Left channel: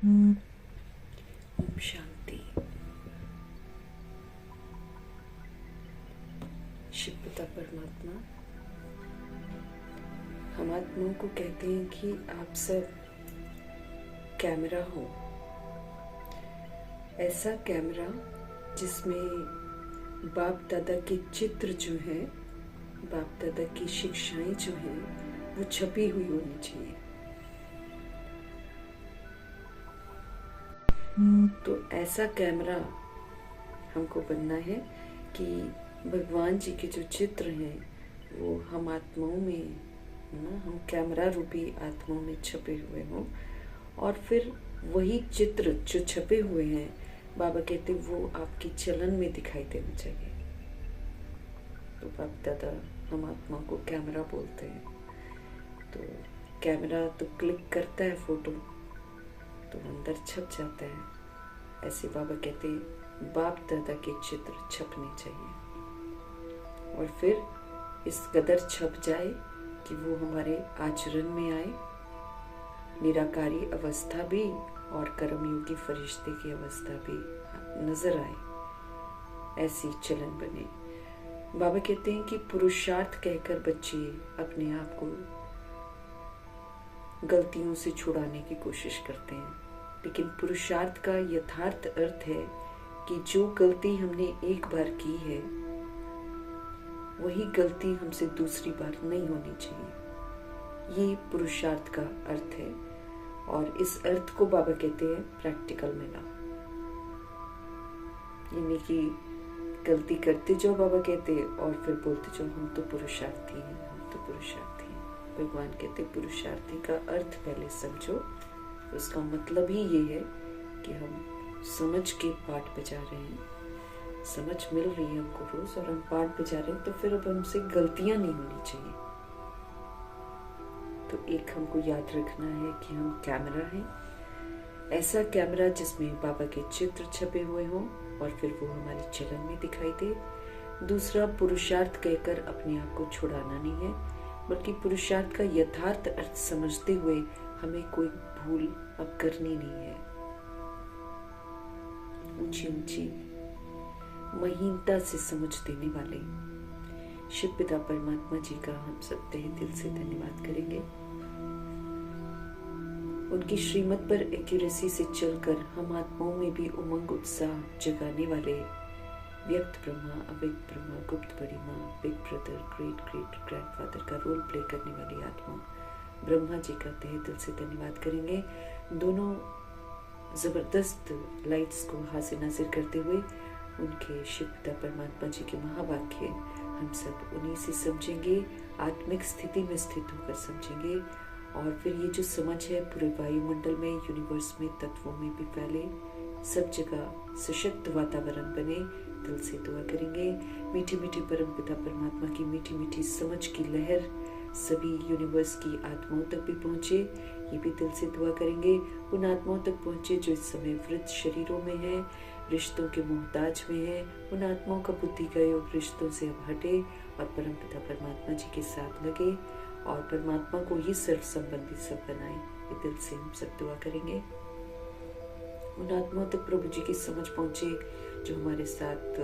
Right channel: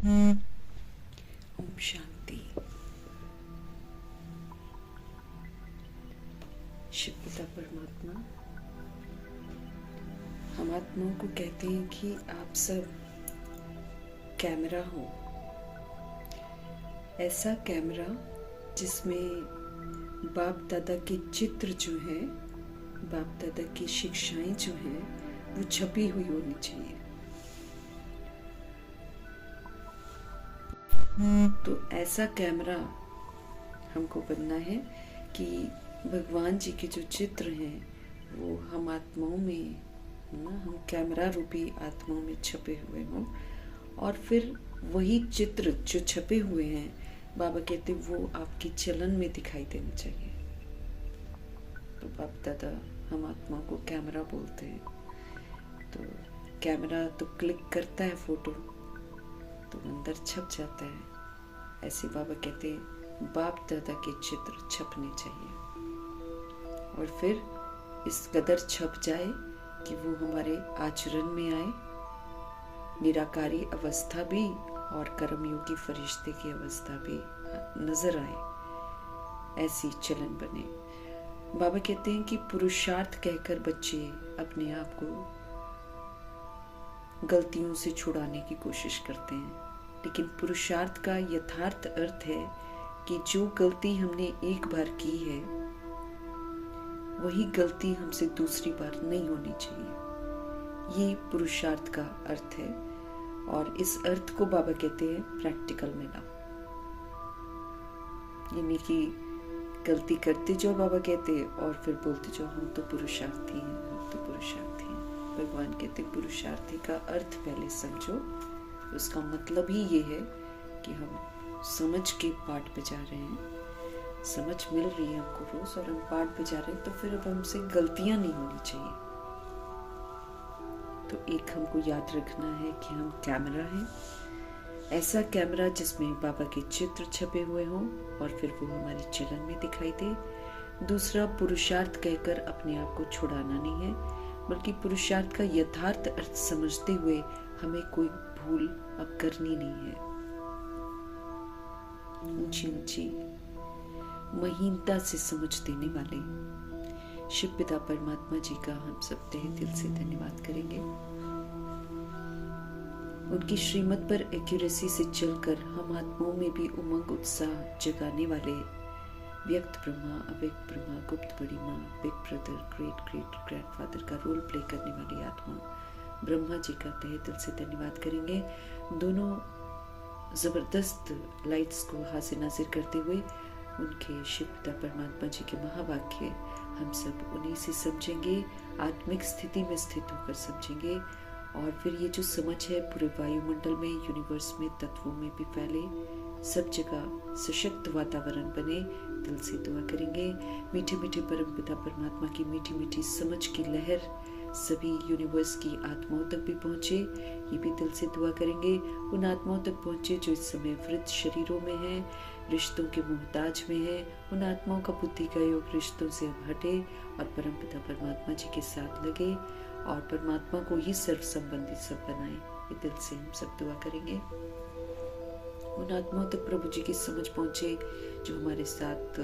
ओम शांति। शिव पिता परमात्मा, हम आत्माओं को कहते हैं कि आप सब कैमरा हो। ऐसा कैमरा जिसमें बाप दादा के चित्र जो है, बाप दादा की शिक्षाएं जो हैं, वो छपी हुई होनी चाहिए। तो ऐसा कैमरा हमको बनना है कि भगवान जी के जो चित्र हैं वो हम आत्माओं में ना, हम कैमरा रूपी आत्माओं में छपे हुए हों, और फिर वही चित्र जो छपे हुए हैं, बाबा कहते वो आपकी चलन में दिखाई देना चाहिए। तो बाप दादा हम आत्मा को कैमरा बोलते हैं। तो कैमरा तो क्लिक करता है फोटो, तो अंदर छप जाता है। ऐसे बाबा कहते हैं बाप दादा के चित्र छपने चाहिए, और फिर इस कदर छप जाए कि वो हमारे आचरण में आए, निराकारी अवस्था भी और कर्मयोगी फरिश्ते की अवस्था भी नजर आए, ऐसी चलन बने। बाबा कहते हैं कि पुरुषार्थ कहकर बच्चे अपने आप को गलतियों से छुड़ाने की कोशिश करते हैं, लेकिन पुरुषार्थ का यथार्थ अर्थ है कि जो गलती हमने एक बार की है, वही गलती हमसे दूसरी बार नहीं होनी चाहिए। ये पुरुषार्थ का अर्थ है, और इस अर्थ को बाबा कहते हैं प्रैक्टिकल में लाओ। यानी कि गलती करते जाओ, बाबा कहते हैं, और फिर बोलते जाओ हम तो पुरुषार्थी हैं, हम तो पुरुषार्थी हैं। भगवान कहते पुरुषार्थी का अर्थ पहले समझो। उसका मतलब ही ये है कि हम समझ के पाठ बजा रहे हैं, समझ मिल रही है हमको रोज, और हम पाठ बजा रहे हैं, तो फिर अब हमसे गलतियां नहीं होनी चाहिए। तो एक हमको याद रखना है कि हम कैमरा हैं, ऐसा कैमरा जिसमें बाबा के चित्र छपे हुए हों, और फिर वो हमारे चलन में दिखाई दे। दूसरा, पुरुषार्थ कहकर अपने आप को छुड़ाना नहीं है, बल्कि पुरुषार्थ का यथार्थ अर्थ समझते हुए हमें कोई भूल अब करनी नहीं है। ऊंची ऊंची महीनता से समझ देने वाले शिव पिता परमात्मा जी का हम सब तहे दिल से धन्यवाद करेंगे। उनकी श्रीमत पर एक्यूरेसी से चलकर हम आत्माओं में भी उमंग उत्साह जगाने वाले व्यक्त ब्रह्मा, अव्यक्त ब्रह्मा, गुप्त बड़ी माँ, big brother, great great grandfather का रोल प्ले करने वाली आत्मा ब्रह्मा जी का तहे दिल से धन्यवाद करेंगे। दोनों जबरदस्त लाइट्स को हाजिर नाजिर करते हुए उनके शिव पिता परमात्मा जी के महावाक्य हम सब उन्हीं से समझेंगे, आत्मिक स्थिति में स्थित होकर समझेंगे, और फिर ये जो समझ है पूरे वायुमंडल में, यूनिवर्स में, तत्वों में भी फैले, सब जगह सशक्त वातावरण बने। दिल से दुआ करेंगे मीठे मीठे परम पिता परमात्मा की मीठी मीठी समझ की लहर सभी यूनिवर्स की आत्माओं तक भी पहुंचे। ये भी दिल से दुआ करेंगे उन आत्माओं तक पहुंचे जो इस समय वृद्ध शरीरों में है, रिश्तों के मोहताज में है। उन आत्माओं का बुद्धि का योग रिश्तों से अब हटे और परम पिता परमात्मा जी के साथ लगे, और परमात्मा को ही सर्व संबंधित सब बनाए। ये दिल से हम सब दुआ करेंगे। उन आत्माओं तक प्रभु जी की समझ पहुंचे जो हमारे साथ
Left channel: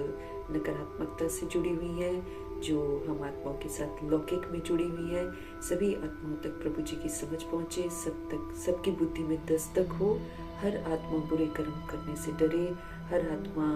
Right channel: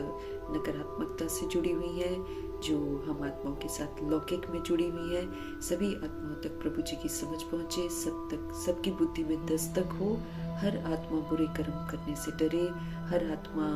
नकारात्मकता से जुड़ी हुई है, जो हम आत्माओं के साथ लौकिक में जुड़ी हुई है। सभी आत्माओं तक प्रभु जी की समझ पहुंचे, सब तक सबकी बुद्धि में दस्तक हो। हर आत्मा बुरे कर्म करने से डरे, हर आत्मा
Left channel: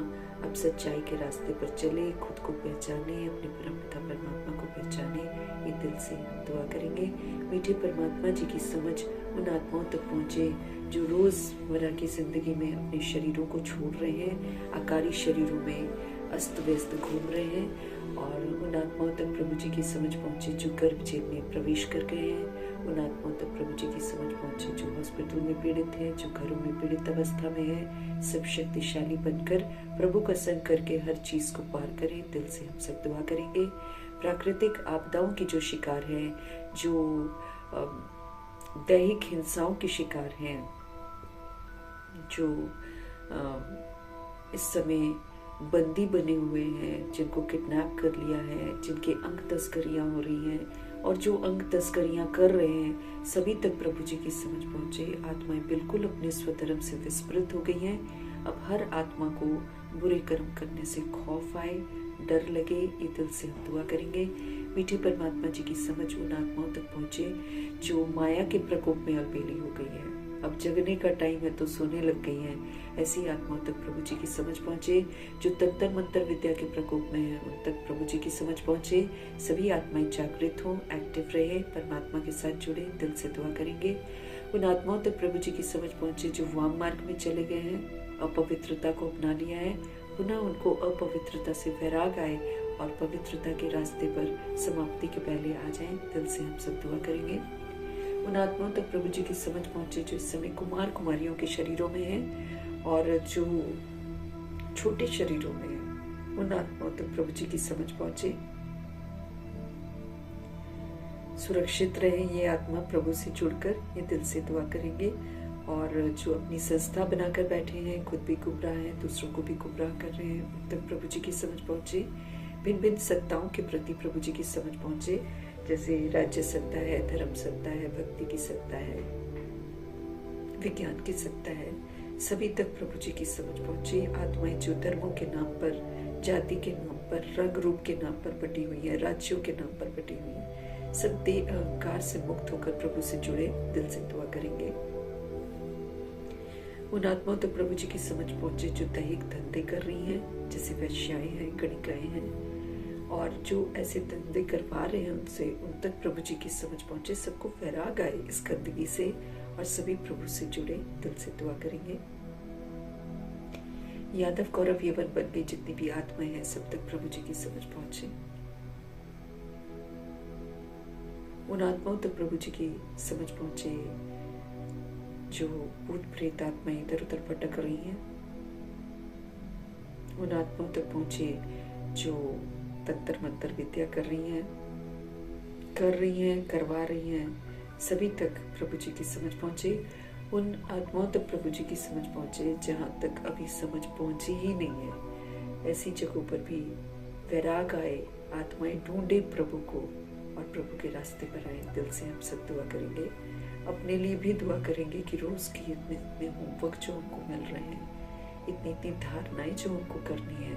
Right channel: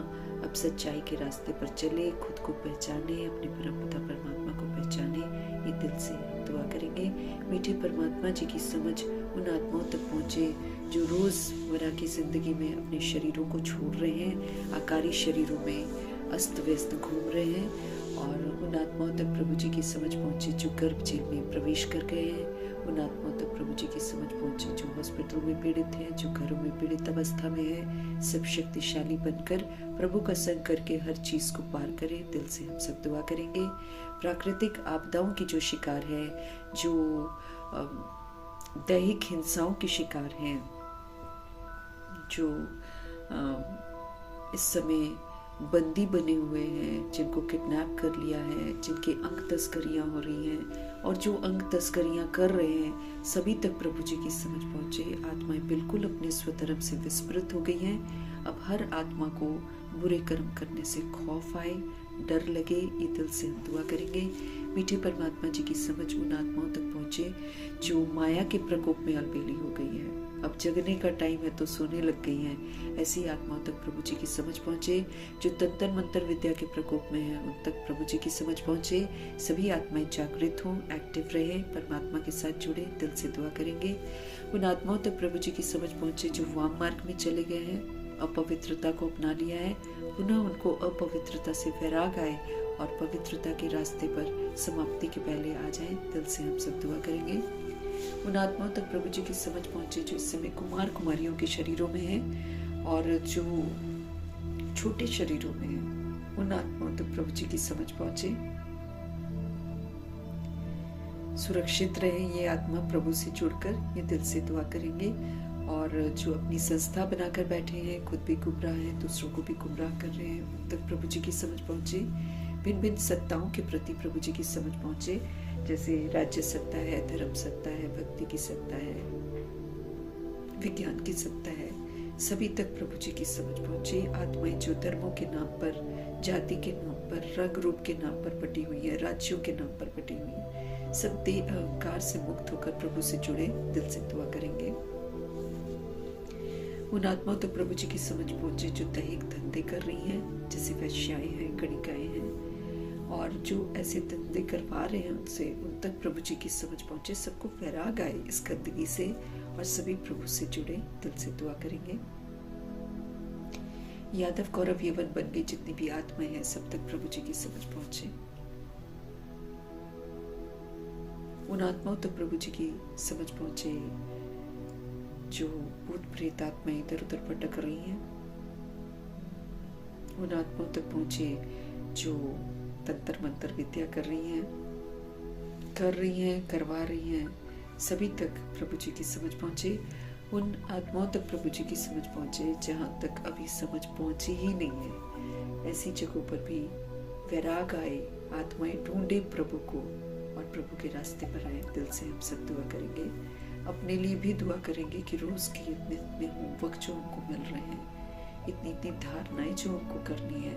अब सच्चाई के रास्ते पर चले, खुद को पहचाने, अपने परम पिता परमात्मा को पहचाने। ये दिल से हम दुआ करेंगे। मीठे परमात्मा जी की समझ उन आत्माओं तक पहुंचे जो रोजमर्रा की जिंदगी में अपने शरीरों को छोड़ रहे हैं, आकारी शरीरों में अस्त व्यस्त घूम रहे हैं, और उन आत्माओं तक प्रभु जी की समझ पहुंचे जो गर्भ जेल में प्रवेश कर गए हैं। उन आत्माओं तक प्रभु जी की समझ पहुंचे जो हॉस्पिटल में पीड़ित हैं, जो घरों में पीड़ित अवस्था में है। सब शक्तिशाली बनकर प्रभु का संग करके हर चीज को पार करें। दिल से हम सब दुआ करेंगे। प्राकृतिक आपदाओं की जो शिकार है, जो दैहिक हिंसाओं के शिकार हैं, जो इस समय बंदी बने हुए हैं, जिनको किडनैप कर लिया है, जिनके अंग तस्करियां हो रही हैं, और जो अंग तस्करियां कर रहे हैं सभी तक प्रभु जी की समझ पहुंचे। आत्माएं बिल्कुल अपने स्वधर्म से विस्मृत हो गई हैं। अब हर आत्मा को बुरे कर्म करने से खौफ आए, डर लगे। ये दिल से हम दुआ करेंगे। मीठे परमात्मा जी की समझ उन आत्माओं तक पहुंचे जो माया के प्रकोप में अलबेली हो गई है। अब जगने का टाइम है तो सोने लग गई हैं। ऐसी आत्माओं तक प्रभु जी की समझ पहुंचे। जो तंत्र मंत्र विद्या के प्रकोप में है उन तक प्रभु जी की समझ पहुंचे। सभी आत्माएं जागृत हों, एक्टिव रहे, परमात्मा के साथ जुड़े। दिल से दुआ करेंगे। उन आत्माओं तक प्रभु जी की समझ पहुंचे जो वाम मार्ग में चले गए हैं, अपवित्रता को अपना लिया है। पुनः उनको अपवित्रता से वैराग आए और पवित्रता के रास्ते पर समाप्ति के पहले आ जाएं। दिल से हम सब दुआ करेंगे। उन आत्माओं तक प्रभु जी की समझ पहुंचे जो इस समय कुमार कुमारियों के शरीरों में हैं और जो छोटे शरीरों में हैं। उन आत्माओं तक प्रभु जी की समझ पहुंचे। सुरक्षित रहे ये आत्मा प्रभु से जुड़कर। ये दिल से दुआ करेंगे। और जो अपनी संस्था बनाकर बैठे हैं, खुद भी गुमराह हैं, दूसरों को भी गुमराह कर रहे हैं, उन तक प्रभु जी की समझ पहुंचे। भिन्न भिन्न सत्ताओं के प्रति प्रभु जी की समझ पहुंचे। जैसे राज्य सत्ता है, धर्म सत्ता है, भक्ति की सत्ता है, विज्ञान की सत्ता है, सभी तक प्रभु जी की समझ पहुंचे। आत्माएं जो धर्मों के नाम पर, जाति के नाम पर, रंग रूप के नाम पर बटी हुई है, राज्यों के नाम पर बटी हुई है, सब देह अहंकार से मुक्त होकर प्रभु से जुड़े। दिल से दुआ करेंगे। उन आत्माओं तक प्रभु जी की समझ पहुंचे जो दैहिक धंधे कर रही हैं, जैसे वैश्याएं हैं, गणिकाएं हैं, और जो ऐसे धंधे करवा रहे हैं उनसे, उन तक प्रभु जी की समझ पहुंचे। सबको वैराग आए इस गंदगी से और सभी प्रभु से जुड़े। दिल से दुआ करेंगे। यादव कौरव यवन बन गई जितनी भी आत्माएं हैं सब तक प्रभु जी की समझ पहुंचे। उन आत्माओं तक प्रभु जी की समझ पहुंचे जो भूत प्रेत आत्माएं इधर उधर भटक रही हैं। उन आत्माओं तक पहुंचे जो तंत्र मंत्र विद्या कर रही हैं, करवा रही हैं, सभी तक प्रभु जी की समझ पहुंचे। उन आत्माओं तक प्रभु जी की समझ पहुंचे जहां तक अभी समझ पहुंची ही नहीं है। ऐसी जगहों पर भी वैराग आए, आत्माएं ढूंढे प्रभु को और प्रभु के रास्ते पर आए। दिल से हम सब दुआ करेंगे। अपने लिए भी दुआ करेंगे कि रोज की इतने होमवर्क जो उनको मिल रहे हैं, इतनी धारणाएं जो उनको करनी है,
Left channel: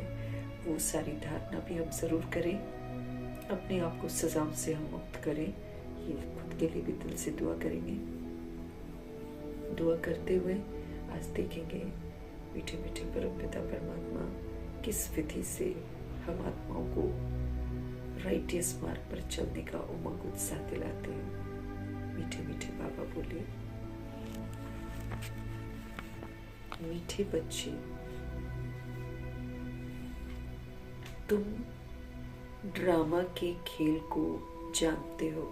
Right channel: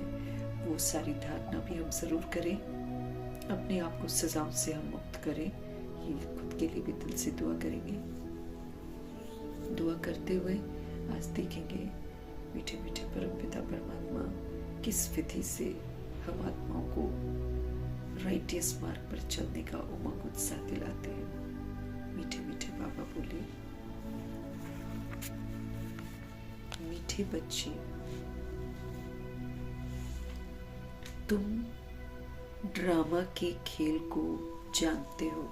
वो सारी धारणा भी हम जरूर करें। अपने आप को सजाओं से हम मुक्त करें। ये खुद के लिए भी दिल से दुआ करेंगे। दुआ करते हुए आज देखेंगे मीठे मीठे परमपिता परमात्मा किस विधि से हम आत्माओं को राइटियस मार्ग पर चलने का उमंग उत्साह दिलाते हैं। मीठे मीठे बाबा बोले, मीठे बच्चे, तुम ड्रामा के खेल को जानते हो,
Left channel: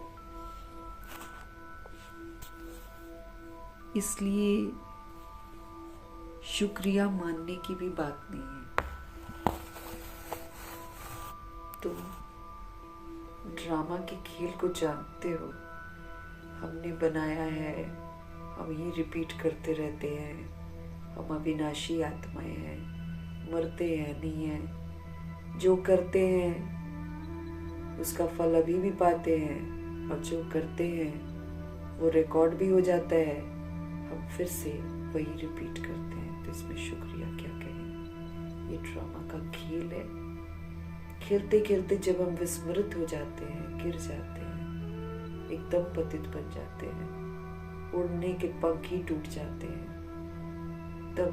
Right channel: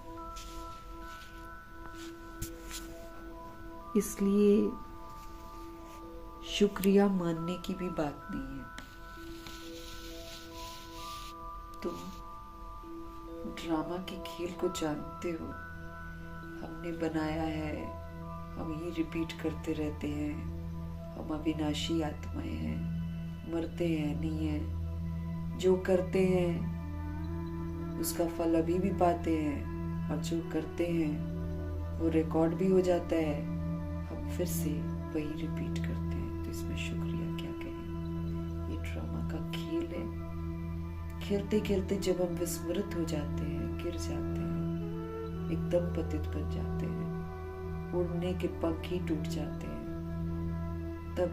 इसलिए शुक्रिया मानने की भी बात नहीं है। तुम ड्रामा के खेल को जानते हो, हमने बनाया है, हम ये रिपीट करते रहते हैं। हम अविनाशी आत्माएं हैं, मरते हैं नहीं हैं। जो करते हैं उसका फल अभी भी पाते हैं, और जो करते हैं वो रिकॉर्ड भी हो जाता है। हम फिर से वही रिपीट करते हैं, तो इसमें शुक्रिया क्या कहें। ये ड्रामा का खेल है। खेलते खेलते जब हम विस्मृत हो जाते हैं, गिर जाते हैं, एकदम पतित बन जाते हैं, उड़ने के पंख ही टूट जाते हैं, तब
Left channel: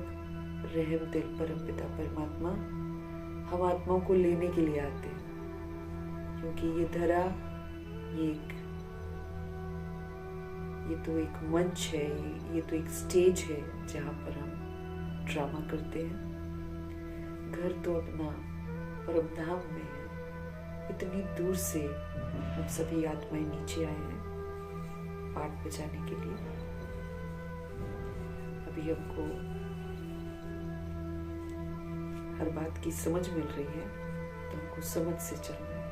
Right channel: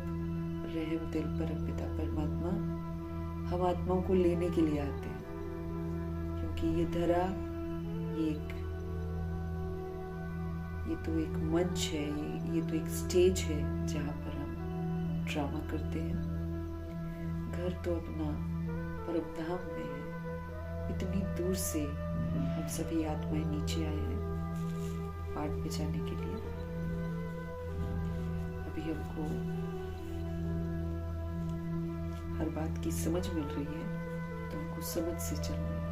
रहम दिल परमपिता परमात्मा हम आत्माओं को लेने के लिए आते हैं। क्योंकि ये धरा, ये तो एक मंच है, ये तो एक स्टेज है जहाँ पर हम ड्रामा करते हैं। घर तो अपना परमधाम में है। इतनी दूर से हम सभी आत्माएं नीचे आए हैं पाठ बजाने के लिए। अभी हमको हर बात की समझ मिल रही है, तो हमको समझ से चलना है।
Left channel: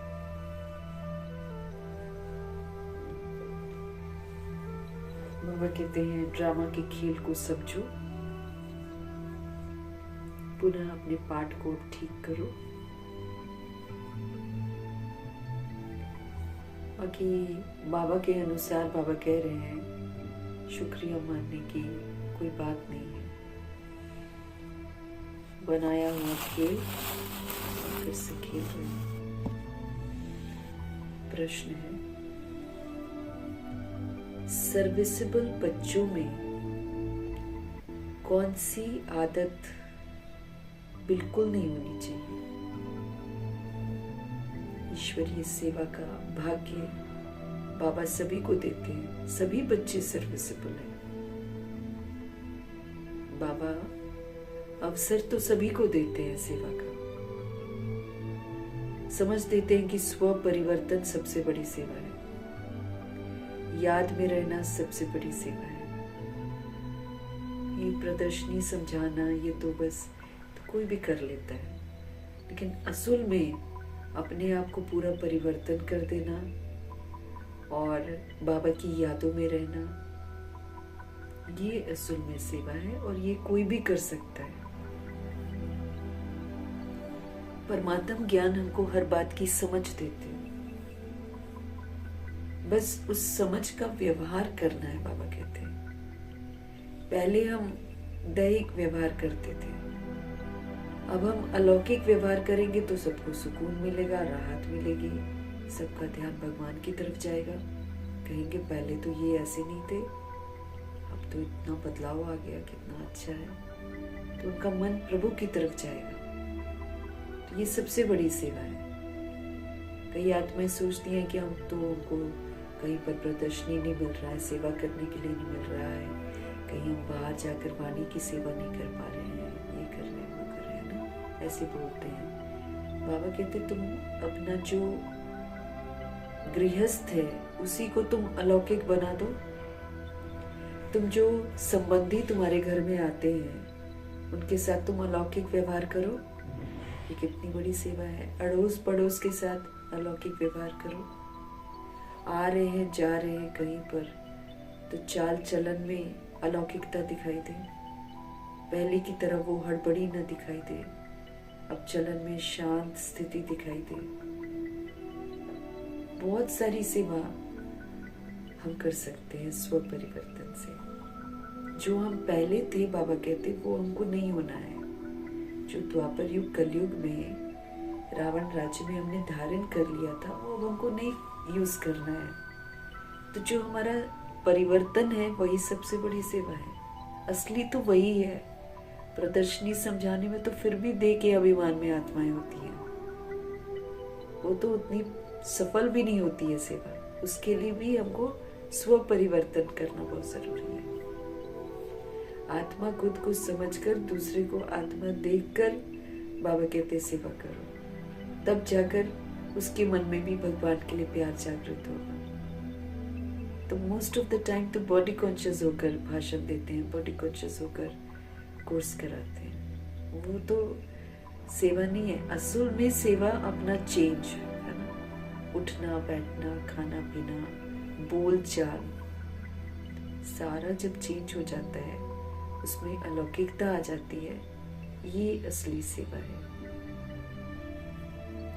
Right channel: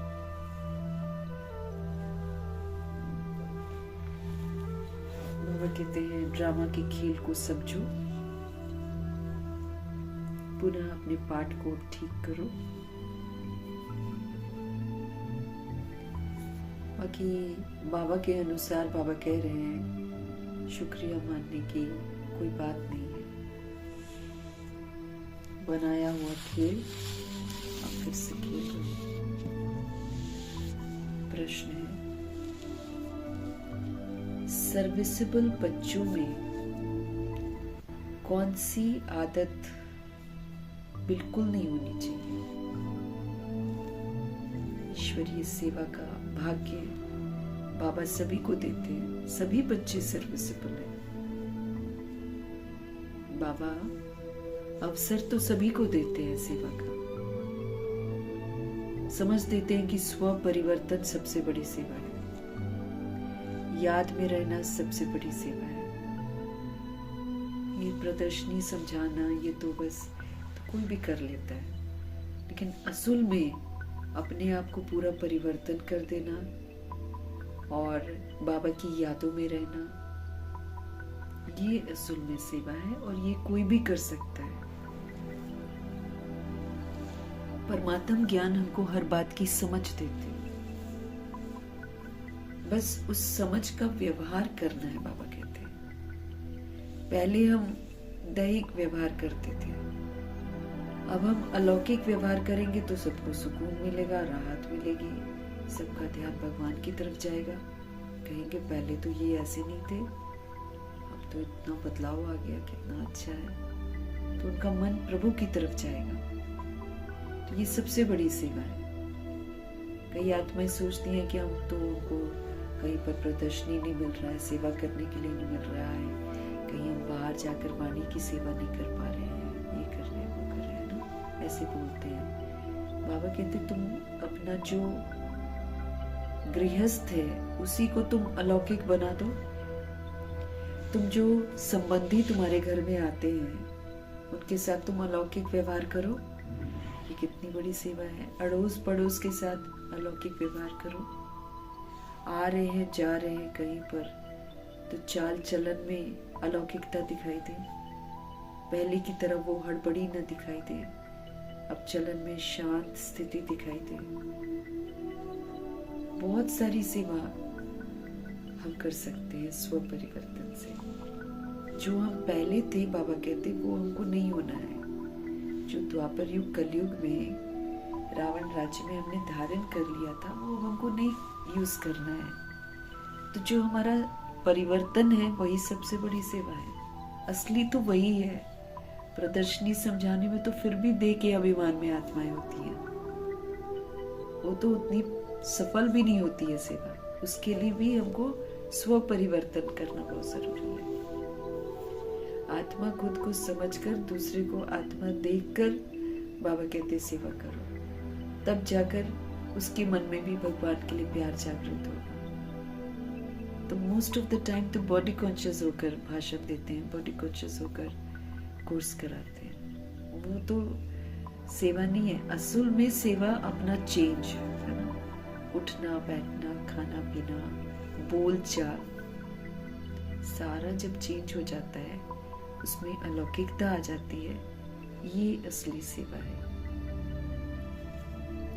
बाबा कहते हैं ड्रामा के खेल को समझो, पुनः अपने पाठ को ठीक करो। बाकी बाबा के अनुसार बाबा कह रहे हैं शुक्रिया मानने की कोई बात नहीं है। बनाया हुआ खेल आप फिर से खेल रहे हैं। प्रश्न है, सर्विसेबल बच्चों में कौन सी आदत बिल्कुल नहीं होनी चाहिए? ईश्वरीय सेवा का भाग्य बाबा सभी को देते हैं, सभी बच्चे सर्विसेबल हैं। बाबा अवसर तो सभी को देते हैं सेवा का। समझ देते हैं कि स्व परिवर्तन सबसे बड़ी सेवा है, याद में रहना सबसे बड़ी सेवा है। ये प्रदर्शनी समझाना ये तो बस तो कोई भी कर लेता है, लेकिन असल में अपने आप को पूरा परिवर्तन कर देना और बाबा की यादों में रहना, ये असल में सेवा है और ये कोई भी कर सकता है। परमात्म ज्ञान हमको हर बात की समझ देते, बस उस समझ का व्यवहार करना है। बाबा कहते हैं पहले हम दैहिक व्यवहार करते थे, अब हम अलौकिक व्यवहार करेंगे तो सबको सुकून मिलेगा, राहत मिलेगी, सबका ध्यान भगवान की तरफ जाएगा। कहेंगे पहले तो ये ऐसे नहीं थे, अब तो इतना बदलाव आ गया, कितना अच्छा है, तो उनका मन प्रभु की तरफ जाएगा। तो ये सबसे बड़ी सेवा है। कई आत्माएं सोचती हैं कि हम तो उनको कहीं पर प्रदर्शनी नहीं मिल रहा है, सेवा करने के लिए नहीं मिल रहा है, कहीं हम बाहर जाकर वाणी की सेवा नहीं कर पा रहे हैं, ये कर रहे हैं, वो कर रहे हैं ना, ऐसे बोलते हैं। बाबा कहते तुम अपना जो गृहस्थ है उसी को तुम अलौकिक बना दो। तुम जो संबंधी तुम्हारे घर में आते हैं उनके साथ तुम अलौकिक व्यवहार करो, ये कितनी बड़ी सेवा है। अड़ोस पड़ोस के साथ अलौकिक व्यवहार करो। आ रहे हैं जा रहे हैं कहीं पर तो चाल चलन में अलौकिकता दिखाई दे, पहले की तरह वो हड़बड़ी न दिखाई दे, अब चलन में शांत स्थिति दिखाई दे। बहुत सारी सेवा हम कर सकते हैं स्व परिवर्तन से। जो हम पहले थे बाबा कहते वो हमको नहीं होना है। जो द्वापर युग कलयुग में रावण राज्य में हमने धारण कर लिया था वो हमको नहीं यूज करना है। तो जो हमारा परिवर्तन है वही सबसे बड़ी सेवा है, असली तो वही है। प्रदर्शनी समझाने में तो फिर भी दे के अभिमान में आत्माएं होती हैं, वो तो उतनी सफल भी नहीं होती है सेवा। उसके लिए भी हमको स्व परिवर्तन करना बहुत जरूरी है। आत्मा खुद को समझकर दूसरे को आत्मा देखकर बाबा कहते सेवा करो, तब जाकर उसके मन में भी भगवान के लिए प्यार जागृत होगा। तो मोस्ट ऑफ द टाइम तो बॉडी कॉन्शियस होकर भाषण देते हैं, बॉडी कॉन्शियस होकर कोर्स कराते हैं, वो तो सेवा नहीं है। असल में सेवा अपना चेंज है ना, उठना बैठना खाना पीना बोल चाल सारा जब चेंज हो जाता है उसमें अलौकिकता आ जाती है, ये असली सेवा है।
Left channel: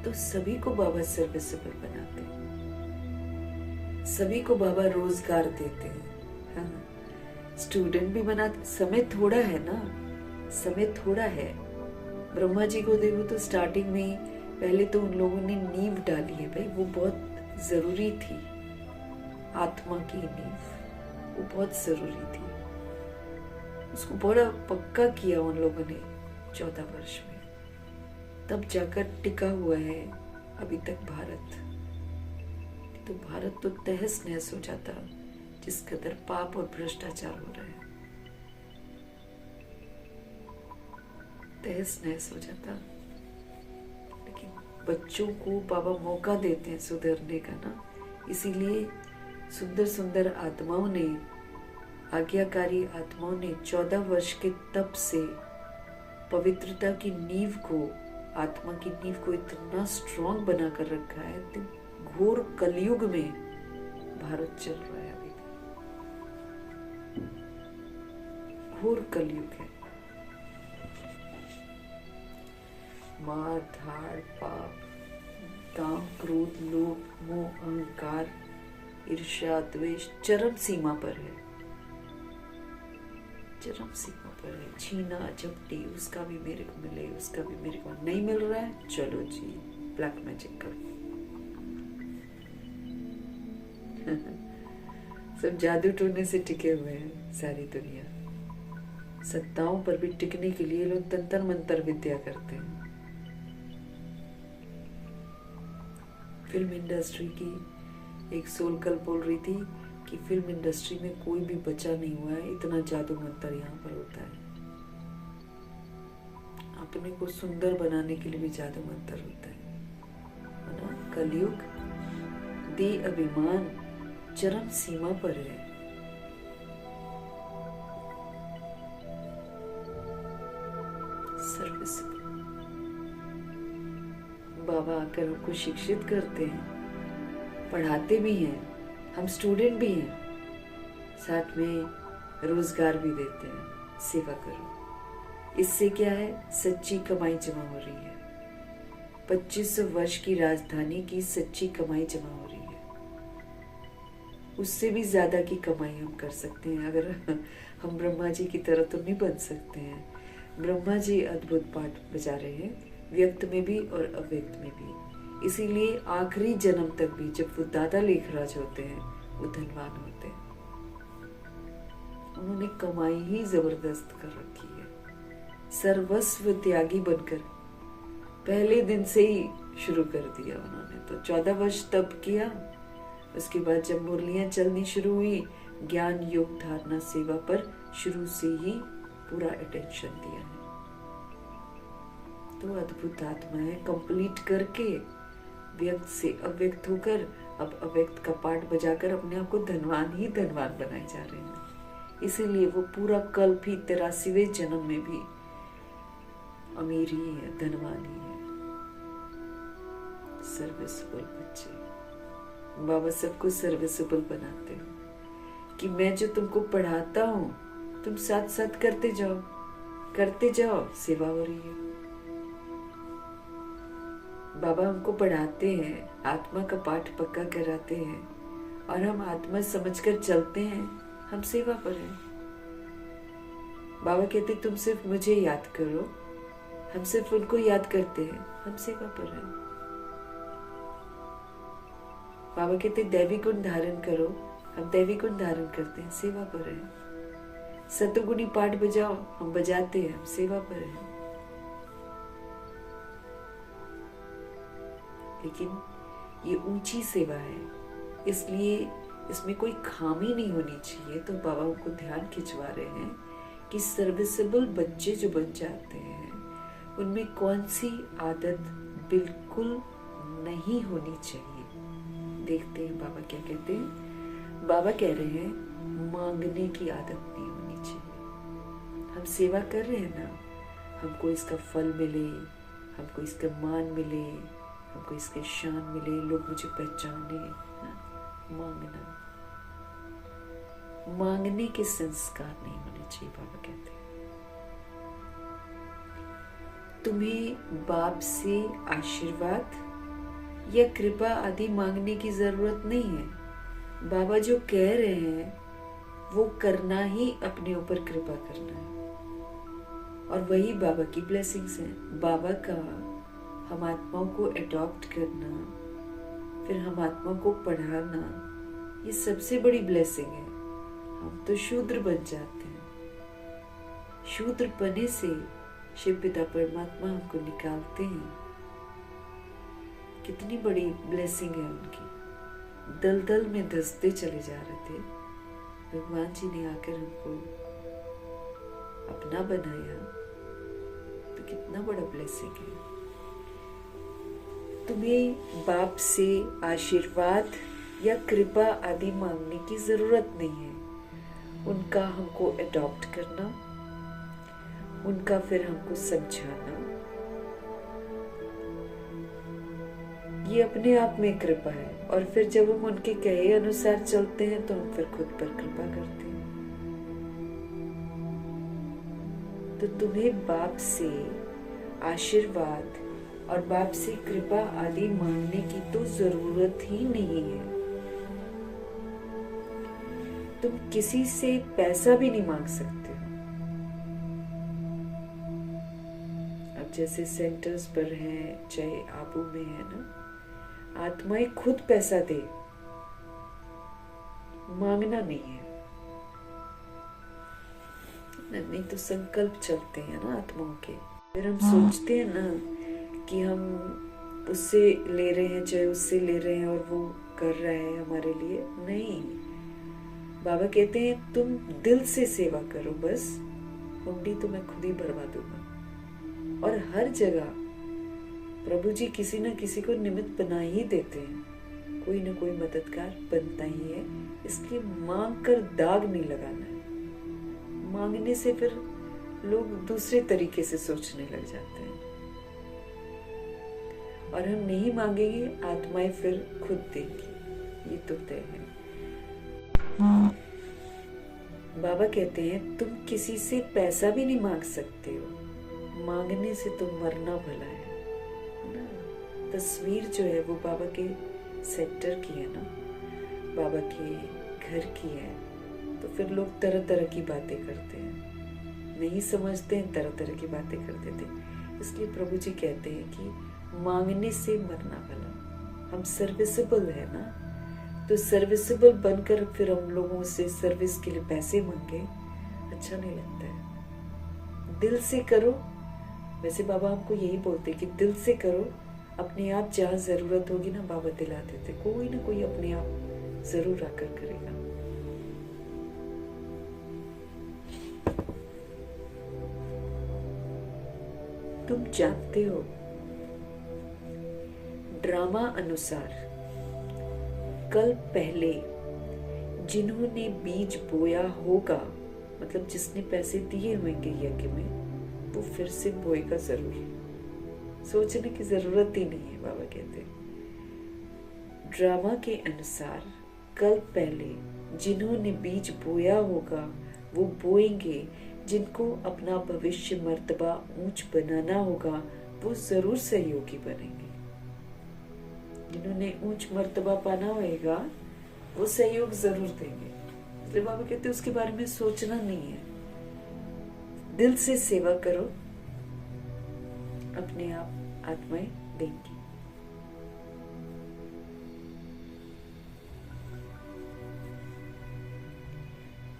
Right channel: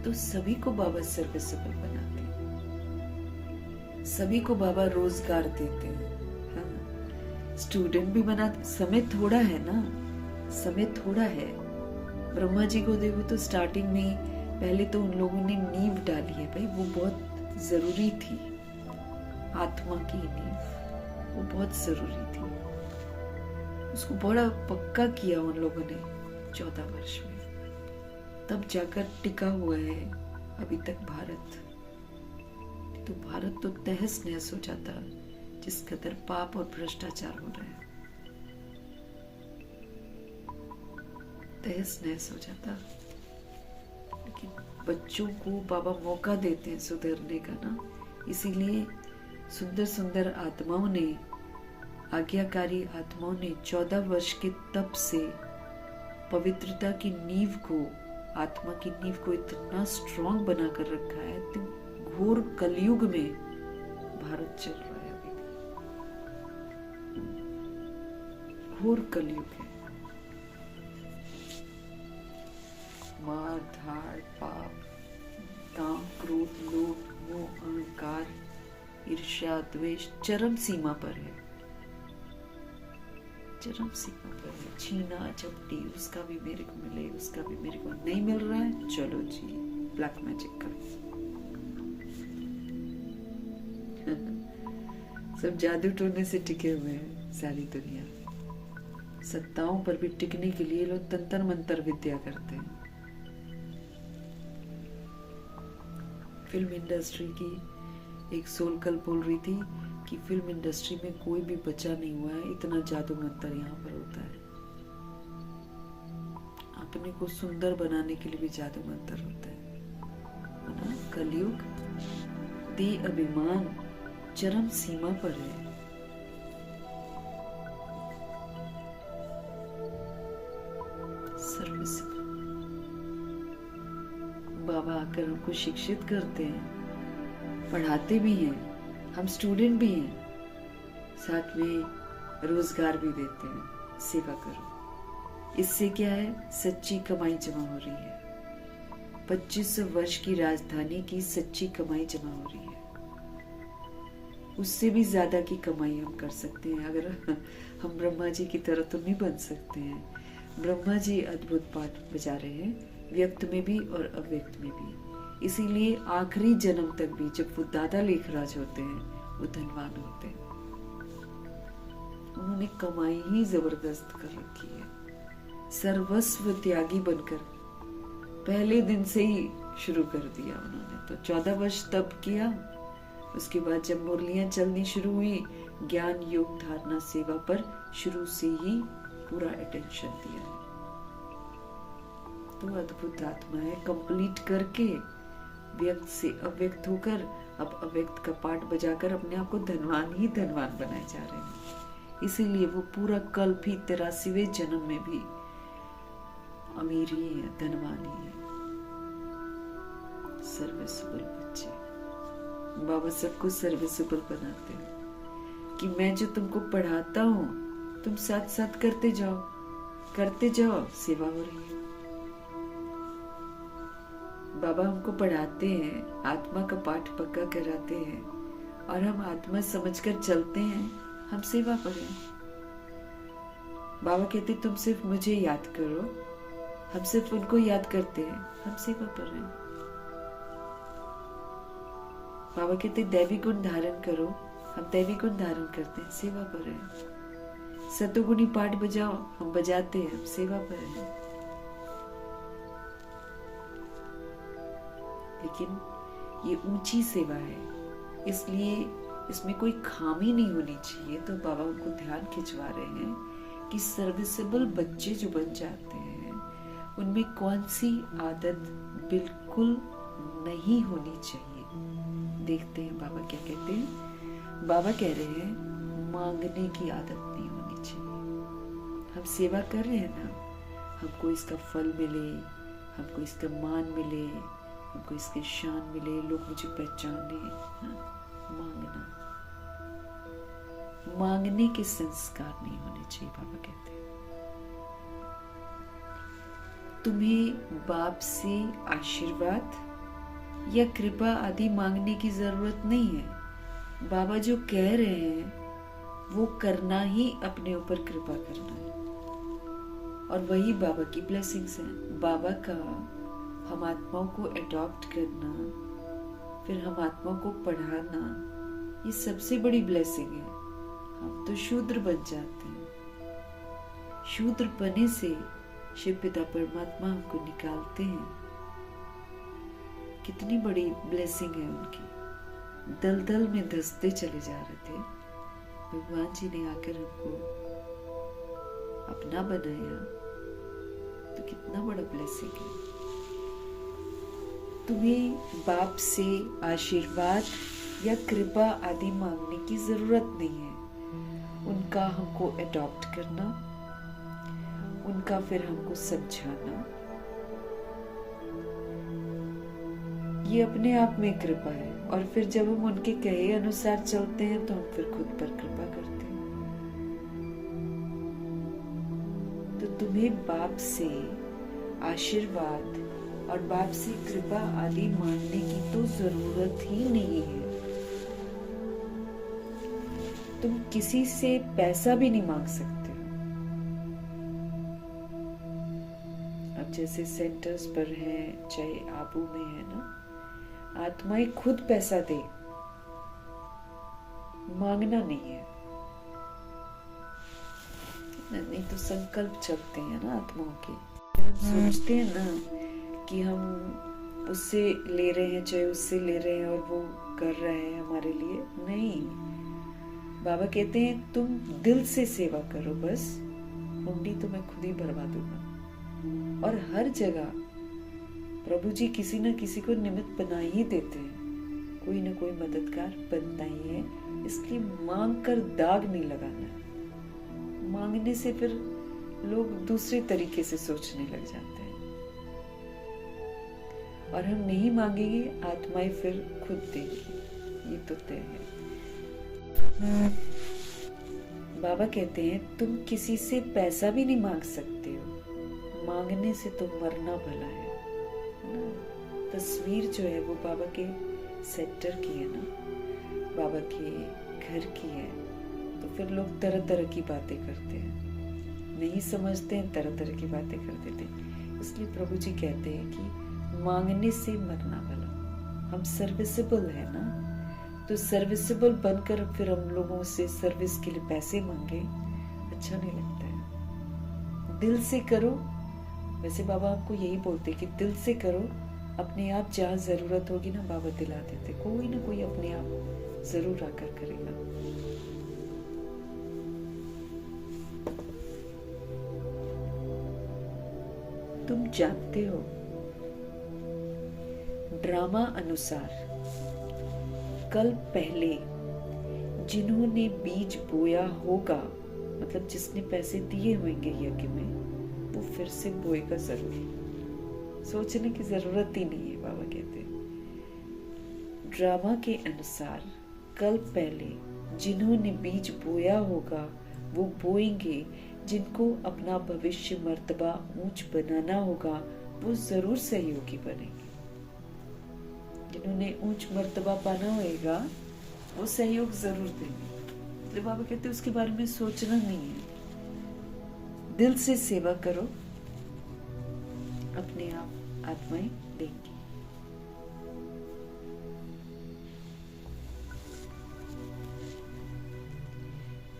तो सभी को बाबा सर्विसेबल बनाते हैं, सभी को बाबा रोजगार देते हैं। हाँ, स्टूडेंट भी बनाते। समय थोड़ा है ना, समय थोड़ा है। ब्रह्मा जी को देखो तो स्टार्टिंग में ही पहले तो उन लोगों ने नींव डाली है भाई, वो बहुत जरूरी थी। आत्मा की नींव वो बहुत जरूरी थी, उसको बड़ा पक्का किया उन लोगों ने 14 वर्ष में, तब जाकर टिका हुआ है अभी तक भारत। तो भारत तो तहस नहस हो जाता जिस कदर पाप और भ्रष्टाचार हो रहा है, तहस नहस हो जाता। लेकिन बच्चों को बाबा मौका देते हैं सुधरने का ना, इसीलिए सुंदर सुंदर आत्माओं ने, आज्ञाकारी आत्माओं ने 14 वर्ष के तप से पवित्रता की नींव को, आत्मा की नींव को इतना स्ट्रॉन्ग बना कर रखा है। तो घोर कलयुग में भारत चल रहा है अभी भी, घोर कलयुग है। मार धाड़ पाप काम, क्रोध, लोभ, मोह, अहंकार, ईर्ष्या, द्वेष चरम सीमा पर है, चरम सीमा पर है। छीना झपटी, उसका भी मेरे को मिले, उसका भी मेरे को नहीं मिल रहा है, चलो जी ब्लैक मैजिक कर। सब जादू टोने से टिके हुए हैं सारी दुनिया। सत्ताओं पर भी टिकने के लिए लोग तंत्र मंत्र विद्या करते हैं। फिल्म इंडस्ट्री की एक सोल कल बोल रही थी कि फिल्म इंडस्ट्री में कोई भी बचा नहीं हुआ है, इतना जादू मंत्र यहाँ पर होता है। अपने को सुंदर बनाने के लिए भी जादू मंत्र होता है ना। कलयुग दे अभिमान चरम सीमा पर है। सर्विसिबल बाबा आकर हमको शिक्षित करते हैं, पढ़ाते भी हैं, हम स्टूडेंट भी हैं, साथ में रोजगार भी देते हैं। सेवा करो, इससे क्या है, सच्ची कमाई जमा हो रही है। 2500 वर्ष की राजधानी की सच्ची कमाई जमा हो रही है। उससे भी ज्यादा की कमाई हम कर सकते हैं अगर हम ब्रह्मा जी की तरह तो नहीं बन सकते हैं। ब्रह्मा जी अद्भुत पाठ बजा रहे हैं, व्यक्त में भी और अव्यक्त में भी। इसीलिए आखिरी जन्म तक भी जब वो दादा लेखराज होते हैं वो धनवान होते हैं। उन्होंने कमाई ही जबरदस्त कर रखी है, सर्वस्व त्यागी बनकर पहले दिन से ही शुरू कर दिया उन्होंने। तो 14 वर्ष तप किया, उसके बाद जब मुरलियां चलनी शुरू हुई, ज्ञान योग धारणा सेवा पर शुरू से ही पूरा अटेंशन दिया है। तो अद्भुत आत्मा है, कंप्लीट करके व्यक्त से अव्यक्त होकर अब अव्यक्त का पाठ बजाकर अपने आप को धनवान ही धनवान बनाए जा रहे हैं। इसीलिए वो पूरा कल्प ही 83वें जन्म में भी अमीर ही है, धनवान ही है। सर्विसेबल बच्चे, बाबा सबको सर्विसेबल बनाते हैं कि मैं जो तुमको पढ़ाता हूँ तुम साथ साथ करते जाओ, सेवा हो रही है। बाबा हमको पढ़ाते हैं, आत्मा का पाठ पक्का कराते हैं और हम आत्मा समझकर चलते हैं, हम सेवा पर हैं। बाबा कहते तुम सिर्फ मुझे याद करो, हम सिर्फ उनको याद करते हैं, हम सेवा पर हैं। बाबा कहते दैवी गुण धारण करो, हम दैवी गुण धारण करते हैं, सेवा पर हैं। सतोगुणी पाठ बजाओ, हम बजाते हैं, हम सेवा पर हैं। लेकिन ये ऊंची सेवा है, इसलिए इसमें कोई खामी नहीं होनी चाहिए। तो बाबा उनको ध्यान खिंचवा रहे हैं कि सर्विसेबल बच्चे जो बन जाते हैं उनमें कौन सी आदत बिल्कुल नहीं होनी चाहिए। देखते हैं बाबा क्या कहते हैं। बाबा कह रहे हैं मांगने की आदत नहीं होनी चाहिए। हम सेवा कर रहे हैं ना, हमको इसका फल मिले, हमको इसका मान मिले, हमको इसकी शान मिले, लोग मुझे पहचाने। मांगने के संस्कार नहीं होने चाहिए। बाबा कहते हैं तुम्हें बाप से आशीर्वाद या कृपा आदि मांगने की जरूरत नहीं है। बाबा जो कह रहे हैं वो करना ही अपने ऊपर कृपा करना है, और वही बाबा की ब्लेसिंग्स हैं। बाबा का हम आत्माओं को अडॉप्ट करना, फिर हम आत्माओं को पढ़ाना, ये सबसे बड़ी ब्लेसिंग है। हम तो शूद्र बन जाते हैं, शूद्र बने से शिव पिता परमात्मा हमको निकालते हैं। कितनी बड़ी ब्लेसिंग है उनकी। दलदल में धंसते चले जा रहे थे, भगवान जी ने आकर हमको अपना बनाया, तो कितना बड़ा ब्लेसिंग है। तुम्हें बाप से आशीर्वाद या कृपा आदि मांगने की जरूरत नहीं है। उनका हमको अडॉप्ट करना, उनका फिर हमको समझाना, ये अपने आप में कृपा है। और फिर जब हम उनके कहे अनुसार चलते हैं तो हम फिर खुद पर कृपा करते हैं। तो तुम्हें बाप से आशीर्वाद और बाप से कृपा आदि मांगने की तो जरूरत ही नहीं है। तुम किसी से पैसा भी नहीं मांग सकते हो। अब जैसे सेंटर्स पर हैं, चाहे आबू में है ना, आत्माएं खुद पैसा दे, मांगना नहीं है। नहीं तो संकल्प चलते हैं ना आत्माओं के। फिर हम सोचते हैं ना कि हम उससे ले रहे हैं, चाहे उससे ले रहे हैं और वो कर रहा है हमारे लिए। नहीं, बाबा कहते हैं तुम दिल से सेवा करो, बस हुंडी तो मैं खुद ही भरवा दूंगा। और हर जगह प्रभु जी किसी न किसी को निमित्त बना ही देते हैं, कोई ना कोई मददगार बनता ही है। इसलिए मांग कर दाग नहीं लगाना है। मांगने से फिर लोग दूसरे तरीके से सोचने लग जाते हैं, और हम नहीं मांगेंगे, आत्माएं फिर खुद देंगी, ये तो तय है। बाबा कहते हैं तुम किसी से पैसा भी नहीं मांग सकते हो, मांगने से तो मरना भला है ना। तस्वीर जो है वो बाबा के सेक्टर की है ना, बाबा के घर की है। तो फिर लोग तरह तरह की बातें करते हैं, नहीं समझते हैं, तरह तरह की बातें कर देते हैं। इसलिए प्रभु जी कहते हैं कि मांगने से मरना भला। हम सर्विसेबल है ना, तो सर्विसेबल बनकर फिर हम लोगों से सर्विस के लिए पैसे मांगे, अच्छा नहीं लगता है। दिल से करो। वैसे बाबा हमको यही बोलते कि दिल से करो, अपने आप जहाँ जरूरत होगी ना बाबा दिला देते, कोई ना कोई अपने आप जरूर आकर करेगा। तुम जानते हो, ड्रामा अनुसार कल पहले जिन्होंने बीज बोया होगा, मतलब जिसने पैसे दिए होंगे यज्ञ में, वो फिर से बोएगा जरूर। सोचने की जरूरत ही नहीं है, बाबा कहते। ड्रामा के अनुसार कल पहले जिन्होंने बीज बोया होगा वो बोएंगे। जिनको अपना भविष्य मर्तबा ऊंच बनाना होगा वो जरूर सहयोगी बनेंगे। जिन्होंने ऊंच मर्तबा पाना होगा वो सहयोग जरूर देंगे। इसलिए बाबा कहते हैं उसके बारे में सोचना नहीं है, दिल से सेवा करो, अपने आप आत्माएं देंगी।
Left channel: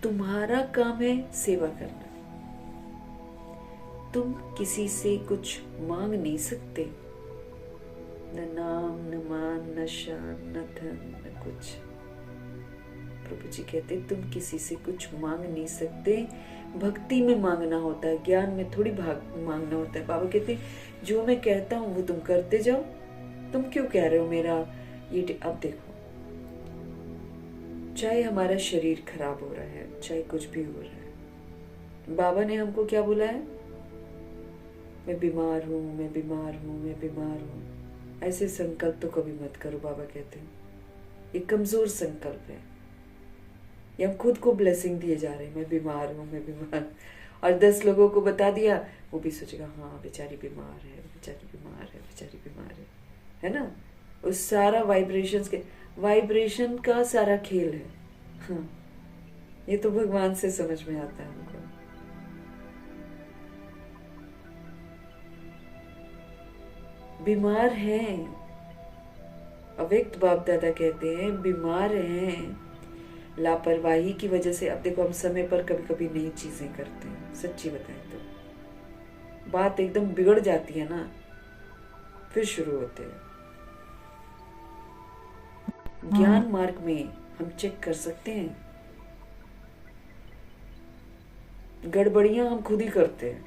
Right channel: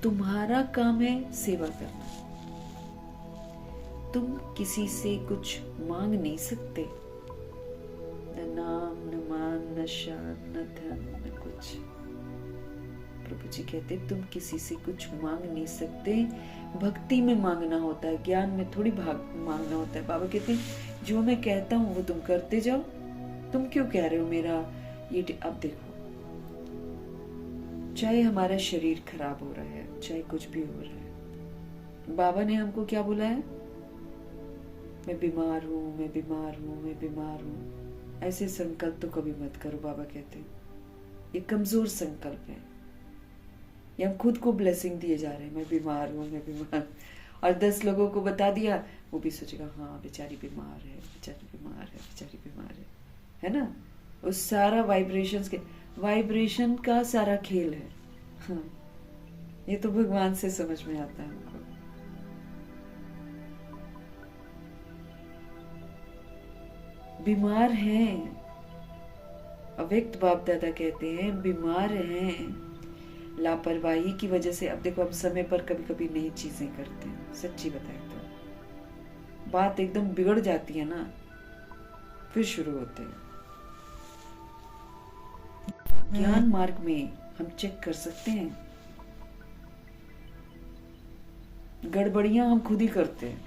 तुम्हारा काम है सेवा करना। तुम किसी से कुछ मांग नहीं सकते, न नाम, न मान, न शान, न धन, न कुछ। प्रभु जी कहते तुम किसी से कुछ मांग नहीं सकते। भक्ति में मांगना होता है, ज्ञान में थोड़ी मांगना होता है। बाबा कहते जो मैं कहता हूं वो तुम करते जाओ। तुम क्यों कह रहे हो मेरा ये? अब देखो, चाहे हमारा शरीर खराब हो रहा है, चाहे कुछ भी हो रहा है, बाबा ने हमको क्या बोला है? मैं बीमार हूं, मैं बीमार हूं, मैं बीमार हूं। ऐसे संकल्प तो कभी मत करो, बाबा कहते हैं ये कमजोर संकल्प है। ये हम खुद को ब्लेसिंग दिए जा रहे हैं, मैं बीमार हूं, मैं बीमार। और 10 लोगों को बता दिया, वो भी सोचेगा हाँ बेचारी बीमार है, बेचारी बीमार है, बेचारी बीमार है ना। उस सारा वाइब्रेशन का सारा खेल है। हाँ, ये तो भगवान से समझ में आता है हमको। बीमार हैं, अव्यक्त बाप दादा कहते हैं बीमार हैं लापरवाही की वजह से। अब देखो हम समय पर कभी कभी नई चीजें करते हैं, सच्ची बताएं तो बात एकदम बिगड़ जाती है ना, फिर शुरू होते हैं। ज्ञान मार्ग में हम चेक कर सकते हैं, गड़बड़ियां हम खुद ही करते हैं,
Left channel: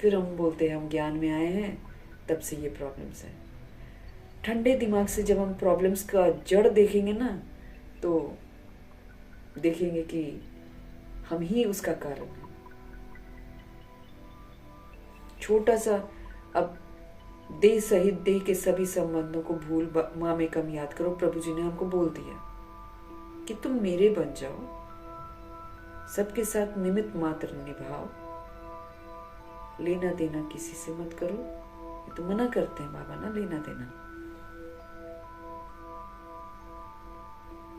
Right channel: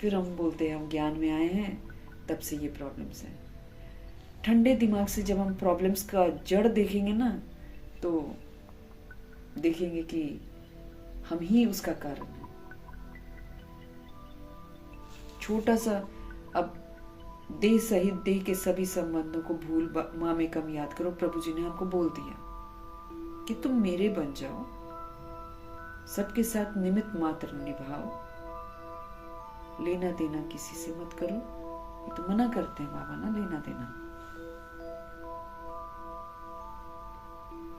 फिर हम बोलते हैं हम ज्ञान में आए हैं, तब से ये प्रॉब्लम्स हैं। ठंडे दिमाग से जब हम प्रॉब्लम्स का जड़ देखेंगे ना, तो देखेंगे कि हम ही उसका कारण है। छोटा सा, अब देह सहित देह के सभी संबंधों को भूल माँ में कम याद करो। प्रभु जी ने हमको बोल दिया कि तुम मेरे बन जाओ, सबके साथ निमित्त मात्र निभाओ, लेना देना किसी से मत करो, ये तो मना करते हैं बाबा ना लेना देना।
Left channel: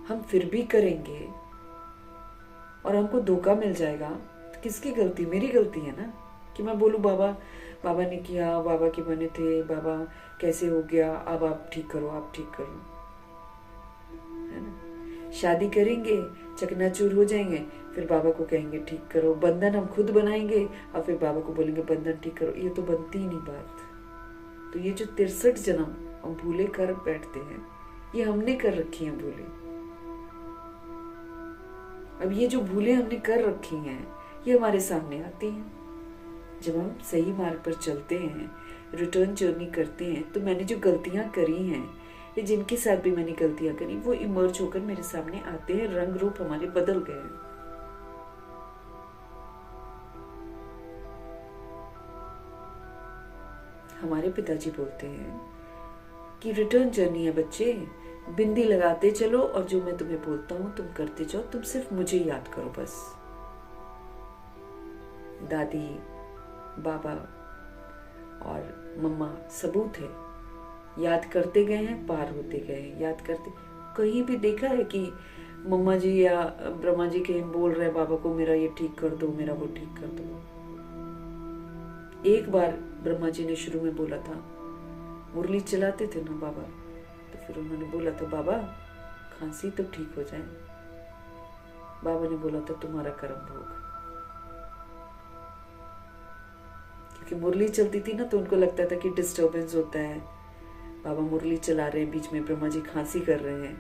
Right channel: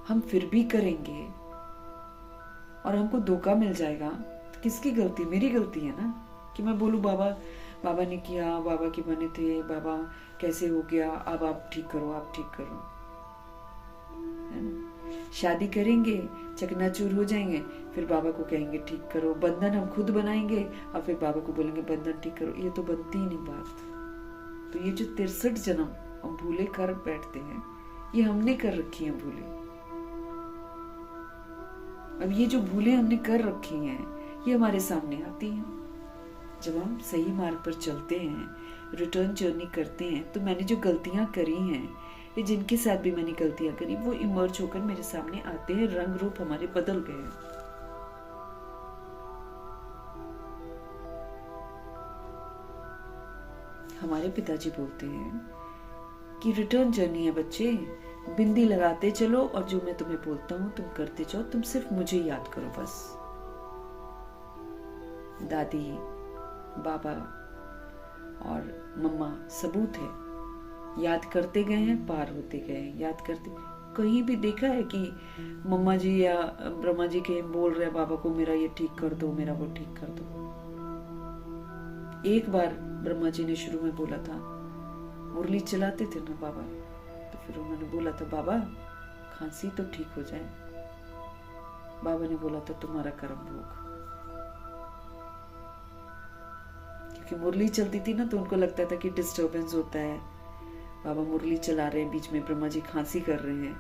हम फिर भी करेंगे और हमको धोखा मिल जाएगा तो किसकी गलती? मेरी गलती है ना कि मैं बोलूं बाबा बाबा ने किया, बाबा के बने थे, बाबा कैसे हो गया, अब आप ठीक करो, आप ठीक करो, है ना। शादी करेंगे, चकनाचूर हो जाएंगे, फिर बाबा को कहेंगे ठीक करो। बंधन हम खुद बनाएंगे और फिर बाबा को बोलेंगे बंधन ठीक करो। ये तो बनती ही नहीं बात। तो ये जो 63 जन्म हम भूले कर बैठते हैं, ये हमने कर रखी हैं भूले। अब ये जो भूले हमने कर रखी हैं, ये हमारे सामने आती हैं। जब हम सही मार्ग पर चलते हैं, रिटर्न जर्नी करते हैं, तो मैंने जो गलतियां करी हैं, या जिनके साथ भी मैंने गलतियां करी, वो इमर्ज होकर मेरे सामने आते हैं। रंग रूप हमारे बदल गए हैं। हमारे पिताजी बोलते हैं कि रिटर्न जर्नी है बच्चे, बिंदी लगाते चलो और जो मैं तुम्हें बोलता हूं तुम करते जाओ, तुम सिर्फ मुझे याद करो बस। दादी, बाबा और मम्मा सबूत है, याद करते गए हैं, पार होते गए हैं, याद करते। कहीं भी देखा है कि मम्मा जी या ब्रह्मा जी के बोल रहे बाबा को मेरा ये ठीक कर दो, मेरा वो ठीक कर दो? एक बार ब्रह्मा जी ने शुरू में बोला था, मुरली चलाते थे ना बाबा, तो फिर उन्होंने बोला था बाबा खांसी तो ठीक हो जाए। बाबा ने बोला था तुम्हारा कर्म भोग। क्योंकि मुरली चलती थी ना, तो उनको लगता था कि डिस्टरबेंस होता है, बाबा मुरली चला रहे हैं, बीच में ब्रह्मा जी खांसी कर रहे हैं,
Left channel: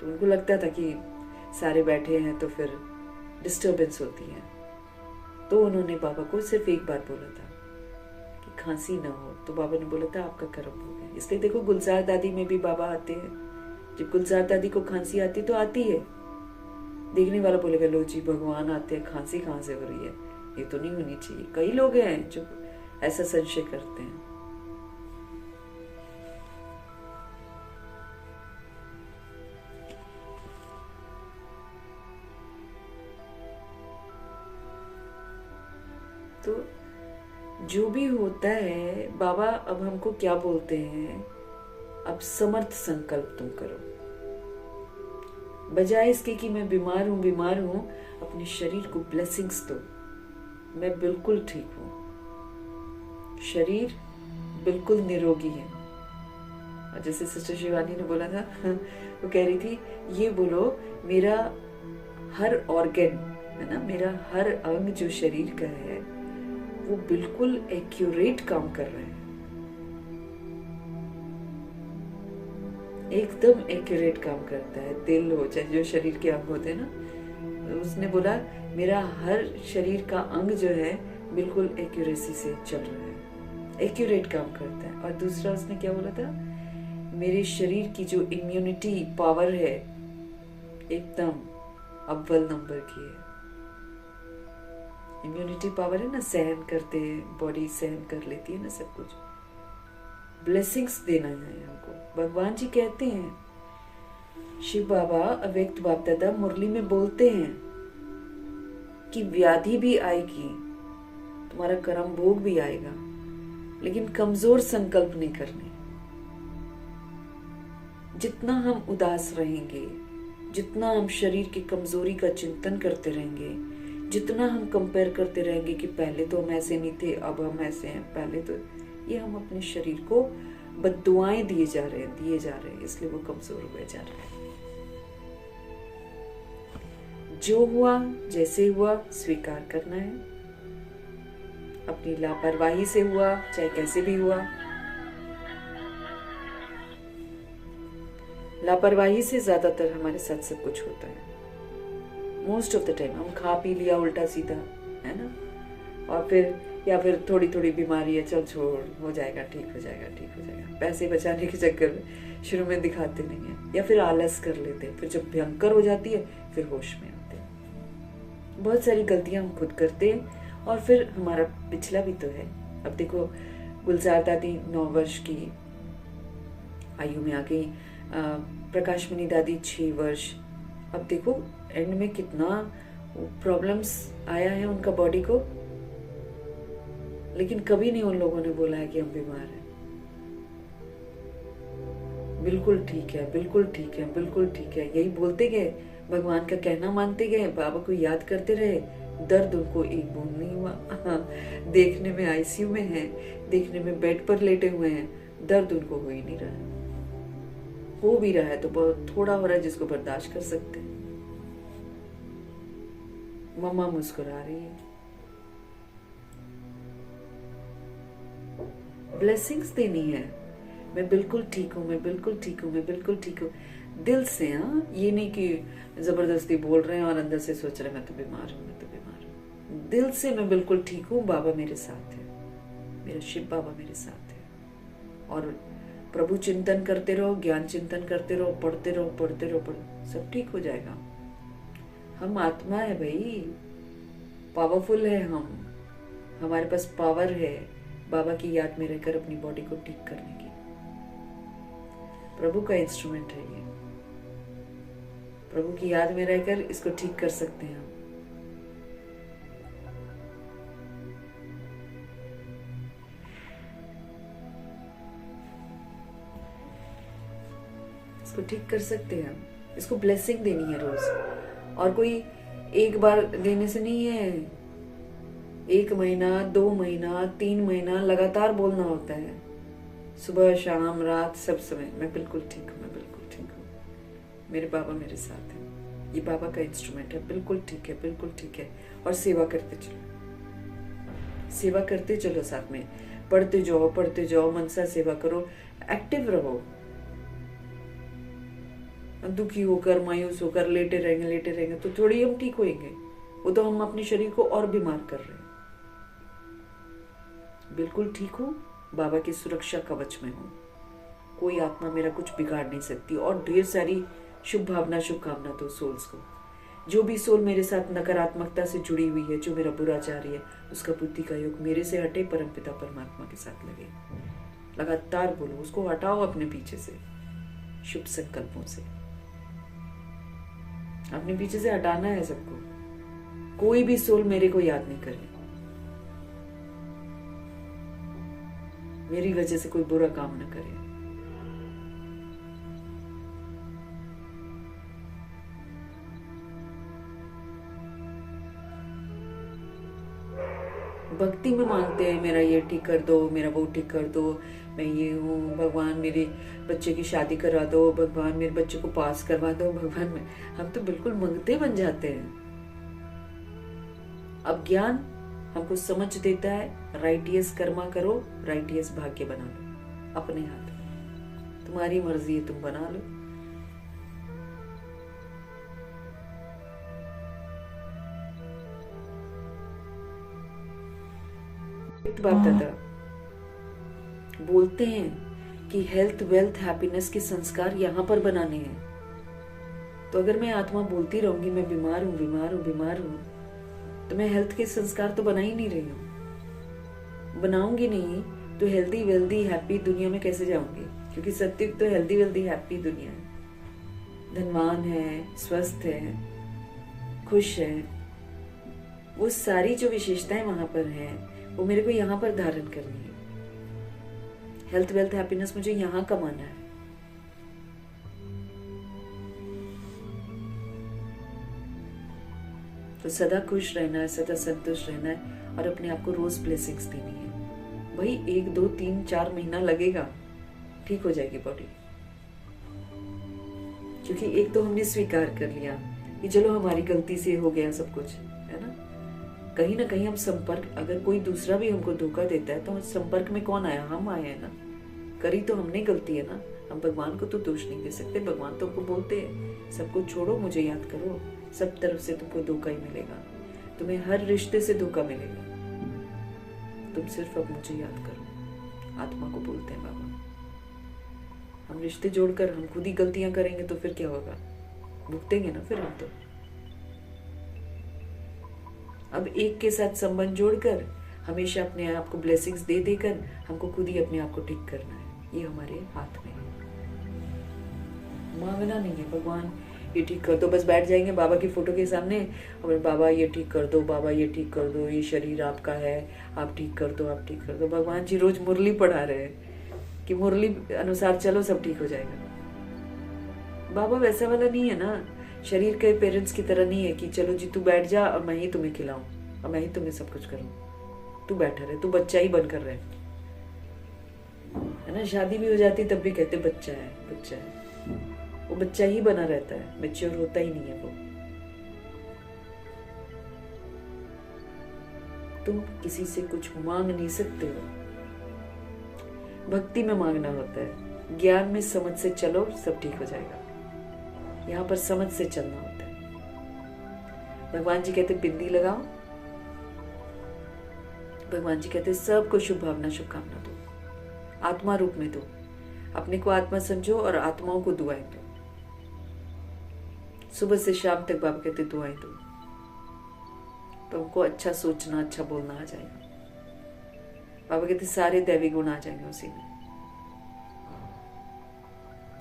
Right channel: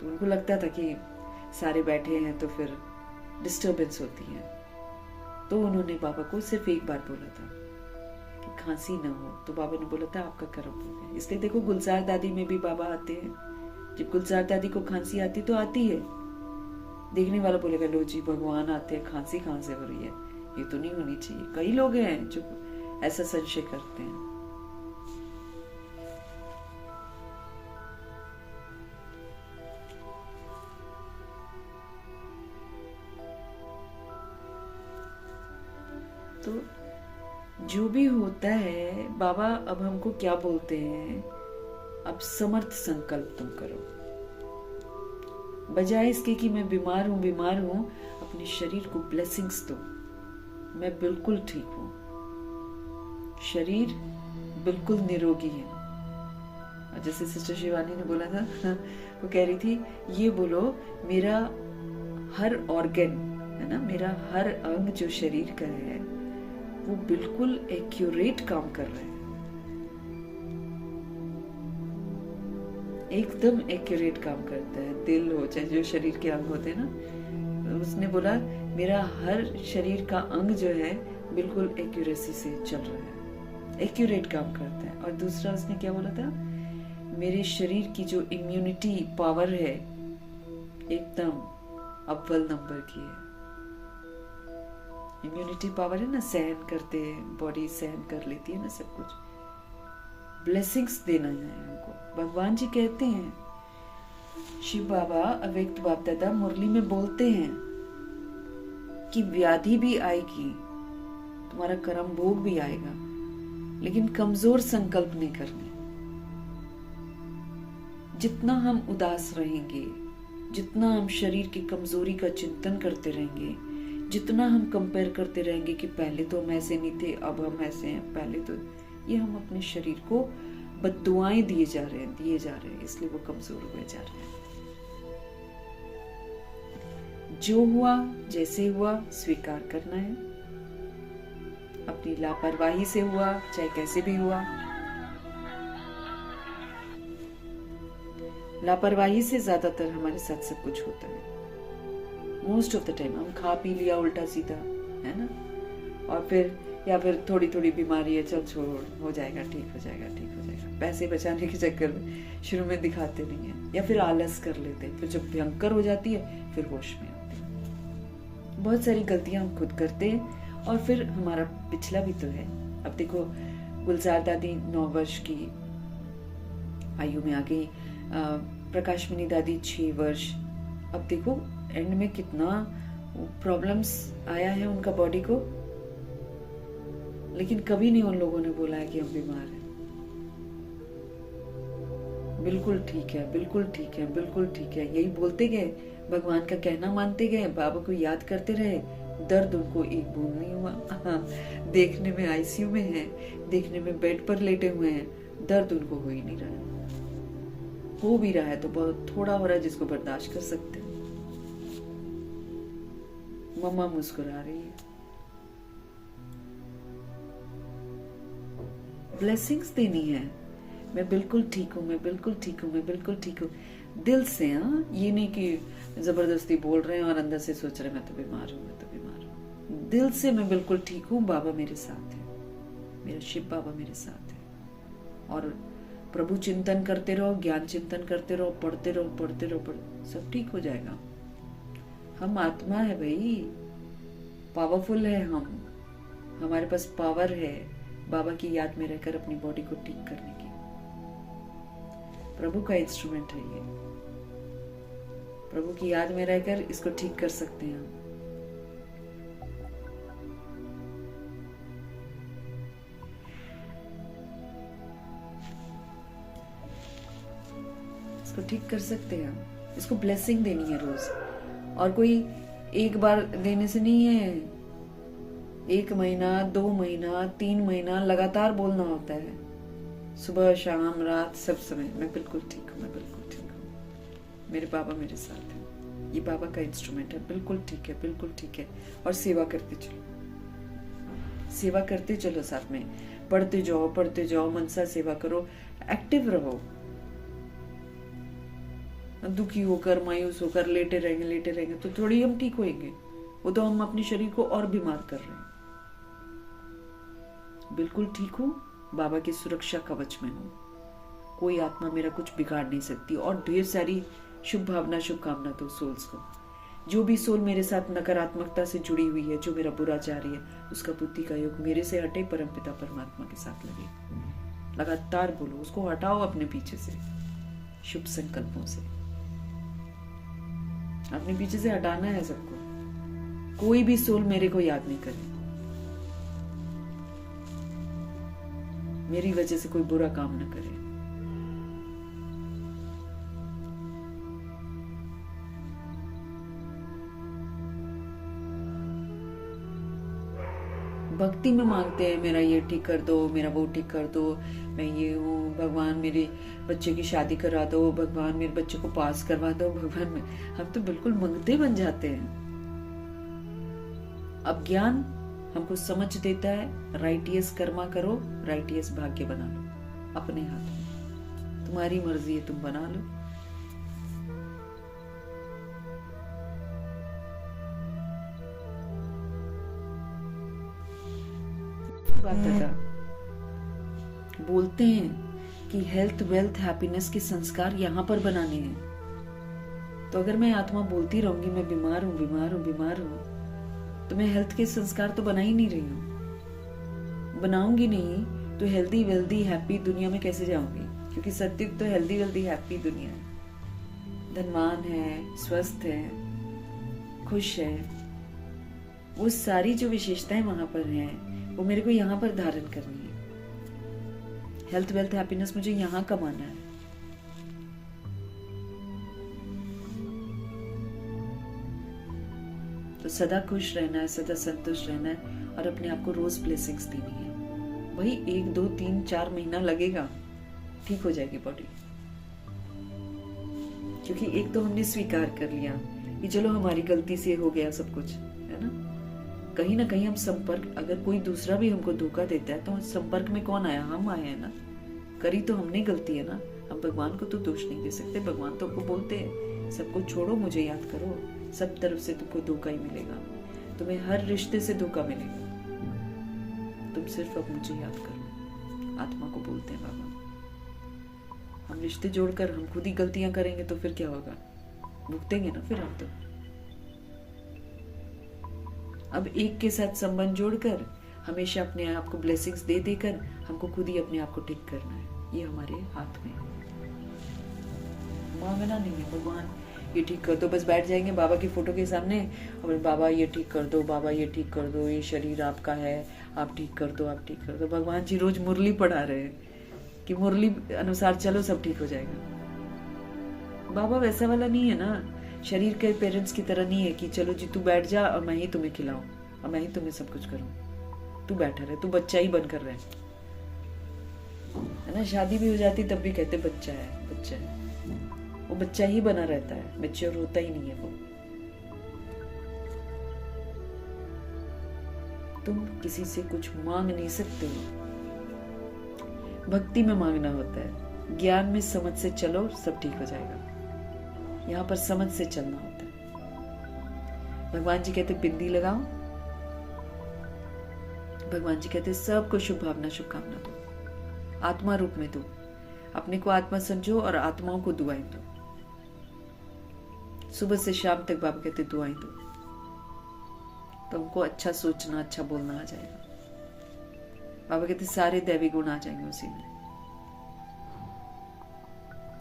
तो उनको लगता था कि सारे बैठे हैं तो फिर डिस्टरबेंस होती है। तो उन्होंने बाबा को सिर्फ एक बार बोला था कि खांसी ना हो, तो बाबा ने बोला था आपका कर्म हो गया। इसलिए देखो गुलजार दादी में भी बाबा आते हैं। जब गुलजार दादी को खांसी आती तो आती है, देखने वाला बोलेगा लो जी भगवान आते हैं, खांसी कहाँ से हो रही है, ये तो नहीं होनी चाहिए। कई लोग हैं जो ऐसा संशय करते हैं। तो जो भी होता है, बाबा अब हमको क्या बोलते हैं, अब समर्थ संकल्प तुम करो। बजाय इसके कि मैं बीमार हूं, अपने शरीर को ब्लेसिंग्स दो। मैं बिल्कुल ठीक हूं, शरीर बिल्कुल निरोगी है। और जैसे सिस्टर शिवानी ने बोला था, वो कह रही थी ये बोलो मेरा हर ऑर्गन है ना, मेरा हर अंग जो शरीर का है वो बिल्कुल एक्यूरेट काम कर रहा है, एकदम एक्यूरेट काम करता है। दिल हो चाहे जो शरीर के अंग होते हैं ना, उसने बोला मेरा हर शरीर का अंग जो है बिल्कुल एक्यूरेसी से चल रहा है, एक्यूरेट काम करता है। और दूसरा उसने क्या बोला था, मेरे शरीर की जो इम्यूनिटी पावर है एकदम अव्वल नंबर की है। इम्यूनिटी पावर है ना, सहन करते, बॉडी सहन कर लेती है ना सब कुछ। ब्लेसिंग्स देना है हमको। भगवान जी कहते हैं, शिव बाबा अव्यक्त बाप दादा मुरली में बोलते हैं कि व्याधि भी आएगी, तुम्हारा कर्म भोग भी आएगा, लेकिन कमजोर संकल्प नहीं करने। जितना हम उदास रहेंगे, जितना हम शरीर की कमजोरी का चिंतन करते रहेंगे, जितना हम कंपेयर करते रहेंगे कि पहले तो हम ऐसे नहीं थे, अब हम ऐसे हैं, पहले तो, ये हम अपने शरीर को बद्दुआएं दिए जा रहे हैं, इसलिए वो कमजोर हुए जा रहे हैं। जो हुआ जैसे हुआ स्वीकार करना है। अपनी लापरवाही से हुआ चाहे कैसे भी हुआ, लापरवाही से ज्यादातर हमारे साथ सब कुछ होता है। मोस्ट ऑफ द टाइम हम खा पी लिया उल्टा सीधा, है ना, और फिर या फिर थोड़ी थोड़ी बीमारी है, चल छोड़, हो जाएगा, ठीक हो जाएगा, ठीक हो जाएगा। पैसे बचाने के चक्कर में शुरू में दिखाते नहीं है, या फिर आलस कर लेते हैं, फिर जब भयंकर हो जाती है फिर होश में आते हैं। बहुत सारी गलतियां हम खुद करते हैं और फिर हमारा पिछला भी तो है। अब देखो गुलजार दादी 9 वर्ष की आयु में आ गई, प्रकाश मणि दादी 6 वर्ष। अब देखो एंड में कितना प्रॉब्लम्स आया है उनका बॉडी को, लेकिन कभी नहीं उन लोगों ने बोला है कि हम बीमार हैं। बिल्कुल ठीक है, बिल्कुल ठीक है, बिल्कुल ठीक है, यही बोलते गए, भगवान का कहना मानते गए, बाबा को याद करते रहे, दर्द उनको एक बूंद नहीं हुआ। हाँ, देखने में आईसीयू में है, देखने में बेड पर लेटे हुए हैं, दर्द उनको हो ही नहीं रहा। हो भी रहा है तो बहुत थोड़ा हो रहा है जिसको बर्दाश्त कर सकते हैं। मम्मा मुस्कुरा रही है। ब्लेसिंग्स देनी है। मैं बिल्कुल ठीक हूँ, मैं बिल्कुल ठीक हूँ, मैं बिल्कुल ठीक हूँ, दिल से। हाँ, ये नहीं कि जबरदस्ती बोल रहे हैं और अंदर से सोच रहे हैं मैं तो बीमार हूँ, मैं तो बीमार हूँ। दिल से मैं बिल्कुल ठीक हूँ, बाबा मेरे साथ है, मेरा शिव बाबा मेरे साथ है। और प्रभु चिंतन करते रहो, ज्ञान चिंतन करते रहो, पढ़ते रहो, पढ़ते रहो, सब ठीक हो जाएगा। हम आत्मा है भाई, पावरफुल है हम, हमारे पास पावर है बाबा की याद में रहकर अपनी बॉडी को ठीक करने की। प्रभु का इंस्ट्रूमेंट है ये, प्रभु की याद में रहकर इसको ठीक कर सकते हैं हम। इसको ठीक कर सकते हैं, इसको ब्लेसिंग देनी है रोज। और कोई एक बार देने से नहीं है, 1 महीना, 2 महीना, 3 महीना लगातार बोलना होता है, सुबह शाम रात सब समय। मैं बिल्कुल ठीक हूँ, मैं बिल्कुल ठीक हूँ, मेरे बाबा मेरे साथ हैं, ये बाबा का इंस्ट्रूमेंट है, बिल्कुल ठीक है, बिल्कुल ठीक है। और सेवा करते चलो, सेवा करते चलो, साथ में पढ़ते जाओ, मन से सेवा करो, एक्टिव रहो। दुखी होकर, मायूस होकर लेटे रहेंगे तो थोड़ी हम ठीक होएंगे, वो तो हम अपने शरीर को और बीमार कर रहे हैं। बिल्कुल ठीक हूँ, बाबा की सुरक्षा कवच में हूँ, कोई आत्मा मेरा कुछ बिगाड़ नहीं सकती। और ढेर सारी शुभ भावना, शुभकामना दो सोल्स को। जो भी सोल मेरे साथ नकारात्मकता से जुड़ी हुई है, जो मेरा बुरा चाह रही है, उसका बुद्धि का योग मेरे से हटे, परमपिता परमात्मा के साथ लगे। लगातार बोलो, उसको हटाओ अपने पीछे से, शुभ संकल्पों से अपने पीछे से हटाना है सबको। कोई भी सोल मेरे को याद नहीं करे, मेरी वजह से कोई बुरा काम न करे। भक्ति में मांगते हैं, मेरा ये ठीक कर दो, मेरा वो ठीक कर दो, मैं ये हूँ, भगवान मेरे बच्चे की शादी करा दो, भगवान मेरे बच्चे को पास करवा दो, भगवान में हम तो बिल्कुल मंगते बन जाते हैं। अब ज्ञान हमको समझ देता है, राइटियस कर्मा करो, राइटियस भाग्य बना लो, अपने हाथ में, तुम्हारी मर्जी है, तुम बना लो। बाप दादा बोलते हैं कि हेल्थ, वेल्थ, हैप्पीनेस के संस्कार यहाँ पर बनाने हैं। तो अगर मैं आत्मा बोलती रहूंगी मैं बीमार हूँ, बीमार हूँ, बीमार हूँ, तो मैं हेल्थ के संस्कार तो बना ही नहीं रही हूँ। बनाऊंगी नहीं तो हेल्दी, वेल्दी, हैप्पी दुनिया में कैसे जाऊंगी? क्योंकि सत्युग तो हेल्दी, वेल्दी, हैप्पी दुनिया है, धनवान है, स्वस्थ है, खुश है। वो सारी जो विशेषताएं वहां पर हैं वो मेरे को यहाँ पर धारण करनी है। हेल्थ, वेल्थ, हैप्पीनेस मुझे यहाँ कमाना है। तो सदा खुश रहना है, सदा संतुष्ट रहना है और अपने आप को रोज ब्लेसिंग्स देनी है। वही 1, 2, 3, 4 महीना लगेगा, ठीक हो जाएगी बॉडी। क्योंकि एक तो हमने स्वीकार कर लिया कि चलो हमारी गलती से हो गया सब कुछ, है ना। कहीं ना कहीं हम संपर्क, अगर कोई दूसरा भी हमको धोखा देता है तो संपर्क में कौन आया? हम आए हैं ना, करी तो हमने गलती है ना। हम भगवान को तो दोष नहीं दे सकते। भगवान तो हमको बोलते हैं सबको छोड़ो, मुझे याद करो, सब तरफ से तुमको धोखा ही मिलेगा, तुम्हें हर रिश्ते से धोखा मिलेगा, तुम सिर्फ अब मुझे याद करो। आत्मा को बोलते हैं बाबा। हम रिश्ते जोड़कर हम खुद ही गलतियां करेंगे तो फिर क्या होगा? भुगतेंगे ना फिर हम तो। अब एक के साथ संबंध जोड़कर हमेशा अपने आप को ब्लेसिंग्स दे देकर हमको खुद ही अपने आप को ठीक करना है। ये हमारे हाथ में है, मांगना नहीं है। भगवान ये ठीक कर दो, बस बैठ जाएंगे बाबा की फोटो के सामने और बाबा ये ठीक कर दो, बाबा ये ठीक कर दो, ये शरीर आपका है, आप ठीक कर दो, आप ठीक कर दो। भगवान जी रोज मुरली पढ़ा रहे हैं कि मुरली अनुसार चलो सब ठीक हो जाएगा। बाबा वैसा वाला नहीं है ना, शरीर के पेरेंट्स की तरह नहीं है कि चलो जी तू बैठ जा और मैं ही तुम्हें खिलाऊं और मैं ही तुम्हें सब कुछ करूं, तू बैठा रहे, तू बच्चा ही बनकर रहे, है ना। शादी भी हो जाती तब भी कहते बच्चा है बच्चा है, वो बच्चा ही बना रहता है, मैच्योर होता ही नहीं है वो। तुम किसी से कुछ मांग नहीं सकते हो, भक्ति में मांगना होता है, ज्ञान में समझ से चलो सब ठीक हो जाएगा, यहाँ पर समझ से चलना होता है। भगवान जी कहते बिंदी लगाओ, भगवान जी कहते सबको शुभ भावना शुभकामना दो, आत्मा रूप में दो, अपने को आत्मा समझो और आत्माओं को दुआएं दो, सुबह से शाम तक बाबा कहते दुआएं दो, तो उनको अच्छा सोचना अच्छा बोलना आ जाएगा। बाबा कहते सारे दैवी गुण आ जाएंगे उसी में।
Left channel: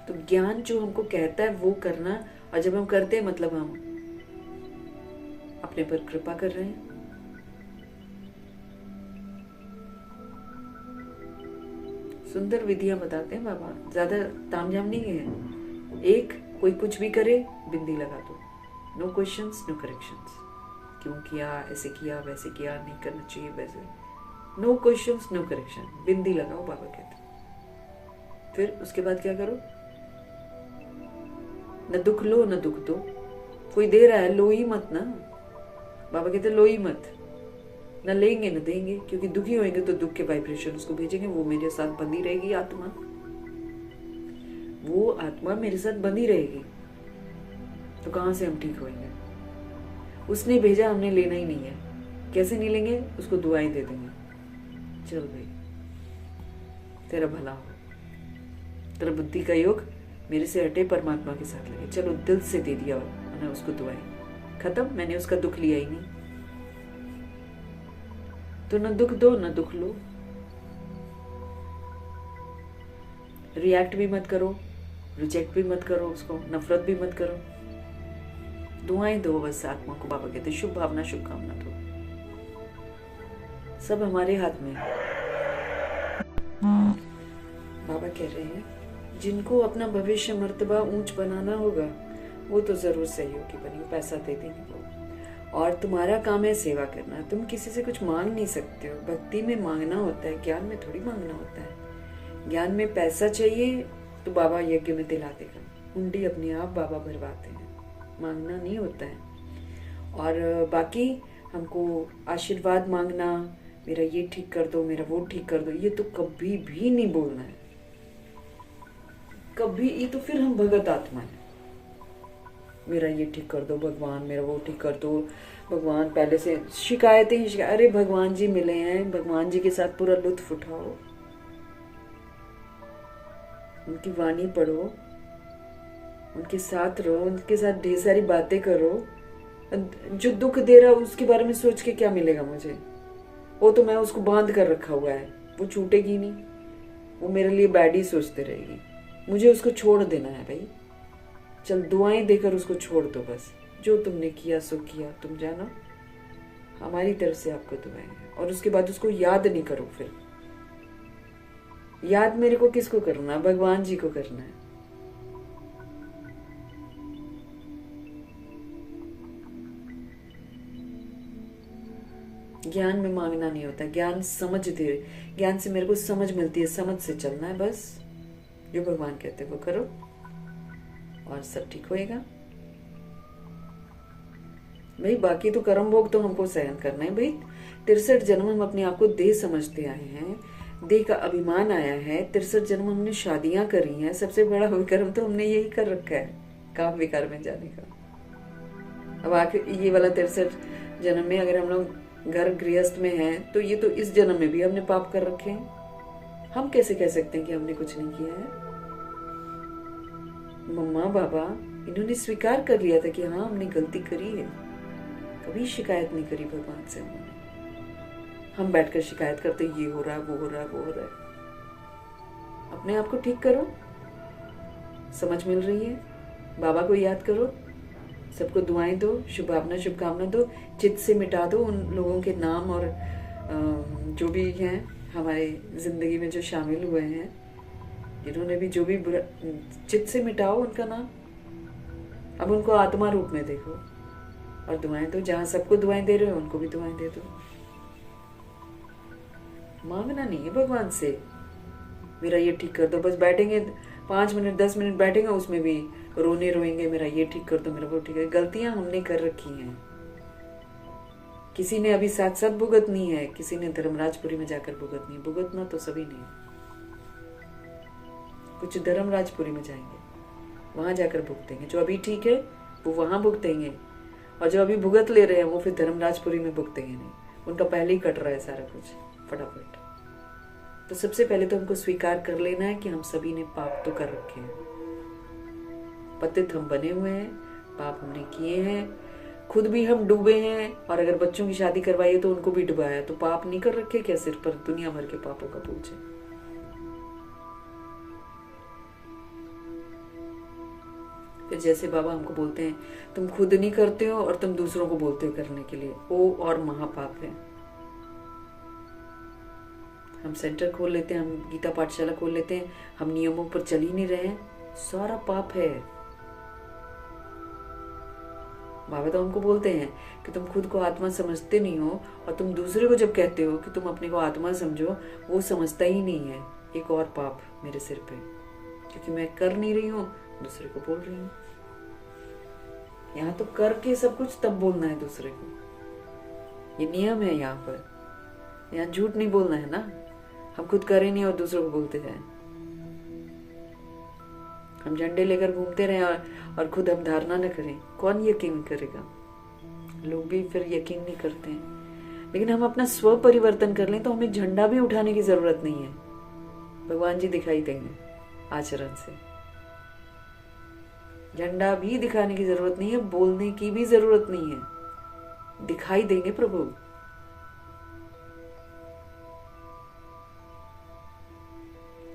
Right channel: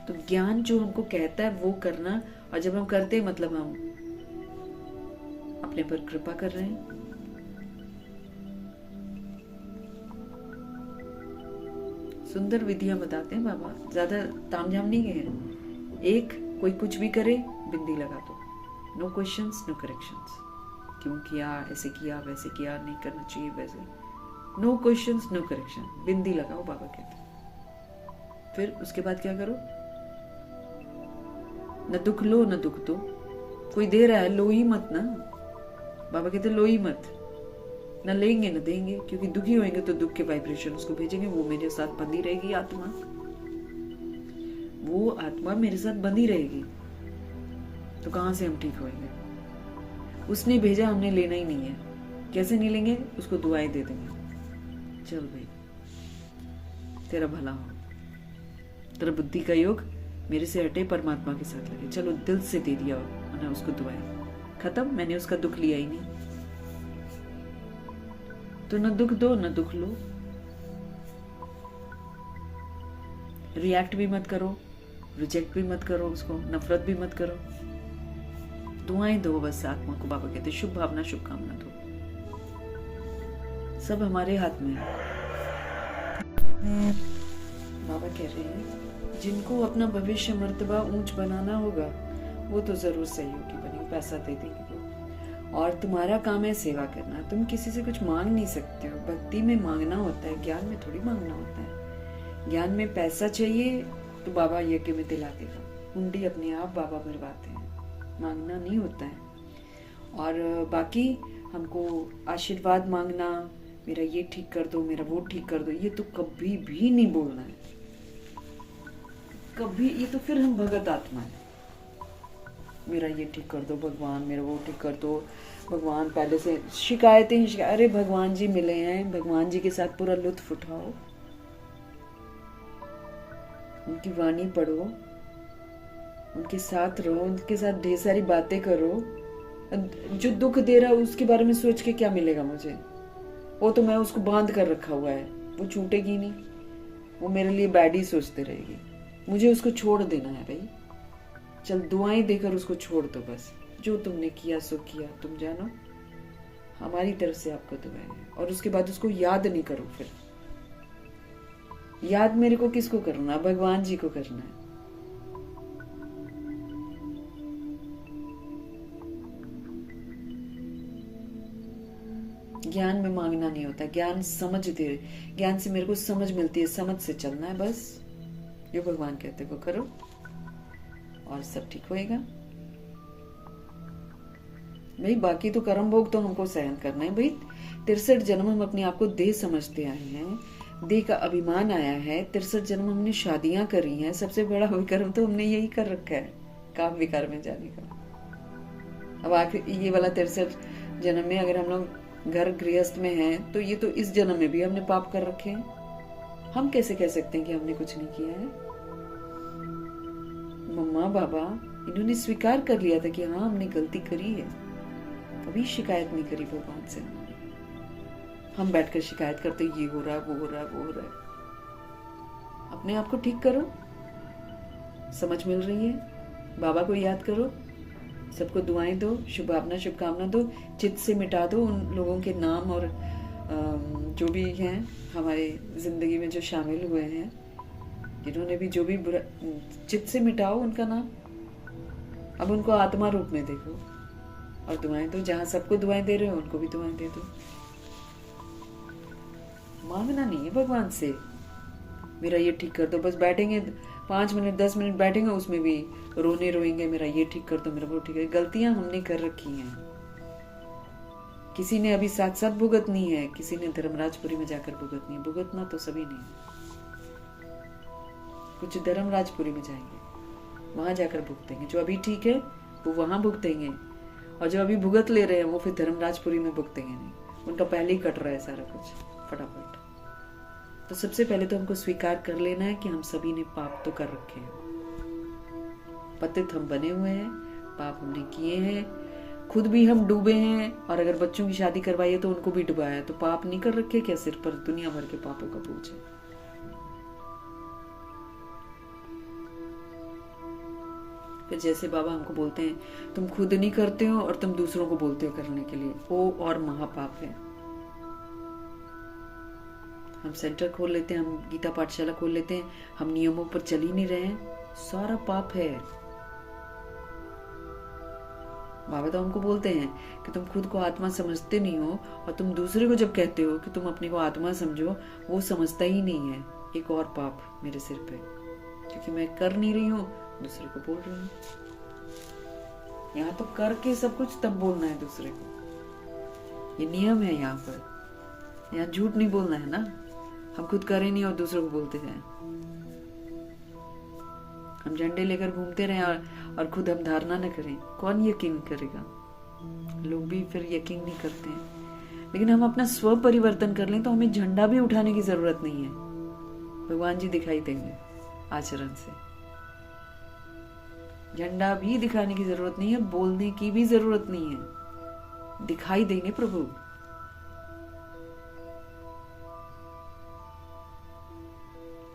तो ज्ञान जो हमको कहता है वो करना, और जब हम करते हैं मतलब हम अपने पर कृपा कर रहे हैं। सुंदर विधियां बताते हैं बाबा, ज्यादा तामझाम नहीं है। एक कोई कुछ भी करे बिंदी लगा दो, नो क्वेश्चंस नो करेक्शंस, क्यों किया, ऐसे किया, वैसे किया, नहीं करना चाहिए वैसे, नो क्वेश्चंस नो करेक्शन, बिंदी लगाओ बाबा कहते। फिर उसके बाद क्या करो, न दुख लो न दुख दो, कोई दे रहा है लो ही मत ना, बाबा कहते लो ही मत, न लेंगे न देंगे, क्योंकि दुखी होंगे तो दुख के वाइब्रेशन उसको भेजेंगे, वो मेरे साथ बंधी रहेगी आत्मा, वो आत्मा मेरे साथ बंधी रहेगी, तो कहां से हम ठीक होंगे। उसने भेजा, हमने लेना ही नहीं है, कैसे नहीं लेंगे, उसको दुआएं दे देंगे, चल भाई तेरा भला हो, तेरा बुद्धि का योग मेरे से हटे, परमात्मा के साथ लगे, चलो दिल से दे दिया मैंने उसको दुआएं, खत्म, मैंने उसका दुख लिया ही नहीं। तो न दुख दो न दुख लो, रिएक्ट भी मत करो, रिजेक्ट भी मत करो उसको, नफरत भी मत करो, दुआएं दो बस आत्मा को। बाबा कहते शुभ भावना शुभकामना दो, सब हमारे हाथ में है। बाबा कह रहे हैं जिनको अपना भविष्य मर्तबा ऊंच बनाना होगा वो तो जरूर सहयोगी बने, पैसा दे देंगे वो, और तुम्हारा काम है सेवा करना, तुम किसी से कुछ मांग नहीं सकते हो, भक्ति में मांगना होता है, ज्ञान में थोड़ी मांगना होता है। ज्ञान में पैसा चाहिए तो बाबा यज्ञ में दिला देगा, हुंडी अपने आप बाबा भरवाते हैं, मांगना नहीं होता है। और बाकी हमको आशीर्वाद मांगना, मेरा ये ठीक कर दो, मेरा वो ठीक कर दो, ये तो कभी भी नहीं बोलना है, कभी, ये तो फिर हम भगत आत्मा है, मेरा ये ठीक कर दो भगवान, मेरा वो ठीक कर दो भगवान, पहले से शिकायतें ही शिकायत। अरे भगवान जी मिले हैं, भगवान जी के साथ पूरा लुत्फ उठाओ, उनकी वाणी पढ़ो, उनके साथ रहो, उनके साथ ढेर सारी बातें करो। जो दुख दे रहा है उसके बारे में सोच के क्या मिलेगा मुझे, वो तो मैं उसको बांध कर रखा हुआ है, वो छूटेगी नहीं, वो मेरे लिए बैड ही सोचते रहेगी, मुझे उसको छोड़ देना है भाई, चल दुआएं देकर उसको छोड़ दो बस, जो तुमने किया सो किया, तुम जानो हमारी तरफ से आपको दुआएं हैं। और उसके बाद उसको याद नहीं करो, फिर याद मेरे को किसको करना है, भगवान जी को करना है। ज्ञान में मांगना नहीं होता, ज्ञान समझ दे, ज्ञान से मेरे को समझ मिलती है, समझ से चलना है बस, जो भगवान कहते हैं वो करो और सब ठीक होएगा भाई। बाकी तो कर्म भोग तो हमको सहन करना है भाई, 63 जन्म हम अपने आप को देह समझते आए हैं, देह का अभिमान आया है, 63 जन्म हमने शादियां करी हैं, सबसे बड़ा कर्म तो हमने यही कर रखा है, काम विकार में जाने का। अब आखिर ये वाला 63 जन्म में अगर हम लोग घर गृहस्थ में हैं तो ये तो इस जन्म में भी हमने पाप कर रखे हैं, हम कैसे कह सकते हैं कि हमने कुछ नहीं किया है। मम्मा बाबा इन्होंने स्वीकार कर लिया था कि हाँ हमने गलती करी है, कभी शिकायत नहीं करी भगवान से हमने। हम बैठकर शिकायत करते ये हो रहा है वो हो रहा है वो हो रहा है। अपने आप को ठीक करो, समझ मिल रही है, बाबा को याद करो, सबको दुआएं दो, शुभ भावना शुभकामना दो, चित्त से मिटा दो उन लोगों के नाम और जो भी हैं हमारे जिंदगी में जो शामिल हुए हैं, जिन्होंने भी जो भी बुरा, चित्त से मिटाओ उनका नाम, अब उनको आत्मा रूप में देखो और दुआएं दो। जहां सबको दुआएं दे रहे हो उनको भी दुआएं दे दो। मांगना नहीं है भगवान से मेरा ये ठीक कर दो। बस बैठेंगे 5 मिनट 10 मिनट बैठेंगे, उसमें भी रोएंगे मेरा ये ठीक कर दो, मेरा वो ठीक है। गलतियां हमने कर रखी हैं। किसी ने अभी साथ साथ भुगतनी है, किसी ने धर्मराजपुरी में जाकर भुगतनी है। भुगतना तो सभी ने है। कुछ धर्मराजपुरी में जाएंगे, वहां जाकर भुगतेंगे। जो अभी ठीक है वो वहां भुगतेंगे, और जो अभी भुगत ले रहे हैं वो फिर धर्मराजपुरी में भुगतेंगे नहीं। उनका पहले ही कट रहा है सारा कुछ फटाफट। तो सबसे पहले तो हमको स्वीकार कर लेना है कि हम सभी ने पाप तो कर रखे हैं। पतित हम बने हुए हैं, पाप हमने किए हैं, खुद भी हम डूबे हैं। और अगर बच्चों की शादी करवाई है तो उनको भी डुबाया। तो पाप नहीं कर रखे क्या सिर पर? दुनिया भर के पापों का बोझ है। फिर जैसे बाबा हमको बोलते हैं तुम खुद नहीं करते हो और तुम दूसरों को बोलते हो करने के लिए, वो और महापाप है। हम सेंटर खोल लेते हैं, हम गीता पाठशाला खोल लेते हैं, हम नियमों पर चल ही नहीं रहे हैं, सारा पाप है। बाबा तो हमको बोलते हैं कि तुम खुद को आत्मा समझते नहीं हो, और तुम दूसरे को जब कहते हो कि तुम अपने को आत्मा समझो, वो समझता ही नहीं है। एक और पाप मेरे सिर पे, क्योंकि मैं कर नहीं रही हूँ, दूसरे को बोल रही हूँ। यहाँ तो करके सब कुछ तब बोलना है दूसरे को, ये नियम है यहाँ पर। यहाँ झूठ नहीं बोलना है ना। हम खुद करें नहीं और दूसरों को बोलते जाएं। हम झंडे लेकर घूमते रहें और खुद हम धारणा न करें, कौन यकीन करेगा? लोग भी फिर यकीन नहीं करते हैं। लेकिन हम अपना स्व परिवर्तन कर लें तो हमें झंडा भी उठाने की जरूरत नहीं है। भगवान जी दिखाई देंगे आचरण से। झंडा भी दिखाने की जरूरत नहीं है, बोलने की भी जरूरत नहीं है, दिखाई देंगे प्रभु।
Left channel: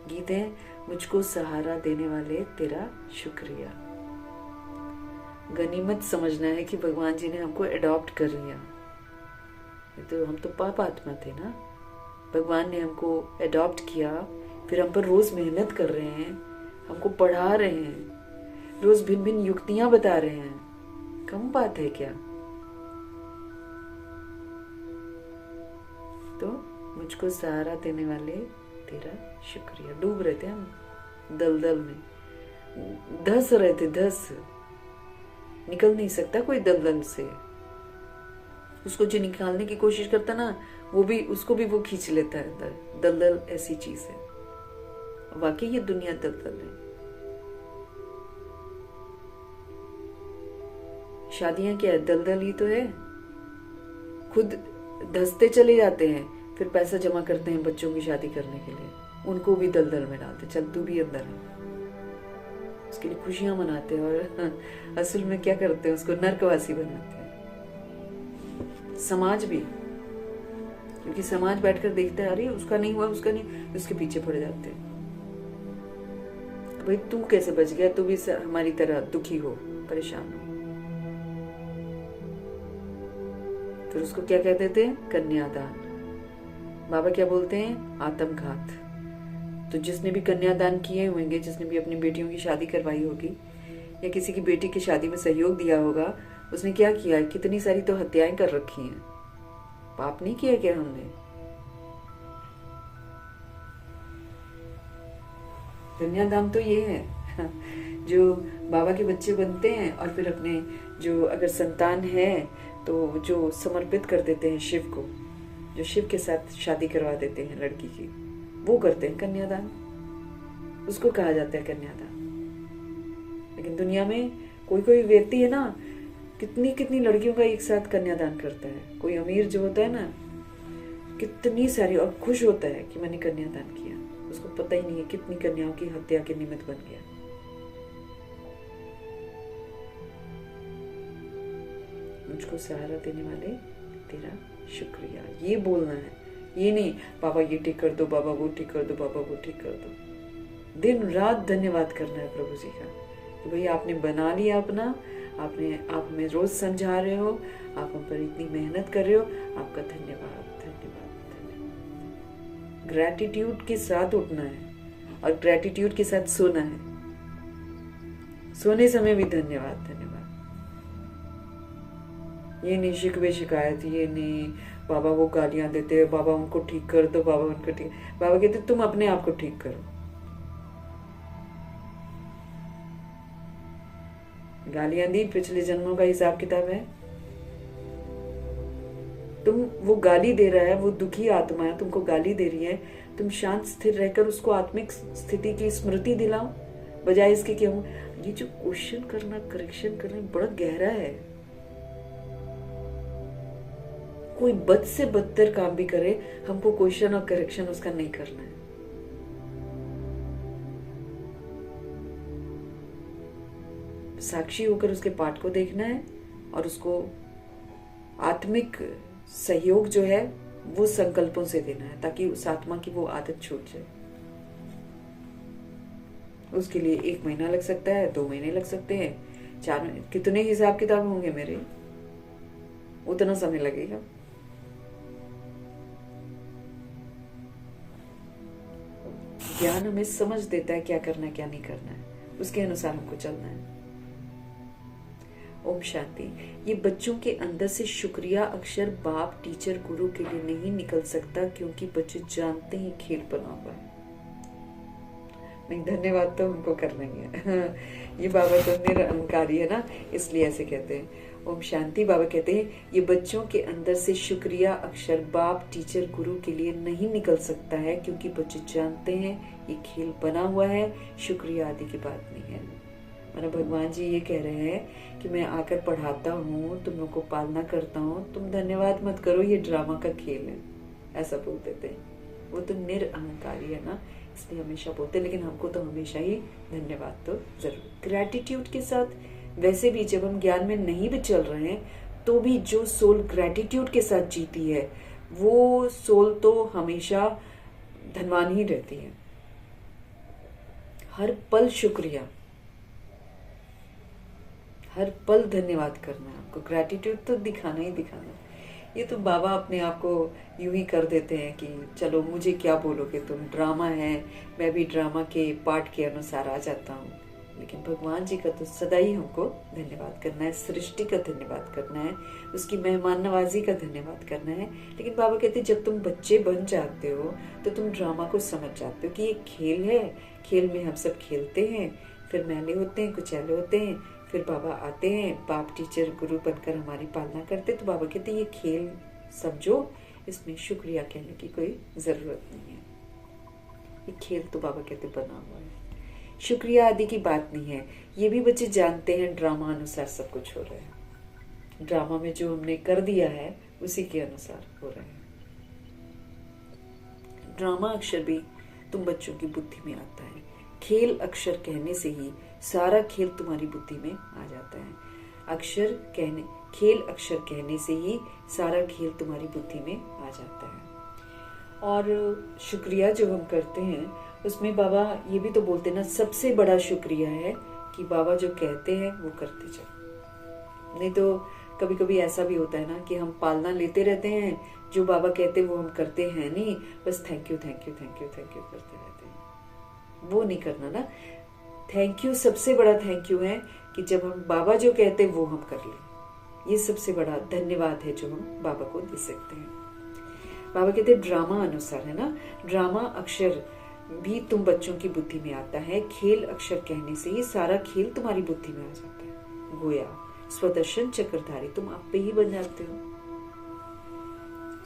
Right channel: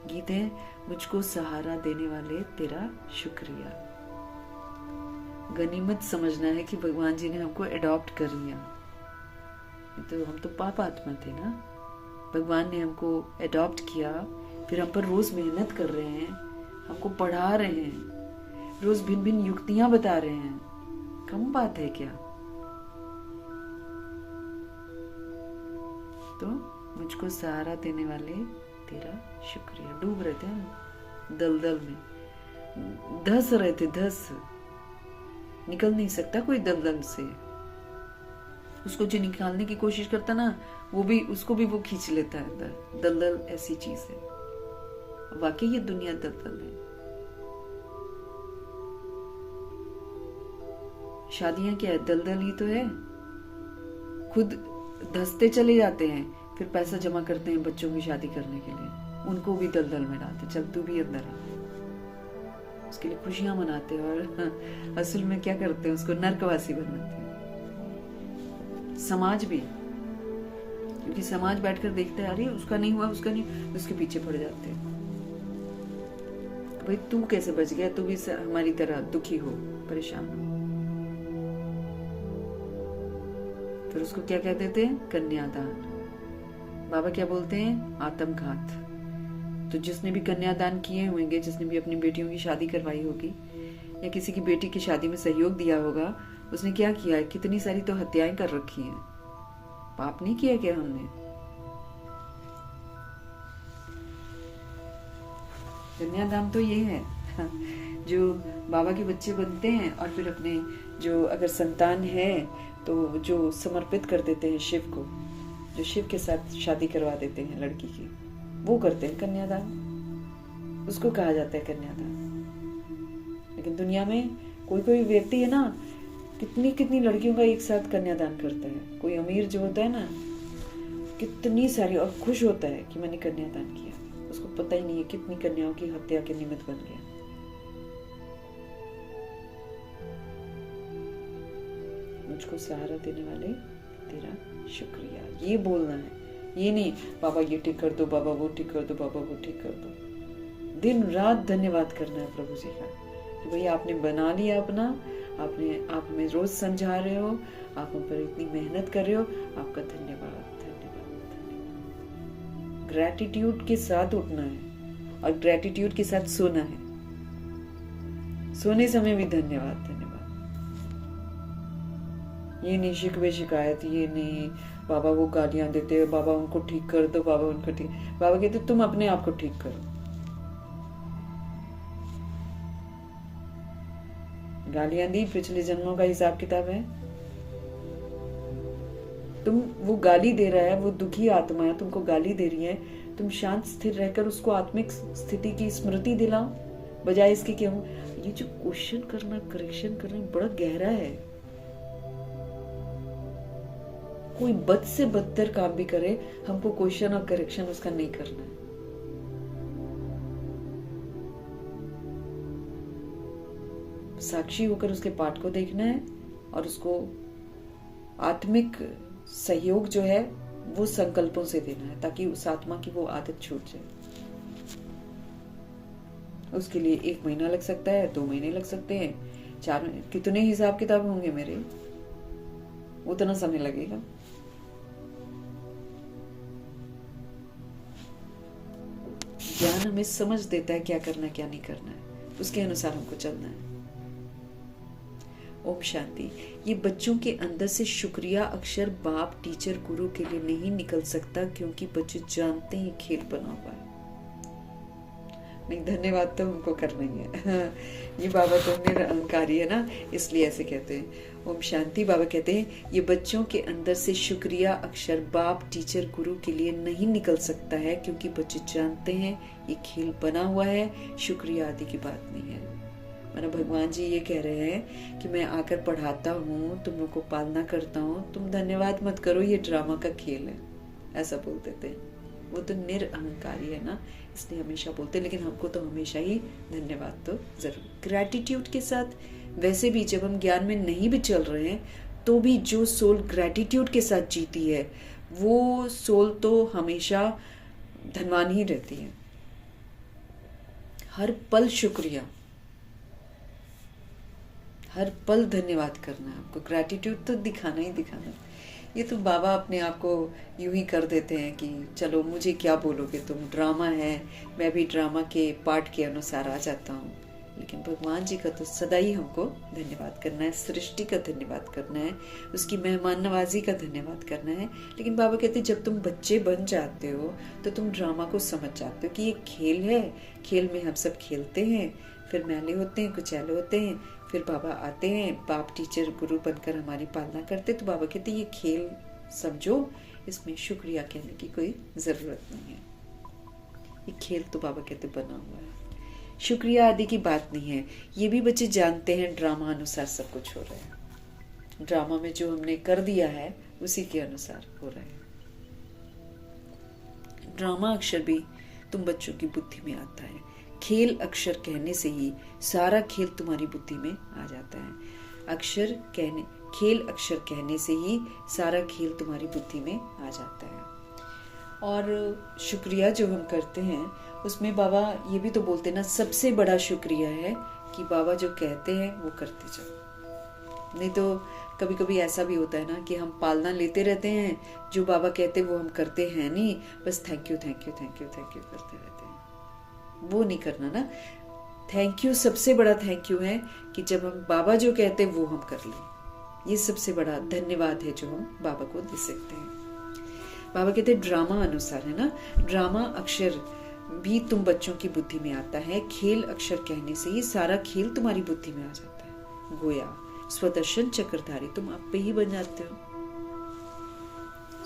गीत है, मुझको सहारा देने वाले तेरा शुक्रिया। गनीमत समझना है कि भगवान जी ने हमको अडॉप्ट कर लिया। तो हम तो पाप आत्मा थे ना, भगवान ने हमको अडॉप्ट किया, फिर हम पर रोज मेहनत कर रहे हैं, हमको पढ़ा रहे हैं, रोज भिन्न भिन्न युक्तियां बता रहे हैं। कम बात है क्या? तो मुझको सहारा देने वाले तेरा शुक्रिया। डूब रहे थे हम दलदल में, धस रहे थे, धस निकल नहीं सकता कोई दलदल से। उसको जो निकालने की कोशिश करता ना, वो भी उसको भी वो खींच लेता है अंदर। दलदल ऐसी चीज है, वाकई ये दुनिया दलदल है। शादियां क्या है? दलदल ही तो है। खुद धसते चले जाते हैं, फिर पैसा जमा करते हैं बच्चों की शादी करने के लिए, उनको भी दलदल में डालते, चल तू भी अंदर है। उसके लिए खुशियां मनाते हैं और असल में क्या करते हैं? उसको नरकवासी बनाते हैं। समाज भी, क्योंकि समाज बैठकर देखता है, अरे उसका नहीं हुआ, उसका नहीं, उसके पीछे पड़ जाते हैं। भाई तू कैसे बच गया? तू भी हमारी तरह दुखी हो, परेशान हो। फिर उसको क्या कहते थे? कन्यादान। बाबा क्या बोलते हैं? आत्मघात। तो जिसने भी कन्यादान किए होंगे, जिसने भी अपनी बेटियों की शादी करवाई होगी या किसी की बेटी की शादी में सहयोग दिया होगा, उसने क्या किया? कितनी सारी तो हत्याएं कर रखी हैं। पाप नहीं किया क्या हमने? कन्यादान तो ये है जो बाबा के बच्चे बनते हैं और फिर अपने जो अगर संतान है तो जो समर्पित कर देते हैं शिव को, जो शिव के साथ शादी करवा देते हैं लड़की की, वो करते हैं कन्यादान। उसको कहा जाता है कन्यादान। लेकिन दुनिया में कोई कोई व्यक्ति है ना, कितनी कितनी लड़कियों का एक साथ कन्यादान करता है। कोई अमीर जो होता है ना, कितनी सारी, और खुश होता है कि मैंने कन्यादान किया। उसको पता ही नहीं है कितनी कन्याओं की हत्या के निमित्त बन गया। मुझको सहारा देने वाले तेरा शुक्रिया, ये बोलना है। ये नहीं बाबा ये ठीक कर दो, बाबा वो ठीक कर दो, बाबा वो ठीक कर दो। दिन रात धन्यवाद करना है प्रभु जी का कि भाई आपने बना लिया अपना, आप में रोज समझा रहे हो, आप हम पर इतनी मेहनत कर रहे हो, आपका धन्यवाद धन्यवाद धन्यवाद। ग्रैटिट्यूड के साथ उठना है और ग्रैटिट्यूड के साथ सोना है। सोने समय भी धन्यवाद धन्यवाद। ये नहीं शिकवे शिकायत, ये नहीं बाबा वो गालियां देते, बाबा उनको ठीक कर दो, बाबा उनको ठीक। बाबा कहते तुम अपने आप को ठीक करो। गालियां दी, पिछले जन्मों का हिसाब किताब है। तुम, वो गाली दे रहा है, वो दुखी आत्मा है, तुमको गाली दे रही है, तुम शांत स्थिर रहकर उसको आत्मिक स्थिति की स्मृति दिलाओ, बजाय इसके क्या हो। ये जो क्वेश्चन करना, करेक्शन करना बड़ा गहरा है। कोई बद से बदतर काम भी करे, हमको क्वेश्चन और करेक्शन उसका नहीं करना है। साक्षी होकर उसके पाठ को देखना है और उसको आत्मिक सहयोग जो है वो संकल्पों से देना है, ताकि उस आत्मा की वो आदत छूट जाए। उसके लिए 1 महीना लग सकता है, 2 महीने लग सकते हैं, 4 महीने, कितने हिसाब किताब होंगे मेरे, उतना समय लगेगा। ज्ञान हमें समझ देता है क्या करना है क्या नहीं करना है, उसके अनुसार हमको चलना है। ओम शांति। ये बच्चों के अंदर से शुक्रिया अक्षर बाप टीचर गुरु के लिए नहीं निकल सकता, क्योंकि बच्चे जानते हैं खेल बना हुआ है। नहीं, धन्यवाद तो हमको करना ही है। ये बाबा तो निरअहंकारी है ना, इसलिए ऐसे कहते हैं। ओम शांति। बाबा कहते हैं ये बच्चों के अंदर से शुक्रिया अक्षर बाप टीचर गुरु के लिए नहीं निकल सकता है, क्योंकि बच्चे जानते हैं ये खेल बना हुआ है, शुक्रिया आदि की बात नहीं है। माना भगवान जी ये कह रहे हैं कि मैं आकर पढ़ाता हूँ, तुम लोग को पालना करता हूँ, तुम धन्यवाद मत करो, ये ड्रामा का खेल है, ऐसा बोल देते हैं। वो तो निरअहंकारी है ना, इसलिए हमेशा बोलते हैं, लेकिन हमको तो हमेशा ही धन्यवाद तो जरूर। ग्रैटिट्यूड के साथ, वैसे भी जब हम ज्ञान में नहीं भी चल रहे हैं तो भी जो सोल ग्रैटिट्यूड के साथ जीती है वो सोल तो हमेशा धनवान ही रहती है। हर पल शुक्रिया, हर पल धन्यवाद करना है आपको, ग्रैटिट्यूड तो दिखाना ही दिखाना। ये तो बाबा अपने आप को यूं ही कर देते हैं कि चलो मुझे क्या बोलोगे तुम, ड्रामा है, मैं भी ड्रामा के पार्ट के अनुसार आ जाता हूँ। लेकिन भगवान जी का तो सदा ही हमको धन्यवाद करना है, सृष्टि का धन्यवाद करना है, उसकी मेहमान नवाजी का धन्यवाद करना है। लेकिन बाबा कहते जब तुम बच्चे बन जाते हो तो तुम ड्रामा को समझ जाते हो कि ये खेल है, खेल में हम सब खेलते हैं, फिर मैले होते हैं, कुचैले होते हैं, फिर बाबा आते हैं, बाप टीचर गुरु बनकर हमारी पालना करते। तो बाबा कहते ये खेल समझो, इसमें शुक्रिया कहने की कोई जरूरत नहीं है। ये खेल तो बाबा कहते बना हुआ है, शुक्रिया आदि की बात नहीं है। ये भी बच्चे जानते हैं ड्रामा अनुसार सब कुछ हो रहा है, ड्रामा में जो हमने कर दिया है उसी के अनुसार हो रहा है। ड्रामा अक्षर भी तुम बच्चों की बुद्धि में आता है, खेल अक्षर कहने से ही सारा खेल तुम्हारी बुद्धि में आ जाता है। अक्षर कहने, खेल अक्षर कहने से ही सारा खेल तुम्हारी बुद्धि में आ जाता है। और शुक्रिया जो हम करते हैं उसमें बाबा ये भी तो बोलते ना, सबसे बड़ा शुक्रिया है कि बाबा जो कहते हैं वो करते जाओ। नहीं तो कभी कभी ऐसा भी होता है ना कि हम पालना लेते रहते हैं, जो बाबा कहते हैं वो हम करते हैं नहीं, बस thank you thank you thank you thank you करते रहते हैं। वो नहीं करना ना, थैंक यू सबसे बड़ा थैंक यू है कि जब हम बाबा जो कहते हैं वो हम कर लें। ये सबसे बड़ा धन्यवाद है जो हम बाबा को दे सकते हैं। बाबा कहते हैं ड्रामा अनुसार है ना, ड्रामा अक्षर भी तुम बच्चों की बुद्धि में आता है, खेल अक्षर कहने से ही सारा खेल तुम्हारी बुद्धि में आ जाता है। गोया स्वदर्शन चक्रधारी तुम आप पे ही बन जाते हो,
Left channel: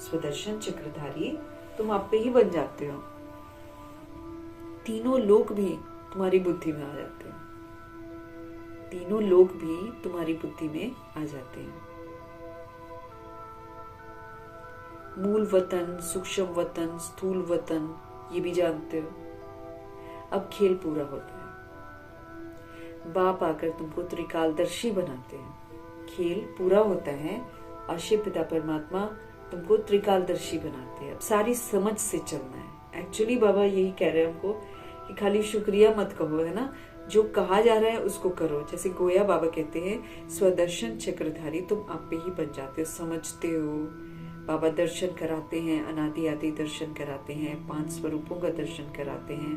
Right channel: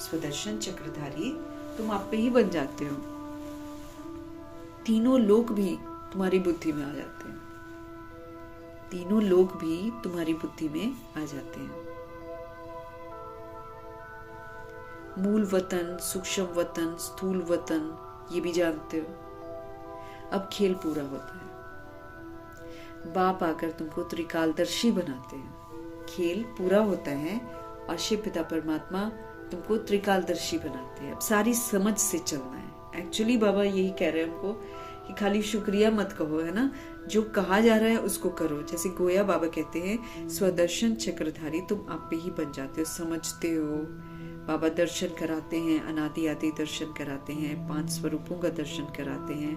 स्वदर्शन चक्रधारी तुम आप पे ही बन जाते हो। तीनों लोक भी तुम्हारी बुद्धि में आ जाते हैं, तीनों लोक भी तुम्हारी बुद्धि में आ जाते हैं। मूल वतन, सूक्ष्म वतन, स्थूल वतन, ये भी जानते हो। अब खेल पूरा होता है, बाप आकर तुमको त्रिकालदर्शी बनाते हैं, खेल पूरा होता है और शिव पिता परमात्मा तुमको त्रिकालदर्शी बनाते हैं। अब सारी समझ से चलना है। एक्चुअली बाबा यही कह रहे हैं हमको कि खाली शुक्रिया मत कहो, है ना, जो कहा जा रहा है उसको करो। जैसे गोया बाबा कहते हैं स्वदर्शन चक्रधारी तुम आप पे ही बन जाते हो, समझते हो। बाबा दर्शन कराते हैं, अनादि आदि दर्शन कराते हैं, 5 स्वरूपों का दर्शन कराते हैं।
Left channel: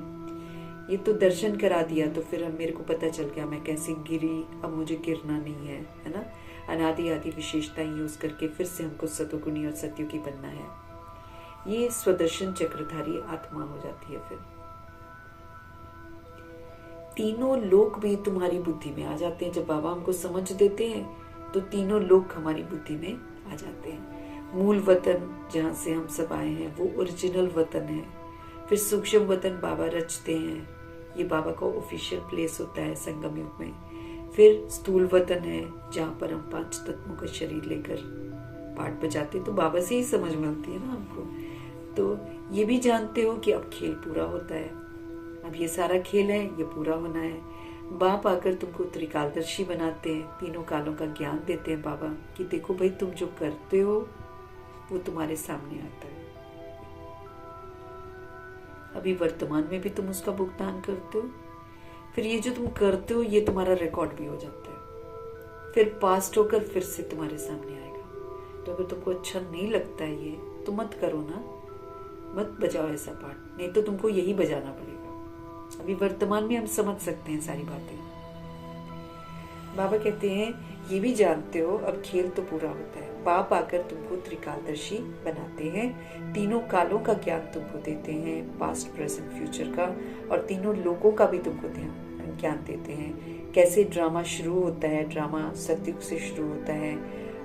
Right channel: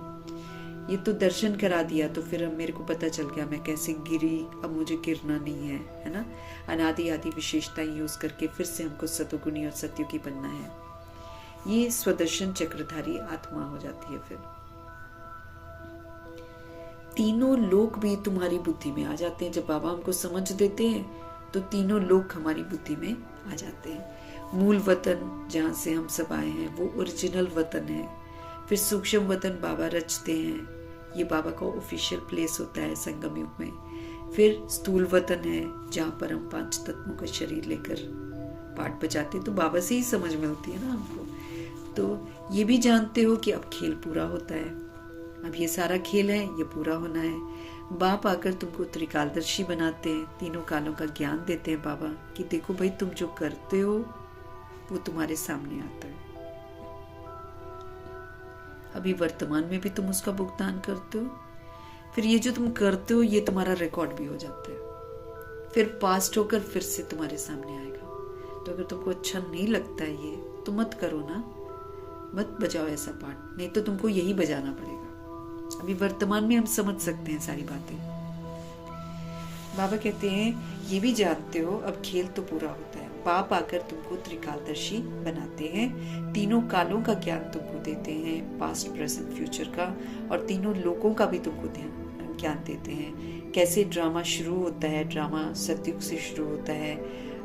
ये तो दर्शन करा दिया, तो फिर अब मेरे को पता चल गया मैं कैसे गिरी, अब मुझे गिरना नहीं है, है ना। अनादि आदि विशेषताएं यूज करके फिर से हमको सतोगुणी और सत्युगी बनना है। ये स्वदर्शन चक्रधारी आत्मा हो जाती है। फिर तीनों लोक भी तुम्हारी बुद्धि में आ जाते हैं। जब बाबा हमको समझ देते हैं तो तीनों लोक हमारी बुद्धि में आ जाते हैं। मूल वतन जहाँ से हम सब आए हैं वो ओरिजिनल वतन है। फिर सूक्ष्म वतन बाबा रचते हैं, ये बाबा का ऑफिशियल प्लेस होता है संगम युग में। फिर स्थूल वतन है जहाँ पर हम 5 तत्वों का शरीर लेकर पाठ बजाते, तो बाबा से ही समझ मिलती है ना हमको। तो ये भी जानते हो कि अब खेल पूरा होता है, अब ये सारा खेल है, ये पूरा होना है। बाप आकर तुमको त्रिकालदर्शी बनाते हैं, तीनों कालों का ज्ञान देते हैं बाबा कि देखो भाई तुम जो करते हो वो तुम्हारे सामने आता है। अभी वर्तमान में भी तुम उसका भुगतान करते हो, फिर ये जो तुम करते हो ये तुम्हारा रिकॉर्ड भी हो जाता है, फिर पास्ट होकर फिर से तुम्हारे सामने आएगा। तो अगर तुमको अच्छा नहीं लगता है ये, तो मत करो ना, मत बजाओ ऐसा पाठ, नहीं तो तुमको यही बजाना पड़ेगा। अभी वर्तमान में हम समझ सकते हैं सारी बातें। बाबा कहते हैं ये भी जानते हो अब खेल तो पूरा होता है। बाप आकर तुमको त्रिकालदर्शी बनाते हैं, तीनों कालों का ज्ञान तुमको देते हैं, पास्ट प्रेजेंट फ्यूचर का, और तीनों लोगों का भी तुमको ज्ञान देते हैं। कैसे ड्रामा शुरू होता है, ड्रामा सतयुग से शुरू होता है,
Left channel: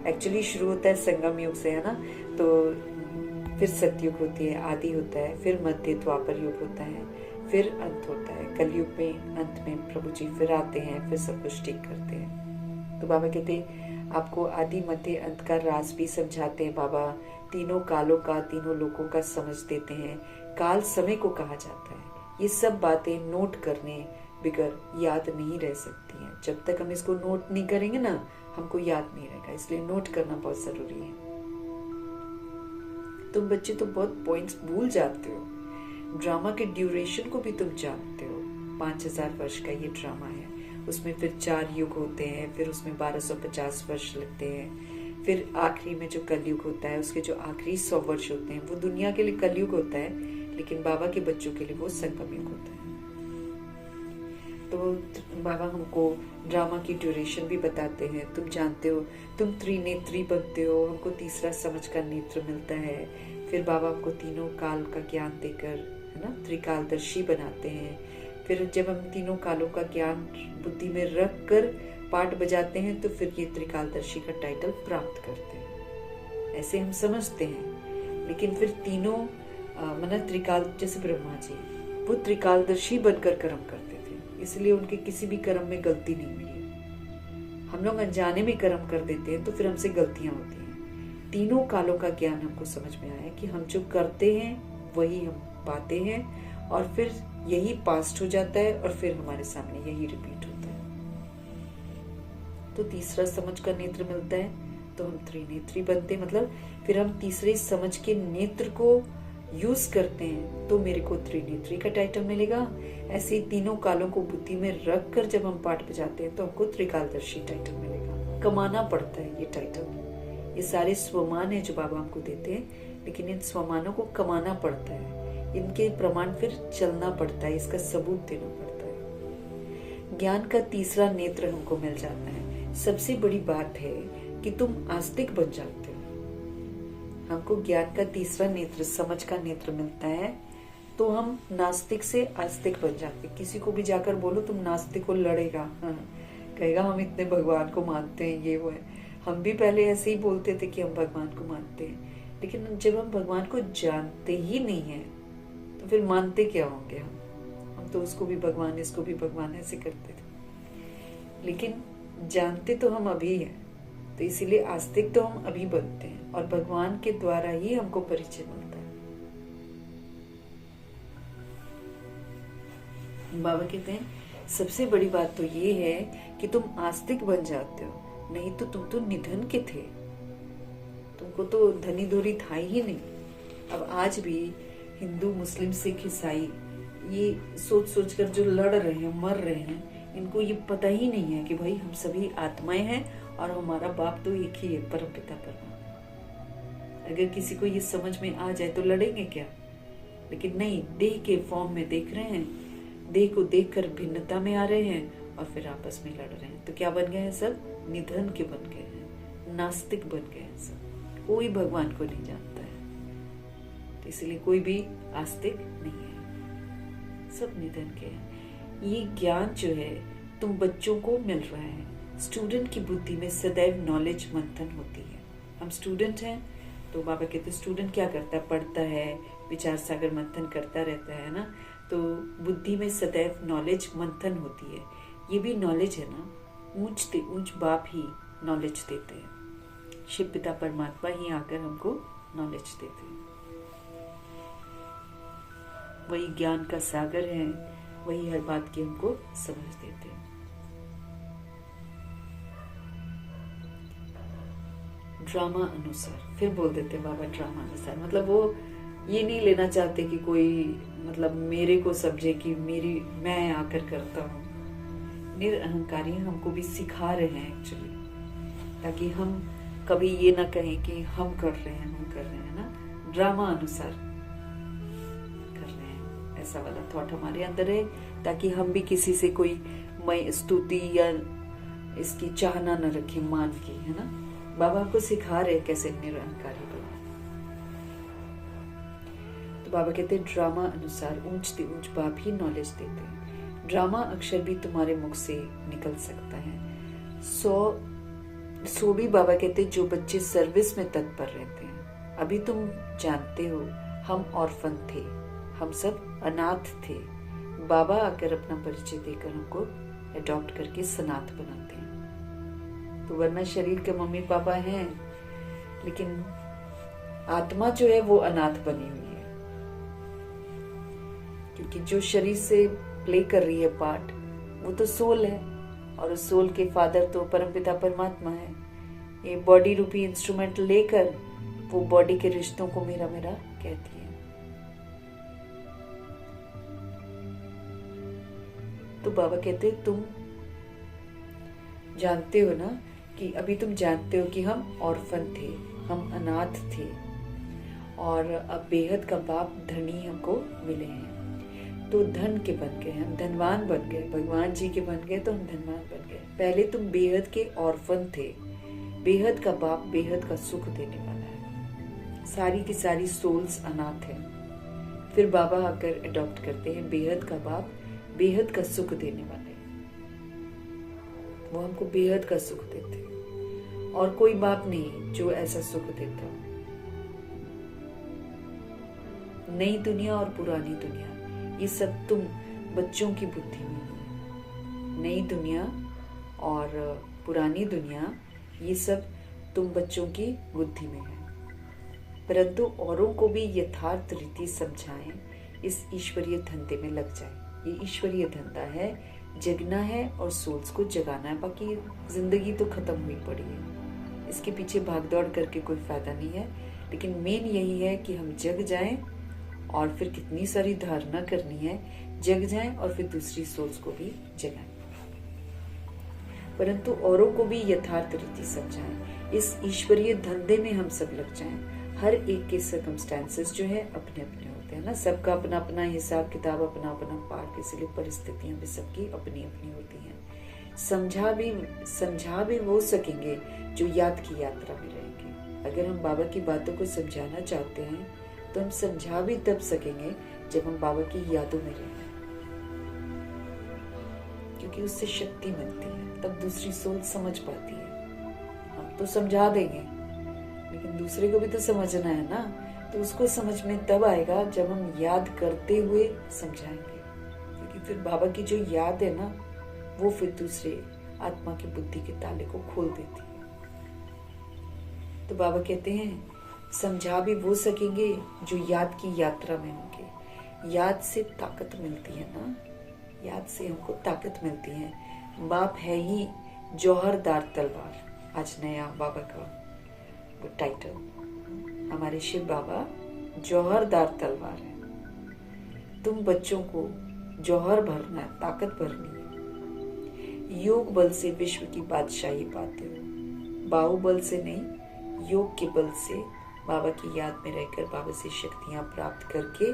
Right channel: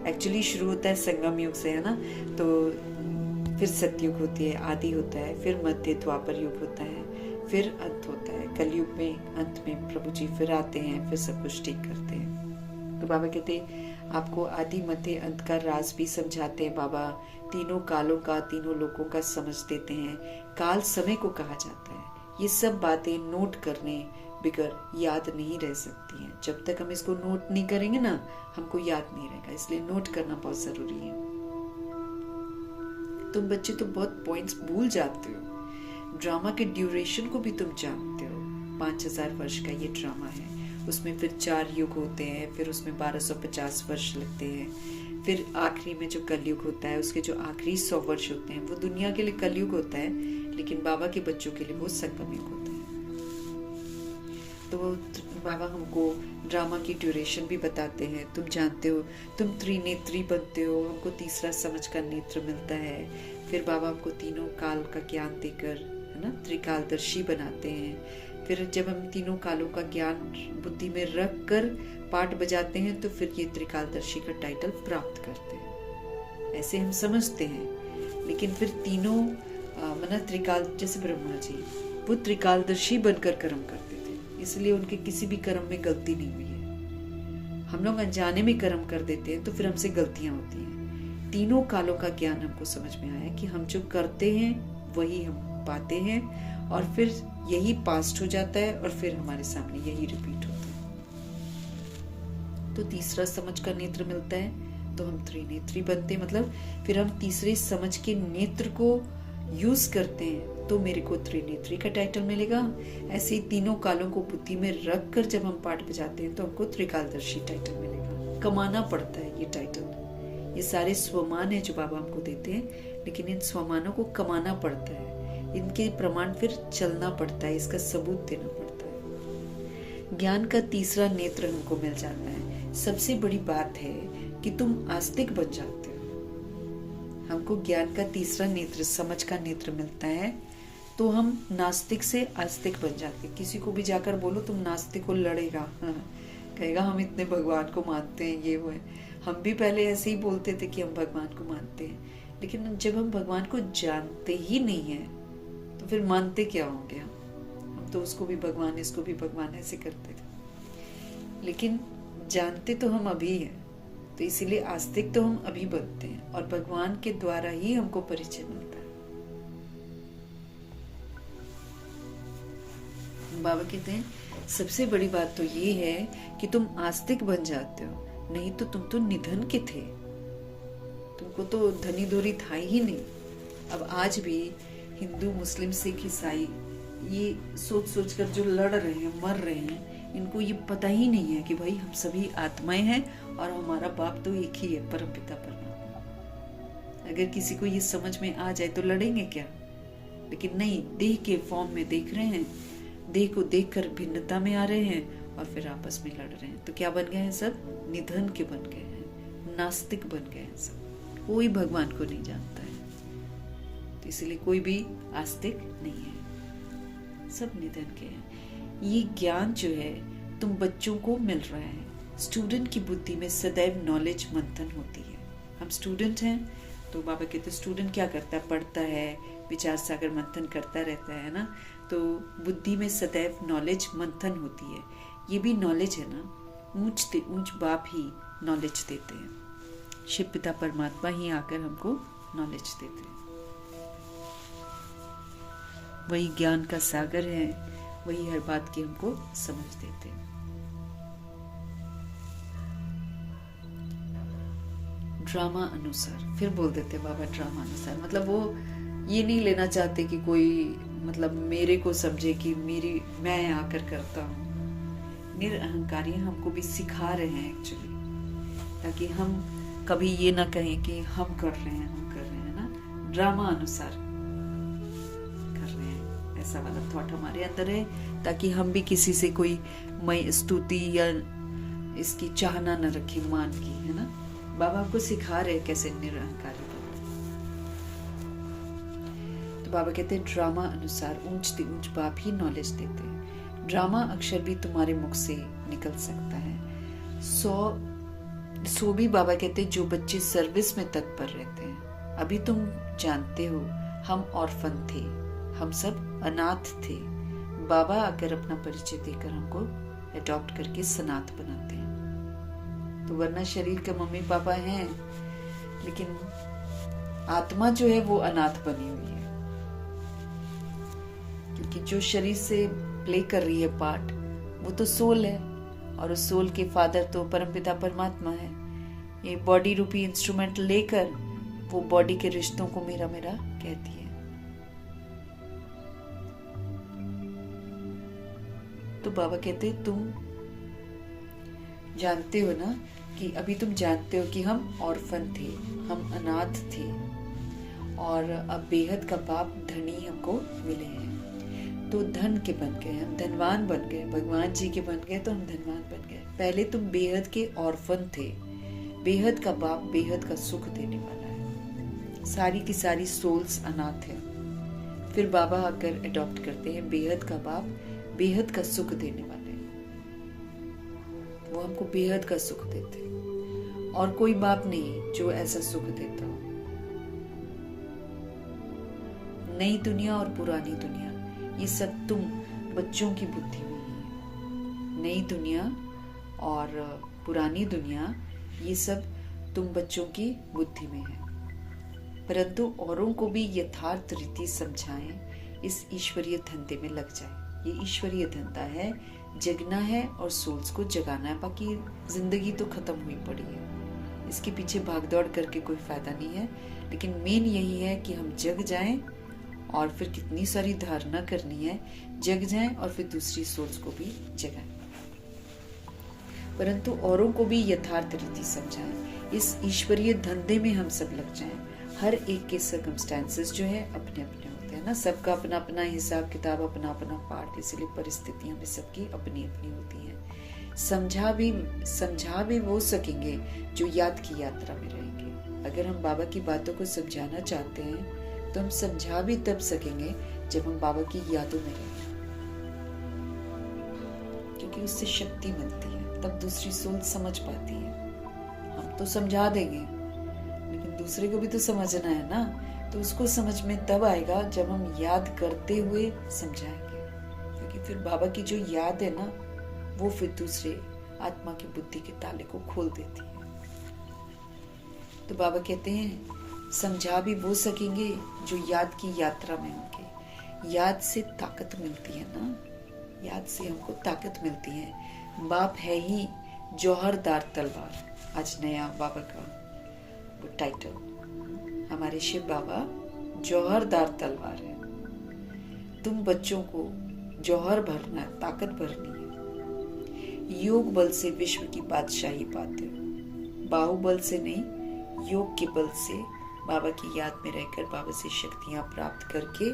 एक्चुअली शुरू होता है संगम युग से, है ना। तो फिर सतयुग होती है, आदि होता है, फिर मध्य द्वापर युग होता है, फिर अंत होता है। कलयुग में अंत में प्रभु जी फिर आते हैं, फिर सब कुछ ठीक करते हैं। तो बाबा कहते हैं आपको आदि मध्य अंत का राज भी समझाते हैं बाबा, तीनों कालों का, तीनों लोगों का समझ देते हैं। काल समय को कहा जाता है। ये सब बातें नोट करने बिगर याद नहीं रह सकती हैं। जब तक हम इसको नोट नहीं करेंगे ना, हमको याद नहीं रहेगा, इसलिए नोट करना बहुत जरूरी है। तुम बच्चे तो बहुत पॉइंट्स भूल जाते हो। ड्रामा के ड्यूरेशन को भी तुम जानते हो, 5000 वर्ष का ये ड्रामा है, उसमें फिर 4 युग होते हैं, फिर उसमें 1250 वर्ष लगते हैं, फिर आखिरी में जो कलयुग होता है उसके जो आखिरी 100 वर्ष होते हैं वो दुनिया के लिए कलयुग होता है, लेकिन बाबा के बच्चों के लिए वो संगम युग होता है। तो बाबा हमको ड्रामा की ड्यूरेशन भी बताते हैं। तुम जानते हो तुम त्रिनेत्री बनते हो, हमको तीसरा समझ का नेत्र मिलता है। फिर बाबा हमको तीनों काल का ज्ञान देकर, है ना, त्रिकालदर्शी बनाते हैं। फिर जब हम तीनों कालों का ज्ञान बुद्धि में रख कर पाठ बजाते हैं तो फिर ये त्रिकालदर्शी का टाइटल प्राप्त करते हैं, ऐसे हम समझते हैं। लेकिन फिर तीनों त्रिकाल, जैसे ब्रह्मा जी वो त्रिकालदर्शी बनकर कर्म करते थे, इसलिए उनके किसी भी कर्म में गलती नहीं हुई है। हम लोग अनजाने में कर्म कर देते हैं तो फिर हमसे गलतियां होती हैं। तीनों कालों का ज्ञान हमको समझ में आया कि हम जो करते हैं वही हम पाते हैं, और फिर यही पास्ट हो जाता है, और फिर हमारे सामने यही रिपीट होता है। तो तीसरा समझ का नेत्र मिलता है तो हम त्रिनेत्री बनते, मतलब फिर हम तीसरे समझ के नेत्र को यूज करते हैं तो मेरे को त्रिनेत्री का टाइटल मिलेगा। ऐसे ही तीनों कालों को बुद्धि में रख कर जब हम पाठ बजाते हैं तो हमको त्रिकालदर्शी टाइटल मिलेगा। कमाना पड़ता है ये टाइटल, ये सारे स्वमान है जो बाबा हमको देते हैं, लेकिन इन स्वमानों को कमाना पड़ता है, इनके प्रमाण फिर चलना पड़ता है, इसका सबूत देना पड़ता है। ज्ञान का तीसरा नेत्र हमको मिल जाता है। सबसे बड़ी बात है कि तुम आस्तिक बन जाते हो। हमको ज्ञान का तीसरा नेत्र, समझ का नेत्र मिलता है तो हम नास्तिक से आस्तिक बन जाते। किसी को भी जाकर बोलो तुम नास्तिक हो, लड़ेगा, हाँ, कहेगा हम इतने भगवान को मानते हैं, ये वो है। हम भी पहले ऐसे ही बोलते थे कि हम भगवान को मानते हैं, लेकिन जब हम भगवान को जानते ही नहीं है तो फिर मानते क्या होंगे हम तो उसको भी भगवान, इसको भी भगवान ऐसे करते थे। लेकिन जानते तो हम अभी हैं, तो इसीलिए आस्तिक तो हम अभी बनते हैं, और भगवान के द्वारा ही हमको परिचय मिलता है। बाबा कहते हैं सबसे बड़ी बात तो ये है कि तुम आस्तिक बन जाते हो, नहीं तो तुम तो निधन के थे, तुमको तो धनी दूरी था ही नहीं। अब आज भी हिंदू, मुस्लिम, सिख, ईसाई ये सोच सोच कर जो लड़ रहे हैं, मर रहे हैं, इनको ये पता ही नहीं है कि भाई हम सभी आत्माएं हैं और हमारा बाप तो एक ही है, परमपिता परमात्मा। अगर किसी को ये समझ में आ जाए तो लड़ेंगे क्या? लेकिन नहीं, देह के फॉर्म में देख रहे हैं देह को देखकर भिन्नता में आ रहे हैं और फिर आपस में लड़ रहे हैं। तो क्या बन गए हैं सब? निधन के बन गए हैं, नास्तिक बन गए हैं सब। कोई भगवान को नहीं जानता है, तो इसलिए कोई भी आस्तिक नहीं है, सब निधन के हैं। ये ज्ञान जो है तुम बच्चों को मिल रहा है। स्टूडेंट की बुद्धि में सदैव नॉलेज मंथन होती है। हम स्टूडेंट हैं तो बाबा कहते स्टूडेंट क्या करता है? पढ़ता है, विचार सागर मंथन करता रहता है ना। तो बुद्धि में सदैव नॉलेज मंथन होती है। ये भी नॉलेज है ना, ऊंच बाप ही नॉलेज देते हैं। शिव पिता परमात्मा ही आकर हमको नॉलेज देते हैं। वही ज्ञान का सागर है, वही हर बात की हमको समझ देते हैं। ड्रामा अनुसार, फिर बोल देते बाबा ड्रामा अनुसार, मतलब वो ये नहीं लेना चाहते कि कोई मतलब मेरे को समझे कि मैं आकर करता हूँ। निरअहंकारी हमको भी सिखा रहे हैं एक्चुअली, ताकि हम कभी ये ना कहें कि हम कर रहे हैं ना। ड्रामा अनुसार कर रहे हैं, ऐसा वाला थॉट हमारे अंदर है, ताकि हम भी किसी से कोई स्तुति या इसकी चाहना न रखें, मान की, है ना। बाबा आपको सिखा रहे कैसे निरअहंकारी बनो। तो बाबा कहते हैं ड्रामा अनुसार ऊंच बाप ही नॉलेज देते हैं। ड्रामा अक्षर भी तुम्हारे मुख से निकल सकता है। सो भी बाबा कहते हैं जो बच्चे सर्विस में तत्पर रहते हैं। अभी तुम जानते हो हम ऑर्फन थे, हम सब अनाथ थे। बाबा आकर अपना परिचय देकर हमको अडॉप्ट करके सनाथ बनाते हैं। तो वरना शरीर के मम्मी पापा हैं, लेकिन आत्मा जो है वो अनाथ बनी हुई है, क्योंकि जो शरीर से प्ले कर रही है पार्ट वो तो सोल है, और उस सोल के फादर तो परमपिता परमात्मा है। ये बॉडी रूपी इंस्ट्रूमेंट लेकर वो बॉडी के रिश्तों को मेरा कहती है। तो बाबा कहते तुम जानते हो ना कि अभी तुम जानते हो कि हम ऑर्फन थे, हम अनाथ थे, और अब बेहद का बाप धनी हमको मिले हैं। तो धन के बन गए, हम धनवान बन गए, भगवान जी के बन गए तो हम धनवान बन गए। पहले तुम बेहद के ऑर्फन थे। बेहद का बाप बेहद का सुख देने वाला है। सारी की सारी सोल्स अनाथ है, फिर बाबा आकर अडॉप्ट करते हैं। बेहद का बाप बेहद का सुख देने वाले हैं, वो हमको बेहद का सुख देते हैं, और कोई बाप नहीं जो ऐसा सुख देता हो। नई दुनिया और पुरानी दुनिया, ये सब तुम बच्चों की बुद्धि में ही है। नई दुनिया और पुरानी दुनिया, ये सब तुम बच्चों की बुद्धि में है। परंतु औरों को भी यथार्थ रीति समझाएं, इस ईश्वरीय धंधे में लग जाए। ये ईश्वरीय धंधा है, जगना है और सोल्स को जगाना है। बाकी जिंदगी तो खत्म हुई पड़ी है, इसके पीछे भागदौड़ करके कोई फायदा नहीं है। लेकिन मेन यही है कि हम जग जाएं, और फिर कितनी सारी धारणा करनी है, जग जाएं और फिर दूसरी सोल्स को भी जगाएं, परंतु औरों को भी यथार्थ रीति समझाएं। इस ईश्वरीय धंधे में हम सब लग जाएं। हर एक के सर्कमस्टेंसेस जो है अपने अपने होते हैं ना, सबका अपना अपना हिसाब किताब, अपना अपना पार्ट, इसलिए परिस्थितियां भी सबकी अपनी अपनी होती हैं। समझा भी वो सकेंगे जो याद की यात्रा में रहेंगे। अगर हम बाबा की बातों को समझाना चाहते हैं तो हम समझा भी तब सकेंगे जब हम बाबा की यादों में रहेंगे, क्योंकि उससे शक्ति मिलती है, तब दूसरी सोच समझ पाती है। हम तो समझा देंगे, लेकिन दूसरे को भी तो समझना है ना। तो उसको समझ में तब आएगा जब हम याद करते हुए समझाएंगे, क्योंकि फिर बाबा की जो याद है ना, वो फिर दूसरे आत्मा की बुद्धि के ताले को खोल देती है। तो बाबा कहते हैं समझा भी वो सकेंगे जो याद की यात्रा में होंगे। याद से ताकत मिलती है ना, याद से हमको ताकत मिलती है। बाप है ही जौहरदार तलवार। आज नया बाबा का वो टाइटल, हमारे शिव बाबा जौहरदार तलवार है। तुम बच्चों को जौहर भरना है, ताकत भरनी है। योग बल से विश्व की बादशाही पाते हो, बाहुबल से नहीं, योग के बल से बाबा की याद में रहकर बाबा से शक्तियां प्राप्त करके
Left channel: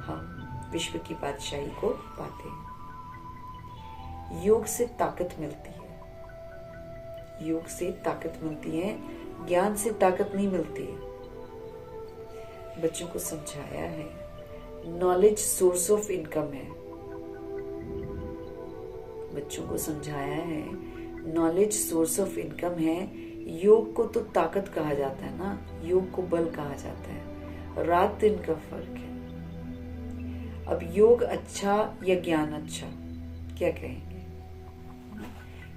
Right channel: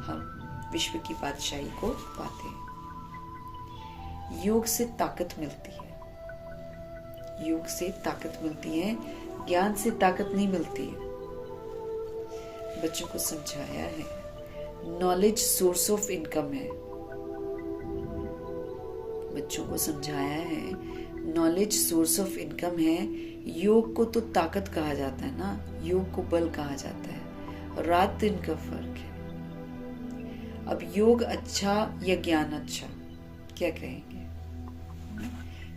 हम विश्व की बादशाही को पाते हैं। योग से ताकत मिलती है, योग से ताकत मिलती है, ज्ञान से ताकत नहीं मिलती है। बच्चों को समझाया है नॉलेज सोर्स ऑफ इनकम है, बच्चों को समझाया है नॉलेज सोर्स ऑफ इनकम है। योग को तो ताकत कहा जाता है ना, योग को बल कहा जाता है, रात दिन का फर्क है। अब योग अच्छा या ज्ञान अच्छा, क्या कहेंगे?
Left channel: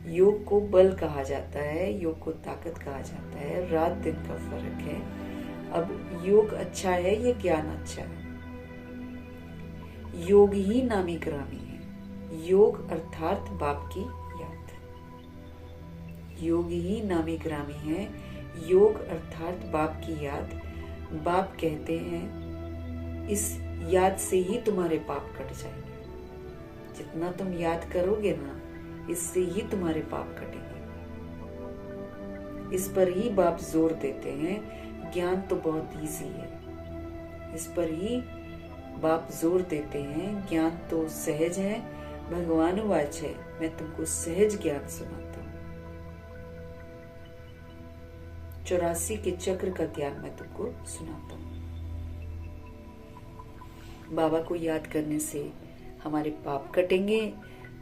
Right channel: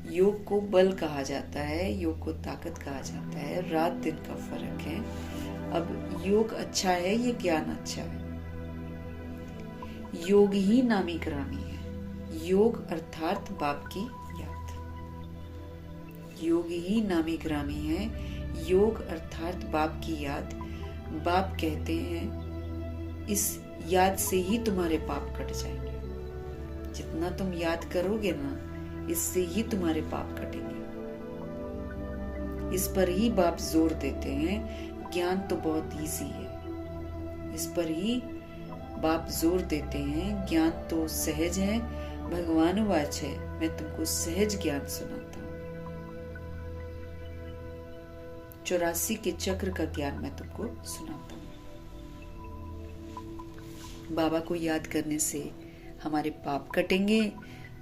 योग को बल कहा जाता है, योग को ताकत कहा जाता है, रात दिन का फर्क है। अब योग अच्छा है या ज्ञान अच्छा है? योग ही नामी ग्रामी है, योग अर्थात बाप की याद, योग ही नामी ग्रामी है, योग अर्थात बाप की याद। बाप कहते हैं इस याद से ही तुम्हारे पाप कट जाएंगे, जितना तुम याद करोगे ना, इससे ही तुम्हारे पाप कटेंगे। इस पर ही बाप जोर देते हैं। ज्ञान तो बहुत इजी है, इस पर ही बाप जोर देते हैं। ज्ञान तो सहज है, भगवान वाच है, मैं तुमको सहज ज्ञान सुनाता हूँ। 84 के चक्र का ज्ञान मैं तुमको सुनाता हूँ। बाबा को याद करने से हमारे पाप कटेंगे,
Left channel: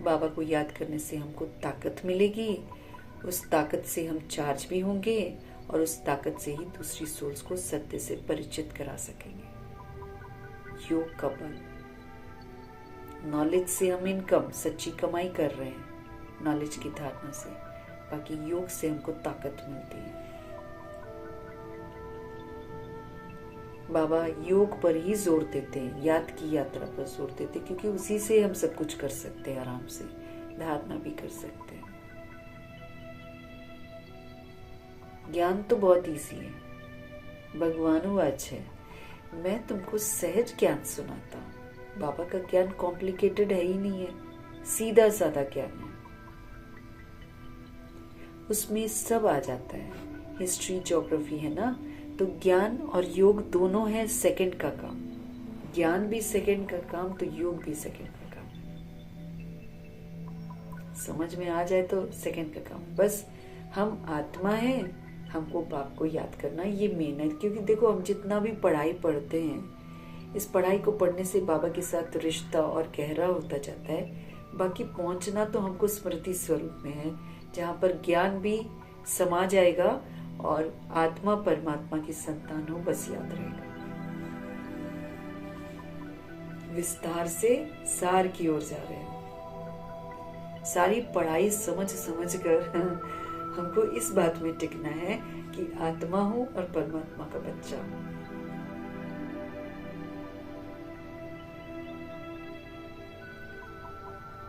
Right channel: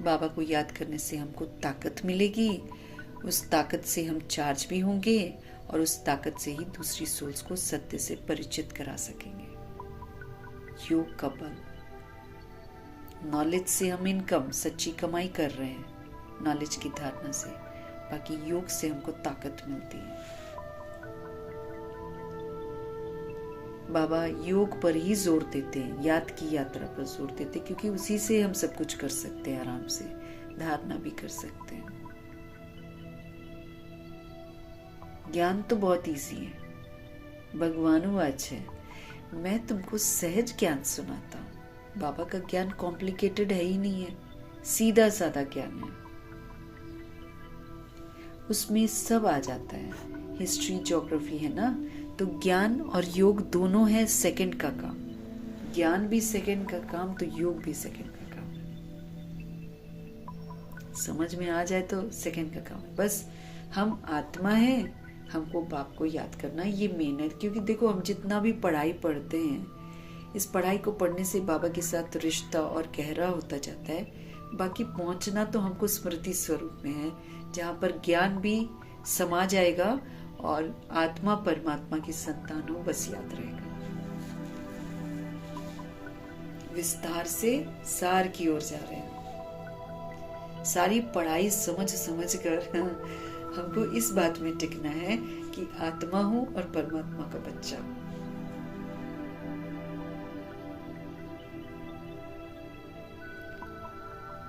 बाबा को याद करने से हमको ताकत मिलेगी, उस ताकत से हम चार्ज भी होंगे और उस ताकत से ही दूसरी सोल्स को सत्य से परिचित करा सकेंगे। योग का बल, नॉलेज से हम इनकम, सच्ची कमाई कर रहे हैं नॉलेज की धारणा से, बाकी योग से हमको ताकत मिलती है। बाबा योग पर ही जोर देते हैं, याद की यात्रा पर जोर देते हैं, क्योंकि उसी से हम सब कुछ कर सकते हैं, आराम से धारणा भी कर सकते हैं। ज्ञान तो बहुत इजी है, भगवान वाच है, मैं तुमको सहज ज्ञान सुनाता हूँ। बाबा का ज्ञान कॉम्प्लिकेटेड है ही नहीं है, सीधा साधा ज्ञान है, उसमें सब आ जाता है। हिस्ट्री ज्योग्राफी है ना, तो ज्ञान और योग दोनों है सेकंड का काम। ज्ञान भी सेकंड का काम, तो योग भी सेकंड का काम। समझ में आ जाए तो सेकंड का काम। बस हम आत्मा है, हमको बाप को याद करना, ये मेहनत। क्योंकि देखो, हम जितना भी पढ़ाई पढ़ते हैं, इस पढ़ाई को पढ़ने से बाबा के साथ रिश्ता और गहरा होता जाता है। बाकी पहुंचना तो हमको स्मृति स्वरूप में है, जहाँ पर ज्ञान भी समा जाएगा और आत्मा परमात्मा की संतान हो, बस याद रहेगा। विस्तार से सार की ओर जा रहे हैं। सारी पढ़ाई समझ समझ कर हमको इस बात में टिकना है कि आत्मा हूं और परमात्मा का बच्चा हूं।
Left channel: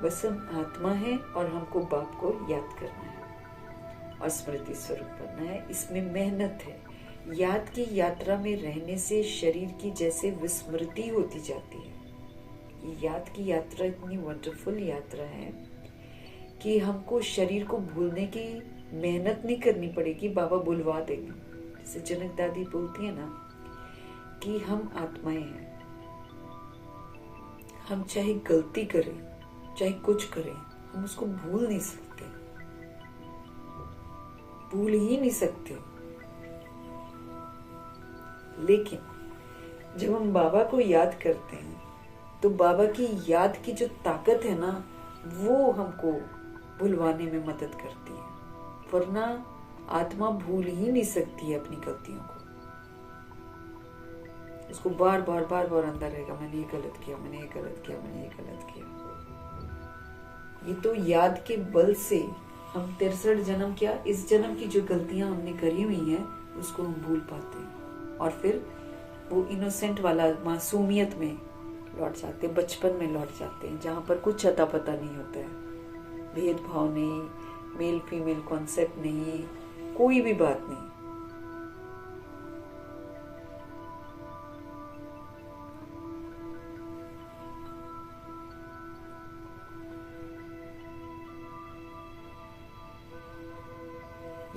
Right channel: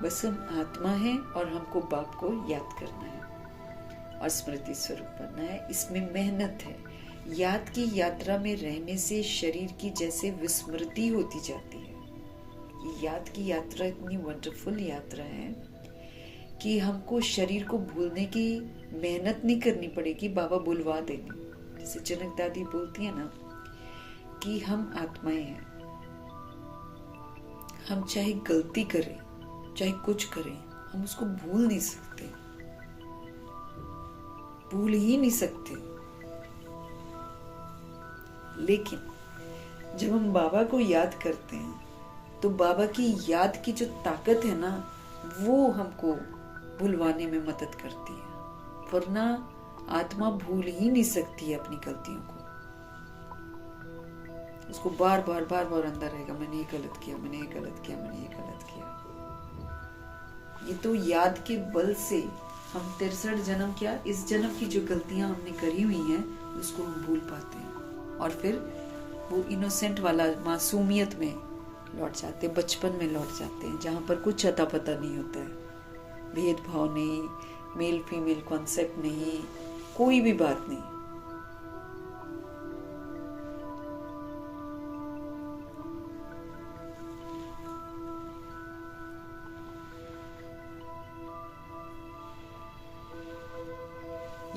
बस हम आत्मा है और हमको बाप को याद करना है और स्मृति स्वरूप बनना है। इसमें मेहनत है। याद की यात्रा में रहने से शरीर की जैसे विस्मृति होती जाती है। ये याद की यात्रा इतनी वंडरफुल यात्रा है कि हमको शरीर को भूलने की मेहनत नहीं करनी पड़ेगी, बाबा बुलवा देंगे। जैसे जनक दादी बोलती है ना कि हम आत्माएं हैं, हम चाहे गलती करें, चाहे कुछ करें, हम उसको भूल नहीं सकते, भूल ही नहीं सकते। लेकिन जब हम बाबा को याद करते हैं तो बाबा की याद की जो ताकत है ना, वो हमको भुलवाने में मदद करती है। वरना आत्मा भूल ही नहीं सकती है अपनी गलतियों को। उसको बार बार अंदर रहेगा, मैंने ये गलत किया, मैंने ये गलत किया, मैंने ये गलत किया। ये तो याद के बल से हम 63 जन्म, क्या इस जन्म की जो गलतियां हमने करी हुई हैं, उसको हम भूल पाते हैं और फिर वो इनोसेंट वाला मासूमियत में लौट जाते हैं, बचपन में लौट जाते हैं, जहाँ पर कुछ अता पता नहीं होता है, भेदभाव नहीं, मेल फीमेल कॉन्सेप्ट नहीं, कोई भी बात नहीं।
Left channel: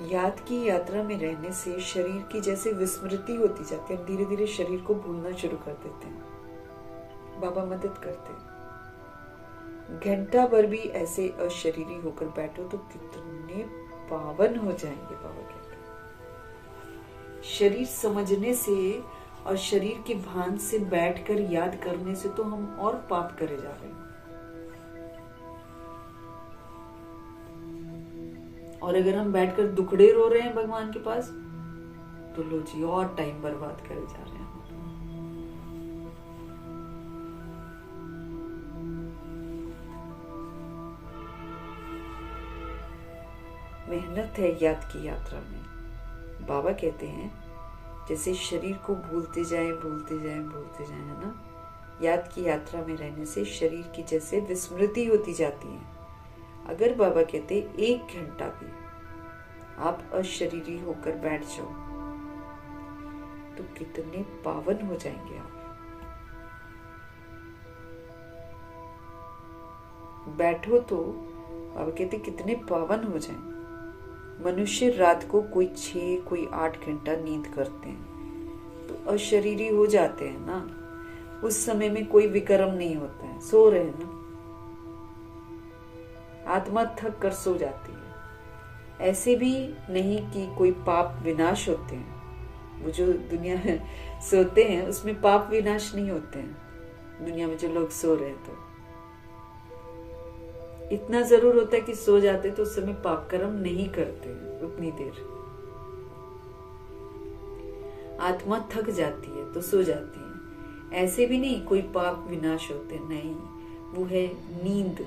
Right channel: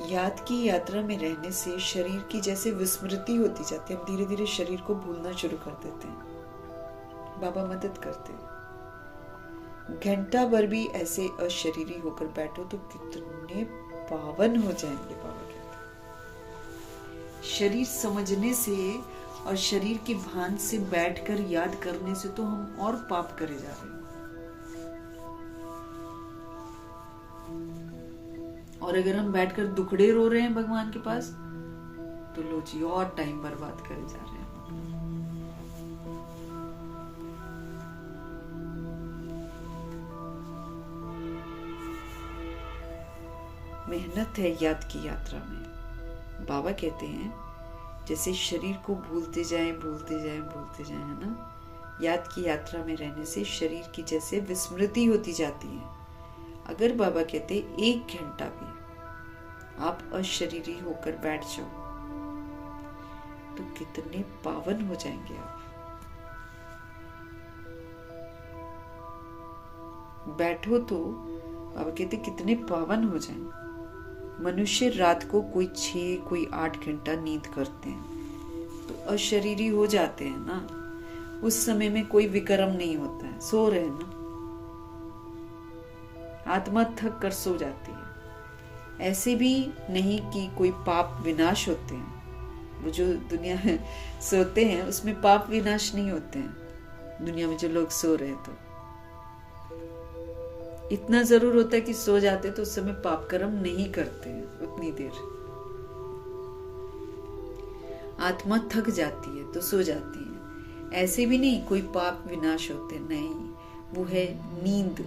याद की यात्रा में रहने से शरीर की जैसे विस्मृति होती जाती है। हम धीरे धीरे शरीर को भूलना शुरू कर देते हैं। बाबा मदद करते हैं। घंटा भर भी ऐसे अशरीरी होकर बैठो तो कितने पावन हो जाएंगे। बाबा कहते हैं शरीर समझने से और शरीर के भान से बैठकर याद करने से तो हम और पाप करे जा रहे हैं। और अगर हम बैठकर दुखड़े रो रहे हैं भगवान के पास तो लो जी और टाइम बर्बाद करे जा रहे हैं। मेहनत है याद की यात्रा में। बाबा कहते हैं जैसे शरीर को भूलते जाएं भूलते जाएं भूलते जाएं, है ना। याद की यात्रा में रहने से शरीर की जैसे विस्मृति होती जाती है। अगर बाबा कहते 1 घंटा भी आप अशरीरी होकर बैठ जाओ तो कितने पावन हो जाएंगे आप। बैठो तो बाबा कहते कितने पावन हो जाएं। मनुष्य रात को कोई 6 कोई 8 घंटा नींद करते हैं तो अशरीरी हो जाते हैं ना। उस समय में कोई विकर्म नहीं होता है, सो रहे हैं ना। आत्मा थक कर सो जाती है। ऐसे भी नहीं कि कोई पाप विनाश होते हैं। वो जो दुनिया में सोते हैं उसमें पाप विनाश नहीं होते हैं। दुनिया में जो लोग सो रहे हैं तो इतना जरूर होता है कि सो जाते तो उस समय पाप कर्म नहीं करते हैं उतनी देर। आत्मा थक जाती है तो सो जाती है। ऐसे भी नहीं कोई पाप विनाश होते, नहीं। वो है नींद।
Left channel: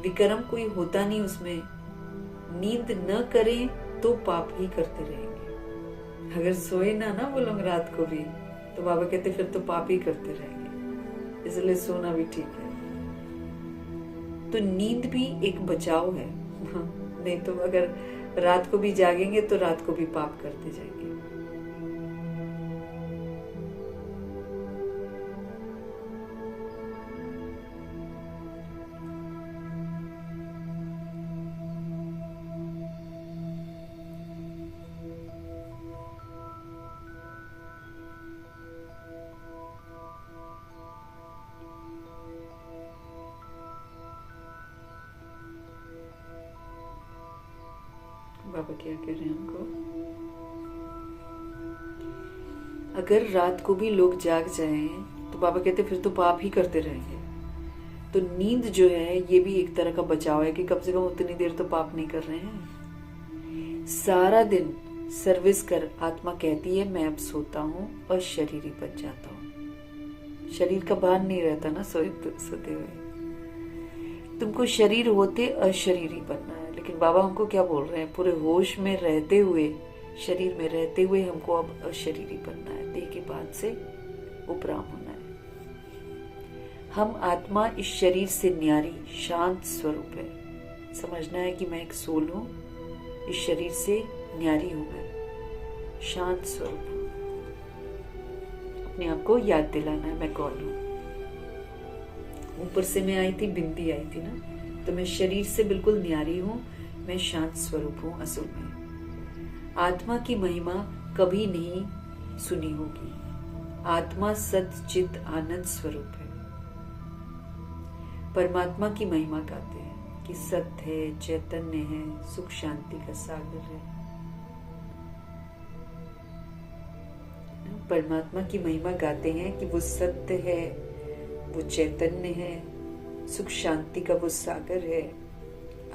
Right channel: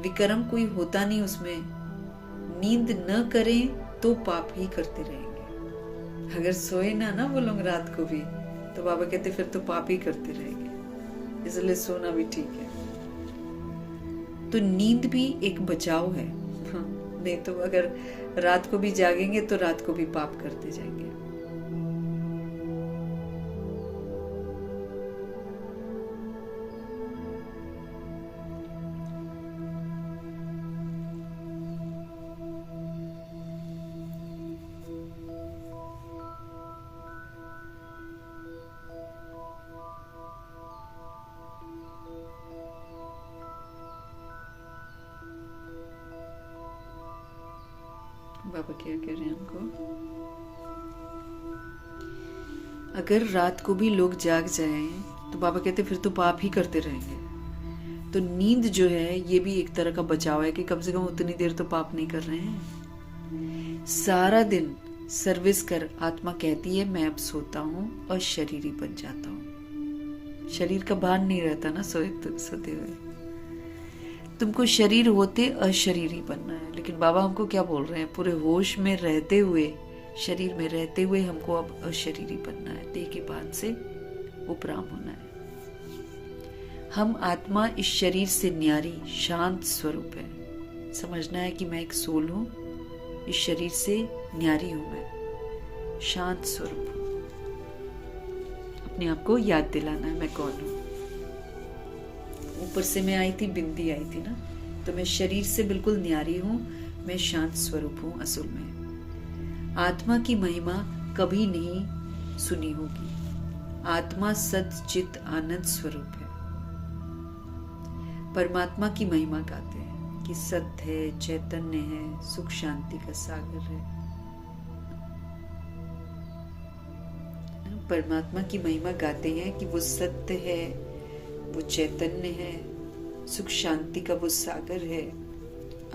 विकर्म कोई होता नहीं उसमें। नींद न करें तो पाप ही करते रहेंगे। अगर सोए ना वो लोग रात को भी तो बाबा कहते फिर तो पाप ही करते रहेंगे। इसलिए सोना भी ठीक है। तो नींद भी एक बचाव है। नहीं तो अगर रात को भी जागेंगे तो रात को भी पाप करते जाएंगे। बाबा क्या कह रहे हैं हमको, अगर रात को भी लोग जाग जाएं तो बाबा कहते फिर तो पाप ही करते रहेंगे। तो नींद जो है ये भी एक तरह का बचाव है कि कम से कम उतनी देर तो पाप नहीं कर रहे हैं। सारा दिन सर्विस कर आत्मा कहती है मैं अब सोता हूँ और शरीरी बन जाता हूँ। शरीर का भान नहीं रहता ना सोते हुए। तुमको शरीर होते अशरीरी बनना है, लेकिन बाबा हमको क्या बोल रहे हैं, पूरे होश में रहते हुए, शरीर में रहते हुए हमको अब अशरीरी बनना है। देह के भान से उपराम होना है। हम आत्मा इस शरीर से न्यारी शांत स्वरूप है। समझना है कि मैं एक सोल हूं, इस शरीर से न्यारी हूं, मैं शांत स्वरूप हूं। अपने आप को याद दिलाना है मैं कौन हूं। ऊपर से मैं आई थी, बिंदी आई थी ना, तो मैं शरीर से बिल्कुल न्यारी हूं, मैं शांत स्वरूप हूं असल में। आत्मा की महिमा कभी नहीं सुनी होगी। आत्मा सत चित आनंद स्वरूप है। परमात्मा की महिमा गाते हैं कि सत्य है, चैतन्य है, सुख शांति का सागर है। परमात्मा की महिमा गाते हैं कि वो सत्य है, वो चैतन्य है, सुख शांति का वो सागर है।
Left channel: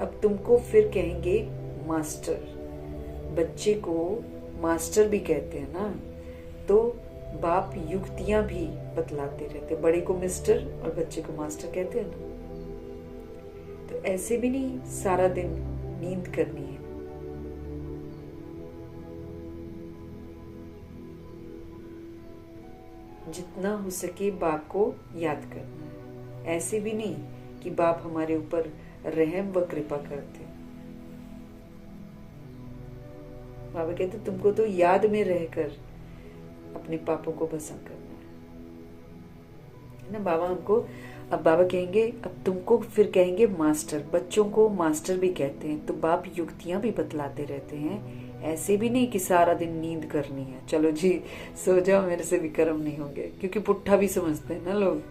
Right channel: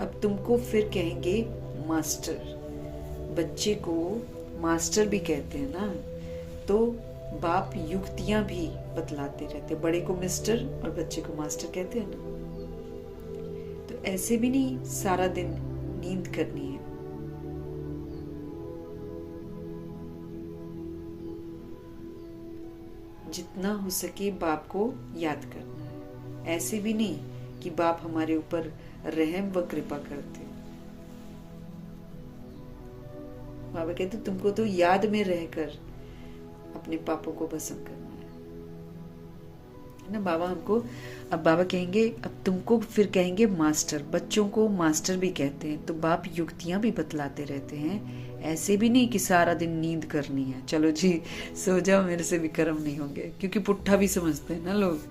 अब तुमको फिर कहेंगे मास्टर। बच्चे को मास्टर भी कहते हैं ना, तो बाप युक्तियां भी बतलाते रहते। बड़े को मिस्टर और बच्चे को मास्टर कहते हैं ना। तो ऐसे भी नहीं सारा दिन नींद करनी है। जितना हो सके बाप को याद करना है। ऐसे भी नहीं कि बाप हमारे ऊपर रहम व कृपा करते। बाबा कहते तुमको तो याद में रहकर अपने पापों को भस्म करना है ना। बाबा हमको अब बाबा कहेंगे, अब तुमको फिर कहेंगे मास्टर। बच्चों को मास्टर भी कहते हैं, तो बाप युक्तियां भी बतलाते रहते हैं। ऐसे भी नहीं कि सारा दिन नींद करनी है, चलो जी सो जाओ, मेरे से भी कर्म नहीं होंगे। क्योंकि पुट्ठा भी समझते हैं ना लोग,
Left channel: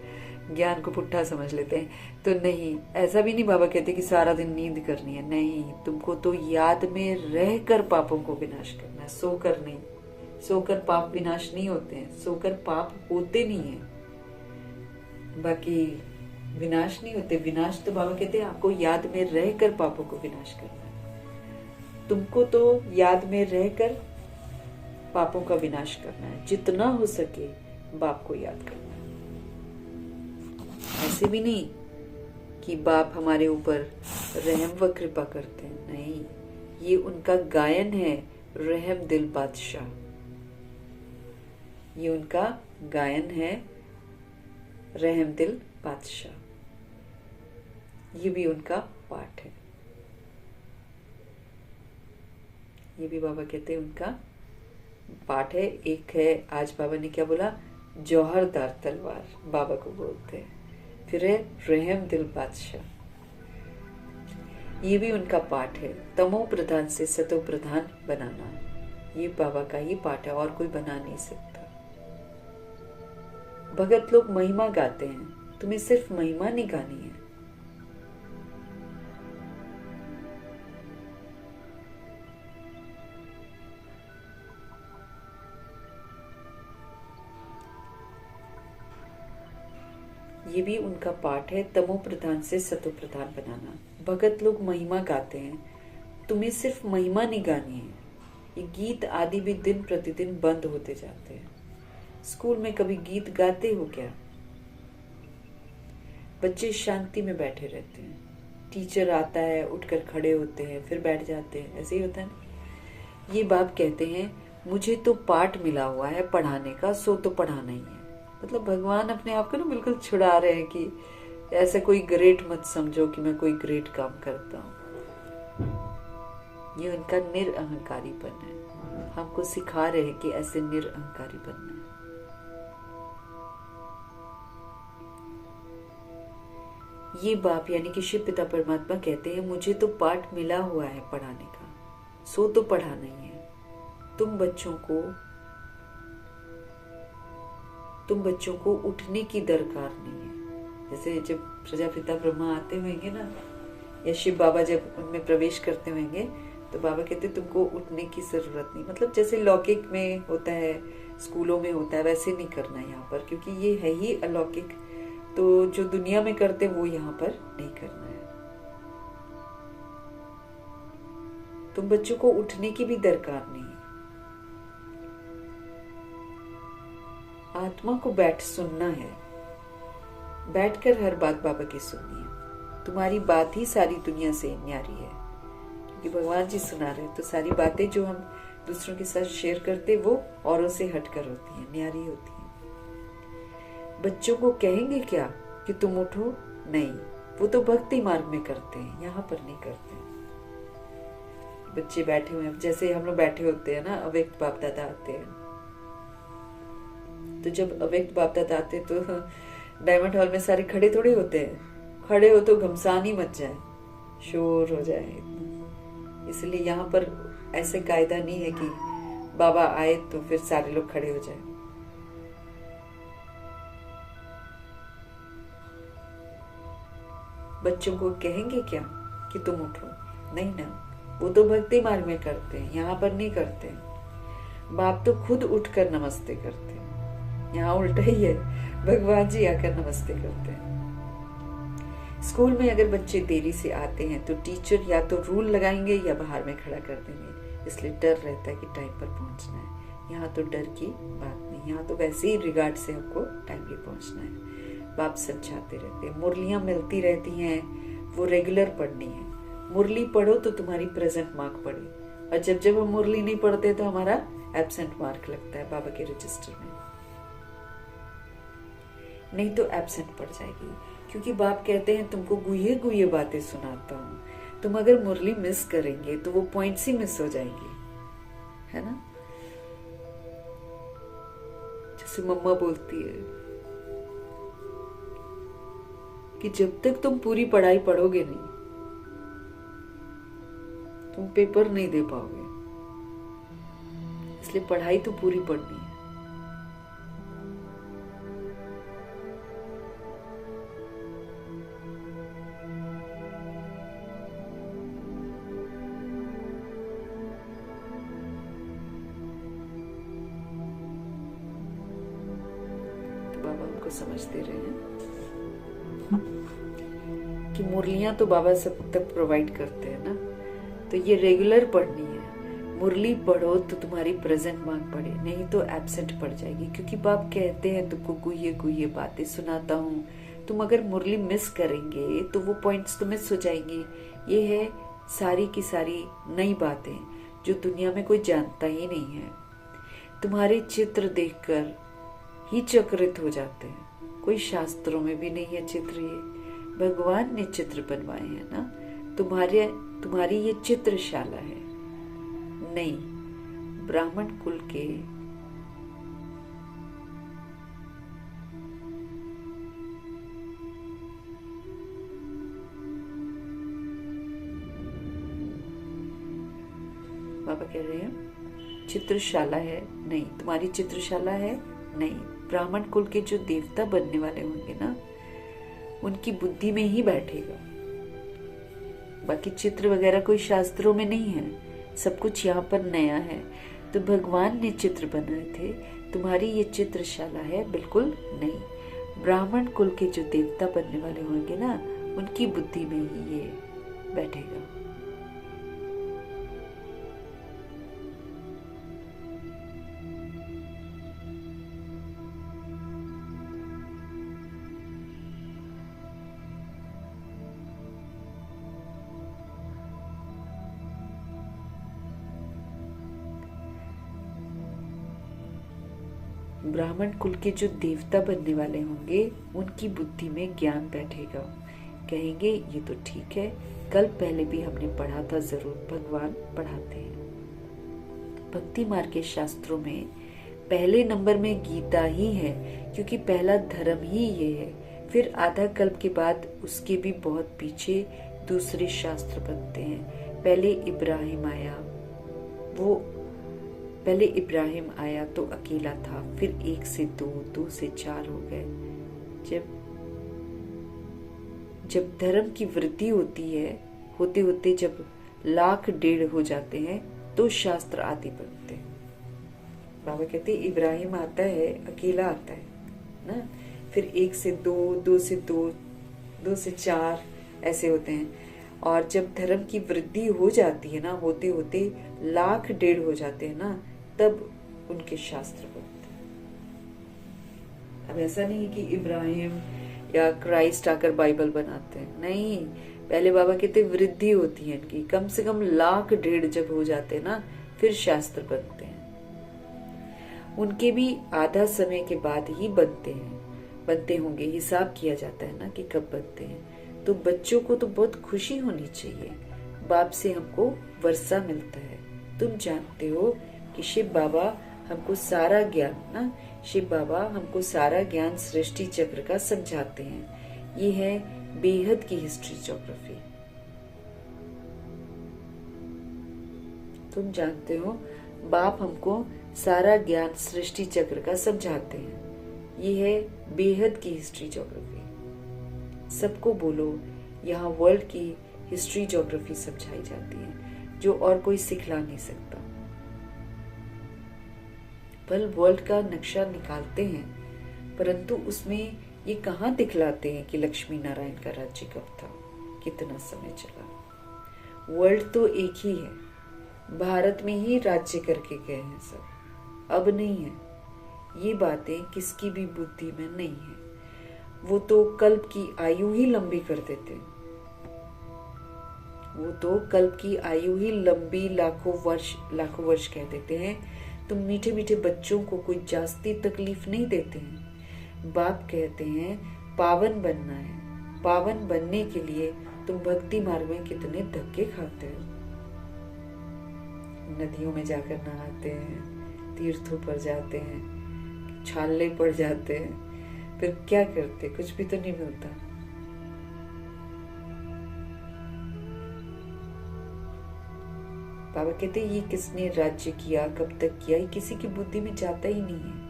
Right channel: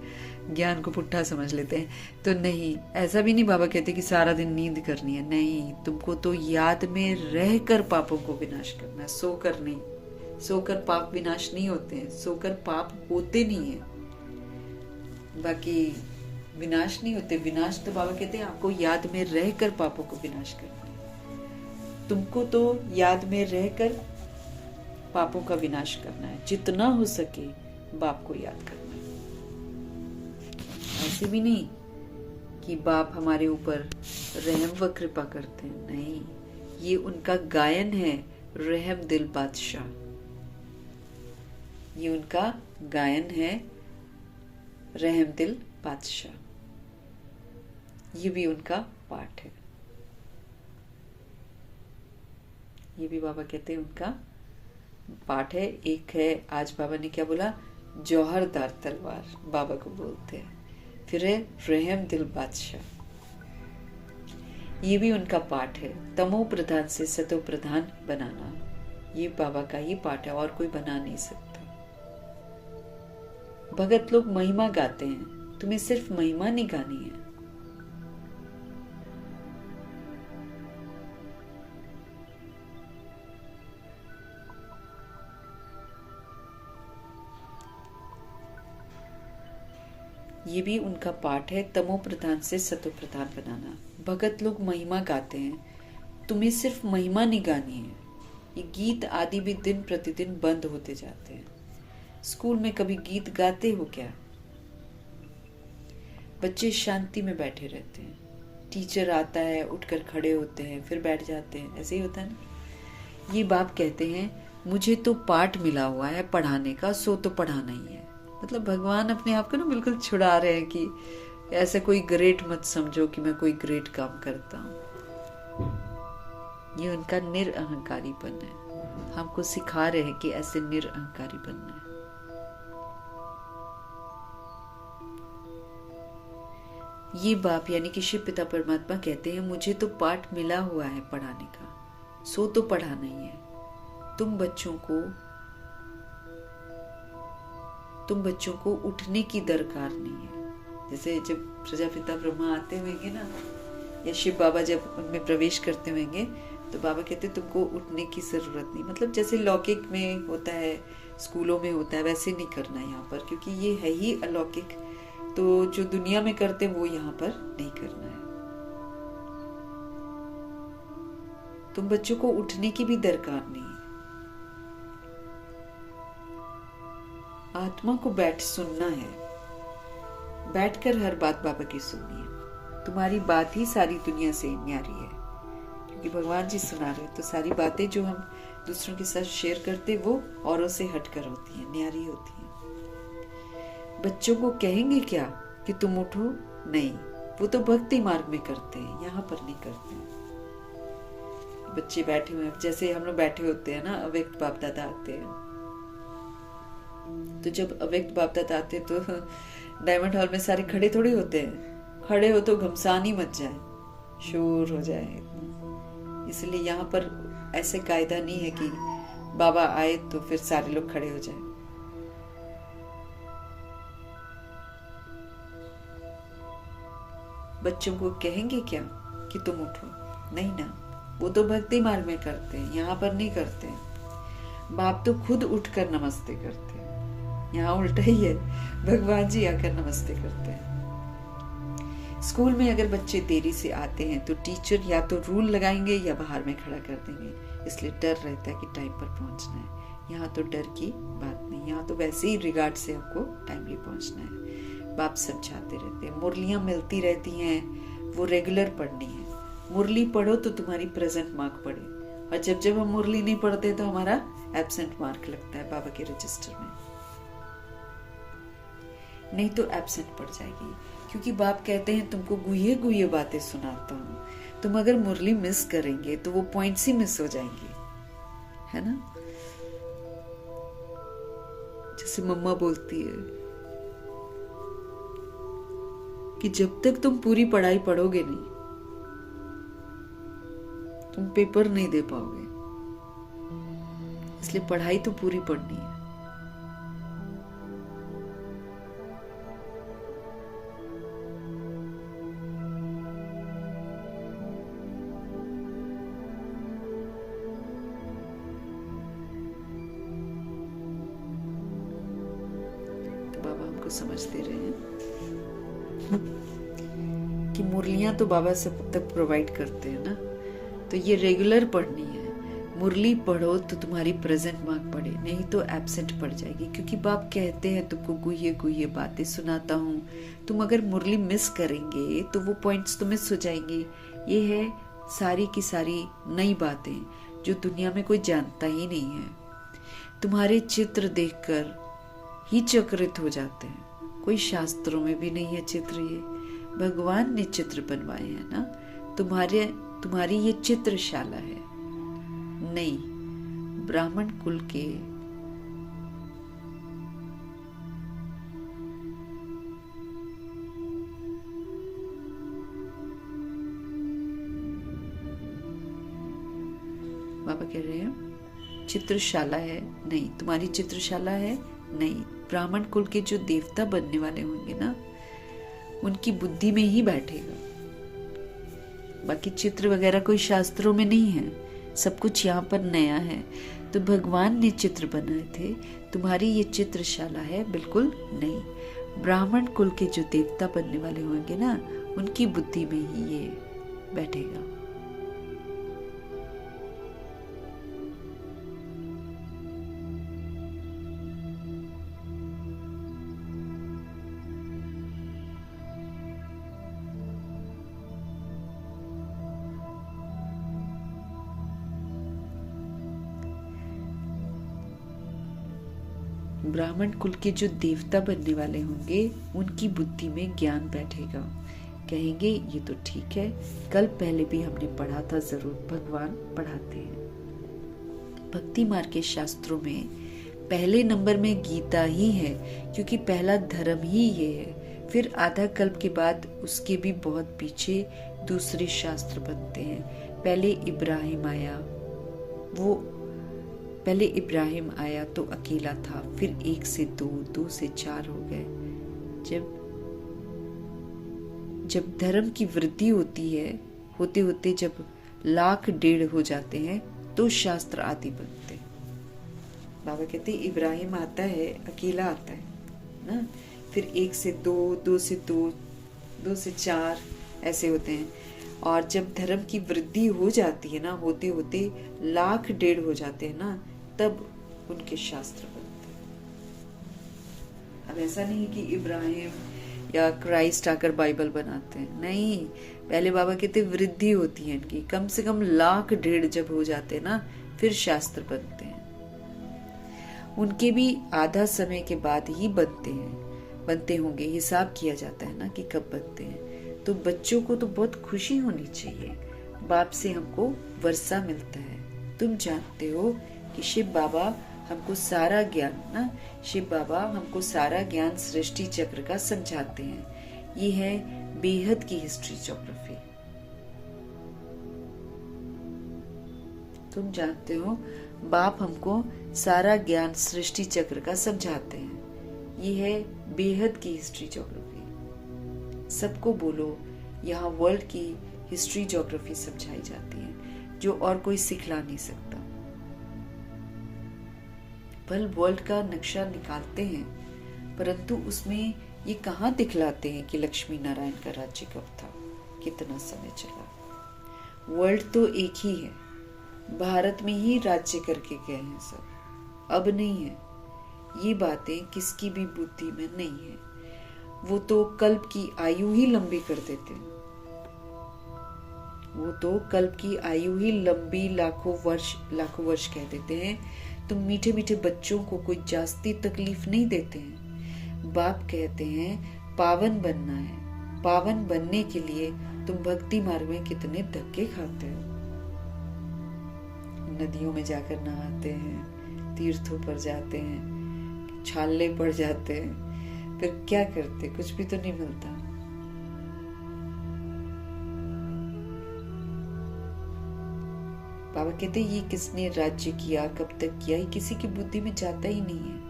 ज्ञान को पुट्ठा समझ लेते हैं। तो नहीं, ऐसा भी नहीं बाबा कहते कि सारा दिन नींद करनी है। नहीं, तुमको तो याद में रहकर पापों को विनाश करना है, सोकर नहीं। सोकर पाप विनाश नहीं होते हैं, सोकर पाप होते नहीं है, बाकी विनाश नहीं होते। विनाश तो बाबा कहते हैं आपको याद में रहकर पापों को विनाश करना है। तुमको तो याद में रहकर पापों का विनाश करना है, जितना हो सके बाप को याद करना है। ऐसे भी नहीं कि बाप हमारे ऊपर रहम व कृपा करते हैं, नहीं, ये उनका गायन है, रहम दिल बादशाह। ये उनका गायन है, रहम दिल बादशाह। ये भी उनका पाठ है। ये भी बाबा कहते हैं उनका पाठ है। एक है, आज बाबा ने क्या बोला, जौहरदार तलवार बाबा को बोलते हैं। फिर है रहम दिल बादशाह, ये भी उनका पाठ है। तमो प्रधान से सतो प्रधान बनाना, ये बाबा का ही पाठ है, और कोई बना नहीं सकता। भगत लोग महिमा गाते हैं, तुम्हें सिर्फ महिमा नहीं गानी है। ये भी उनका पाठ है, तमो प्रधान से सतो प्रधान बनाना। भगत लोग महिमा गाते हैं, तुम्हें सिर्फ महिमा नहीं गानी है। ये गीत आदि भी दिन प्रतिदिन बंद होते जाते हैं। स्कूल में कभी गीत गाते हो क्या? बच्चे शांति में बैठे रहते हैं, टीचर आता है, उठकर खड़े होते हैं, फिर बैठ जाते हैं, ऐसे ही होता है ना। ये बाप कहते हैं मुझे तो पाठ मिला हुआ है पढ़ाने का, सो तो पढ़ाना ही है। मतलब भगवान अपने आप को ना बिल्कुल छुड़ा रहे हैं कि ऐसा कोई ग्रेट मत समझो कि मैं कोई ग्रेट काम करता हूँ। ये उनका निरअहंकारीपन है। हमको सिखा रहे हैं कि ऐसे निरअहंकारी बनना है। ये बाप यानी कि शिव पिता परमात्मा कहते हैं मुझे तो पाठ मिला हुआ है पढ़ाने का, सो तो पढ़ाना ही है। तुम बच्चों को उठने की दरकार नहीं है। जैसे जब प्रजापिता ब्रह्मा आते होंगे ना, या शिव बाबा जब उनमें प्रवेश करते होंगे, तो बाबा कहते तुमको उठने की जरूरत नहीं। मतलब जैसे लौकिक में होता है, स्कूलों में होता है, वैसे नहीं करना यहाँ पर, क्योंकि ये है ही अलौकिक। तो जो दुनिया में करते हैं वो यहाँ पर नहीं करना है। तुम बच्चों को उठने की भी दरकार नहीं है। आत्मा को बैठ सुनना है, बैठकर हर बात बाबा की सुननी है। तुम्हारी बात ही सारी दुनिया से न्यारी है, क्योंकि भगवान जी सुना रहे हैं। तो सारी बातें जो हम दूसरों के साथ शेयर करते वो औरों से हटकर होती हैं, न्यारी होती हैं। बच्चों को कहेंगे क्या कि तुम उठो? नहीं, वो तो भक्ति मार्ग में करते हैं, यहाँ पर नहीं करते हैं। बच्चे बैठे हुए हैं, जैसे हम लोग बैठे होते हैं ना, अव्यक्त बाप दादा आते हैं। तो जब अव्यक्त बाप दादा आते हैं तो डायमंड हॉल में सारे खड़े थोड़े होते हैं। खड़े हो तो घमसान ही मच जाए, शोर हो जाए। इसलिए यहाँ पर ऐसे कायदा नहीं है कि बाबा आए तो फिर सारे लोग खड़े हो जाए। बच्चों को कहेंगे क्या कि तुम उठो? नहीं ना, वो तो भक्ति मार्ग में करते हैं, यहाँ पर नहीं करते हैं। बाप तो खुद उठकर नमस्ते करते हैं, यहाँ उल्टा ही है, भगवान जी आकर नमस्ते करते हैं। स्कूल में अगर बच्चे देरी से आते हैं तो टीचर या तो रूल लगाएंगे या बाहर में खड़ा कर देंगे, इसलिए डर रहता है कि टाइम पर पहुंचना है। यहाँ तो डर की बात नहीं, यहाँ तो वैसे ही रिगार्ड से आपको टाइमली पहुंचना है। बाप समझाते रहते हैं, मुरलियां मिलती रहती हैं, वो रेगुलर पढ़नी है। मुरली पढ़ो तो तुम्हारी प्रेजेंट मार्क पड़े, और जब जब हम मुरली नहीं पढ़ते तो हमारा एब्सेंट मार्क लगता है बाबा के रजिस्टर में, नहीं तो एब्सेंट पड़ जाएगी। क्योंकि बाप कहते हैं तुमको गुहे गुहे बातें सुनाता हूँ, तुम अगर मुरली मिस करेंगे तो वो पॉइंट्स ही मिस हो जाएंगे, है ना। जैसे मम्मा बोलती है कि जब तक तुम पूरी पढ़ाई पढ़ोगे नहीं, तुम पेपर नहीं दे पाओगे। इसलिए पढ़ाई तो पूरी पढ़नी है। को समझ दे रहे हैं कि मुरलियां तो बाबा सब तक प्रोवाइड करते हैं ना, तो ये रेगुलर पढ़नी है। मुरली पढ़ो तो तुम्हारी प्रेजेंट मार्क पढ़े, नहीं तो एब्सेंट पड़ जाएगी, क्योंकि बाप कहते हैं तुमको गुये गुये बातें सुनाता हूँ। तुम अगर मुरली मिस करेंगे तो वो पॉइंट्स तुम्हें सो जाएंगे। ये है सारी की सारी नई बातें जो दुनिया में कोई जानता ही नहीं है। तुम्हारे चित्र देखकर ही चकित हो जाते हैं। कोई शास्त्रों में भी नहीं है चित्र, ये भगवान ने चित्र बनवाए हैं ना। तुम्हारी ये चित्रशाला है। नहीं, ब्राह्मण कुल के बाबा कह रहे हैं चित्रशाला है नहीं, तुम्हारी चित्रशाला है नहीं। ब्राह्मण कुल के जो देवता बनने वाले होंगे ना, उनकी बुद्धि में ही बैठेगा। बाकी चित्र वगैरह कोई शास्त्रों में नहीं है, सब कुछ यहाँ पर नया है। तो भगवान ने चित्र बनाए थे, तुम्हारी ये चित्रशाला है बिल्कुल नई। ब्राह्मण कुल के जो देवता बनने वाले होंगे ना, उनकी बुद्धि में ही ये बैठेगा। ब्राह्मण कुल के जो देवता बनने वाले होंगे, उनकी बुद्धि में ज्ञान बैठेगा। कहेंगे ये तो ठीक है, कल पहले भी हमने पढ़ा था, जरूर भगवान पढ़ाते हैं। भक्ति मार्ग के शास्त्रों में पहले नंबर में गीता ही है, क्योंकि पहला धर्म ही ये है। फिर आधा कल्प के बाद उसके भी बहुत पीछे दूसरे शास्त्र बनते हैं। पहले इब्राहिम आया तो अकेला था, फिर 1 से 2, 2 से 4 हो गए। जब धर्म की वृद्धि होती है, होते होते जब 1,00,000-1,500,000 हो जाते हैं, तो शास्त्र आदि बनते हैं। बाबा कहते हैं इब्राहिम आता है, अकेला आता है ना, फिर 1 से 2, 2 से 2, 2 से 4 ऐसे होते हैं। और जब धर्म की वृद्धि हो जाती है ना, होते होते 1,00,000-1,500,000 हो जाते हैं ना, तब उनके शास्त्र बनते हैं। अब ऐसा नहीं कि इब्राहिम या क्राइस्ट आकर बाइबल बनाते हैं, नहीं। पहले बाबा कहते वृद्धि होती है इनकी, कम से कम 1,00,000-1,500,000 जब हो जाते हैं ना, फिर शास्त्र बनते हैं। उनके भी आधा समय के बाद ही बनते होंगे, हिसाब किया जाता है ना कि कब बनते हैं। तो बच्चों को तो बहुत खुशी होनी चाहिए, बाप से हमको वर्षा मिलता है। तुम जानते हो कि शिव बाबा हमको सारा ज्ञान सृष्टि चक्र का समझाते हैं। ये है बेहद की हिस्ट्री ज्योग्राफी। तुम जानते हो बाप हमको सारा ज्ञान सृष्टि चक्र का समझाते हैं। ये है बेहद की हिस्ट्री ज्योग्राफी। सबको बोलो, यहाँ वर्ल्ड की हिस्ट्री ज्योग्राफी समझाई जाती है, जो और कोई सिखला नहीं सकता। पल वर्ल्ड का नक्शा निकालते हैं, परंतु उसमें ये कहाँ दिखलाते हैं कि लक्ष्मी नारायण का राज्य कब था, कितना समय चला। वर्ल्ड तो एक ही है, भारत में ही राज्य करके गए हैं सब, अब नहीं है। ये बातें किसकी भी बुद्धि में नहीं है। वो तो कल्प की आयु ही लंबी कर देते हैं। वो तो कल्प की आयु ही लंबी लाखों वर्ष कह देते हैं। तुम मीठे मीठे बच्चों को कोई जास्ती तकलीफ नहीं देते हैं। बाप कहते हैं पावन बनना है। पावन बनने के लिए तुम भक्ति मार्ग में कितने धक्के खाते हो। नदियों में जाकर नहाते हैं, तीर्थों पर जाते हैं, छाले पड़ जाते हैं, फिर क्या करते, कुछ भी तो नहीं मिलता। बाबा कहते ये किसने राज्य किया, कब तक किया, ये किसी की बुद्धि में जाता ही नहीं है।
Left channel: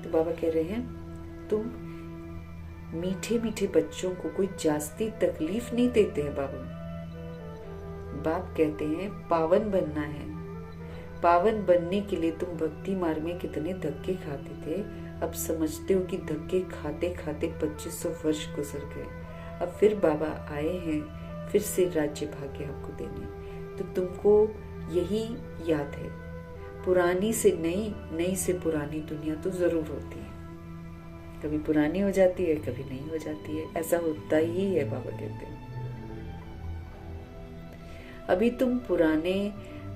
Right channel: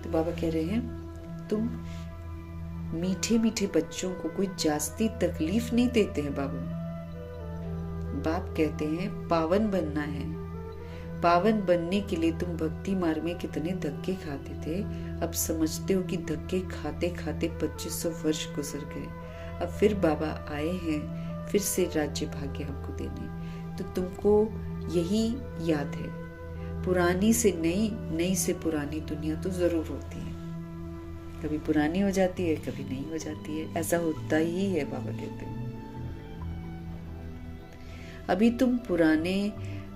तो बाबा कह रहे हैं तुम मीठे मीठे बच्चों को कोई जास्ती तकलीफ नहीं देते हैं बाबा। बाप कहते हैं पावन बनना है। पावन बनने के लिए तुम भक्ति मार्ग में कितने धक्के खाते थे, अब समझते हो कि धक्के खाते खाते 2500 वर्ष गुजर गए। अब फिर बाबा आए हैं फिर से राज्य भाग्य हमको देने। तो तुमको यही याद है, पुरानी से नई, नई से पुरानी दुनिया तो जरूर होती है। कभी पुरानी हो जाती है, कभी नहीं हो जाती है, ऐसा होता ही है। बाबा कहते हैं अभी तुम पुराने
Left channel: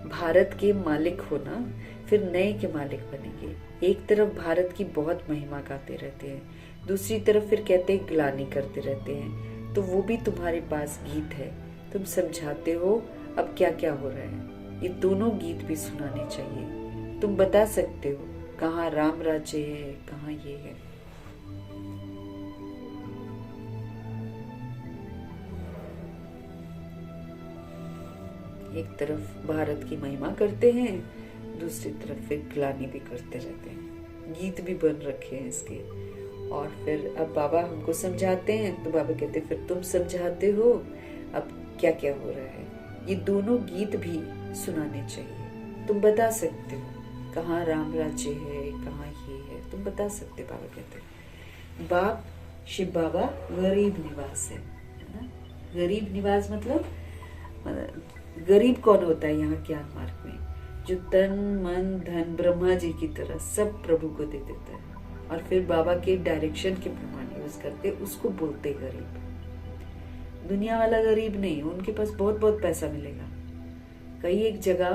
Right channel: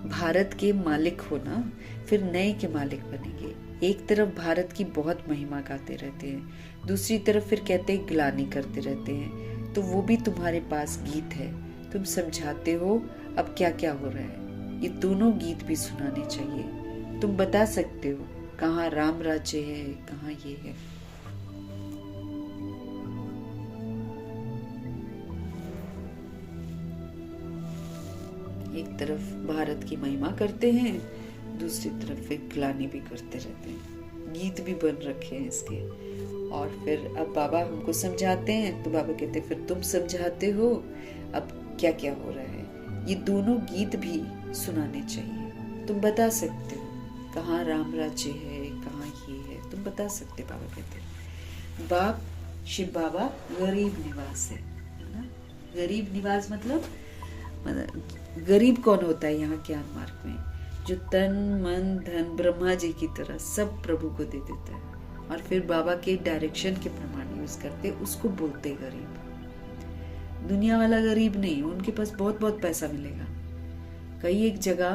भारत के मालिक हो ना, फिर नए के मालिक बनेंगे। एक तरफ भारत की बहुत महिमा गाते रहते हैं, दूसरी तरफ फिर कहते हैं ग्लानि करते रहते हैं। तो वो भी तुम्हारे पास गीत है, तुम समझाते हो अब क्या क्या हो रहा है। ये दोनों गीत भी सुनाने चाहिए। तुम बता सकते हो कहाँ राम राज्य है, कहाँ ये है। एक तरफ भारत की महिमा करते हैं, दूसरी तरफ फिर ग्लानि भी करते रहते हैं। गीत भी बन रखे हैं इसके। और फिर अब बाबा हमको समझाते हैं, तो बाबा कहते हैं फिर तुम समझाते हो अब क्या क्या हो रहा है। ये दोनों गीत भी सुनाने चाहिए। तुम बता सकते हो कहाँ राम राज्य है, कहाँ ये है, तुम बता सकते। बाबा कहते हैं बाप शिव बाबा गरीब निवास है ना। गरीब निवास मतलब गरीब कौन होता है यहाँ ज्ञान मार्ग में, जो तन मन धन ब्रह्मा जी की तरह सब प्रभु को दे देता है और फिर बाबा के डायरेक्शन के प्रमाण यूज करते, उसको बोलते गरीब। दुनिया वाला गरीब नहीं, उनके पास बहुत बहुत पैसा मिलेगा। कई एक जगह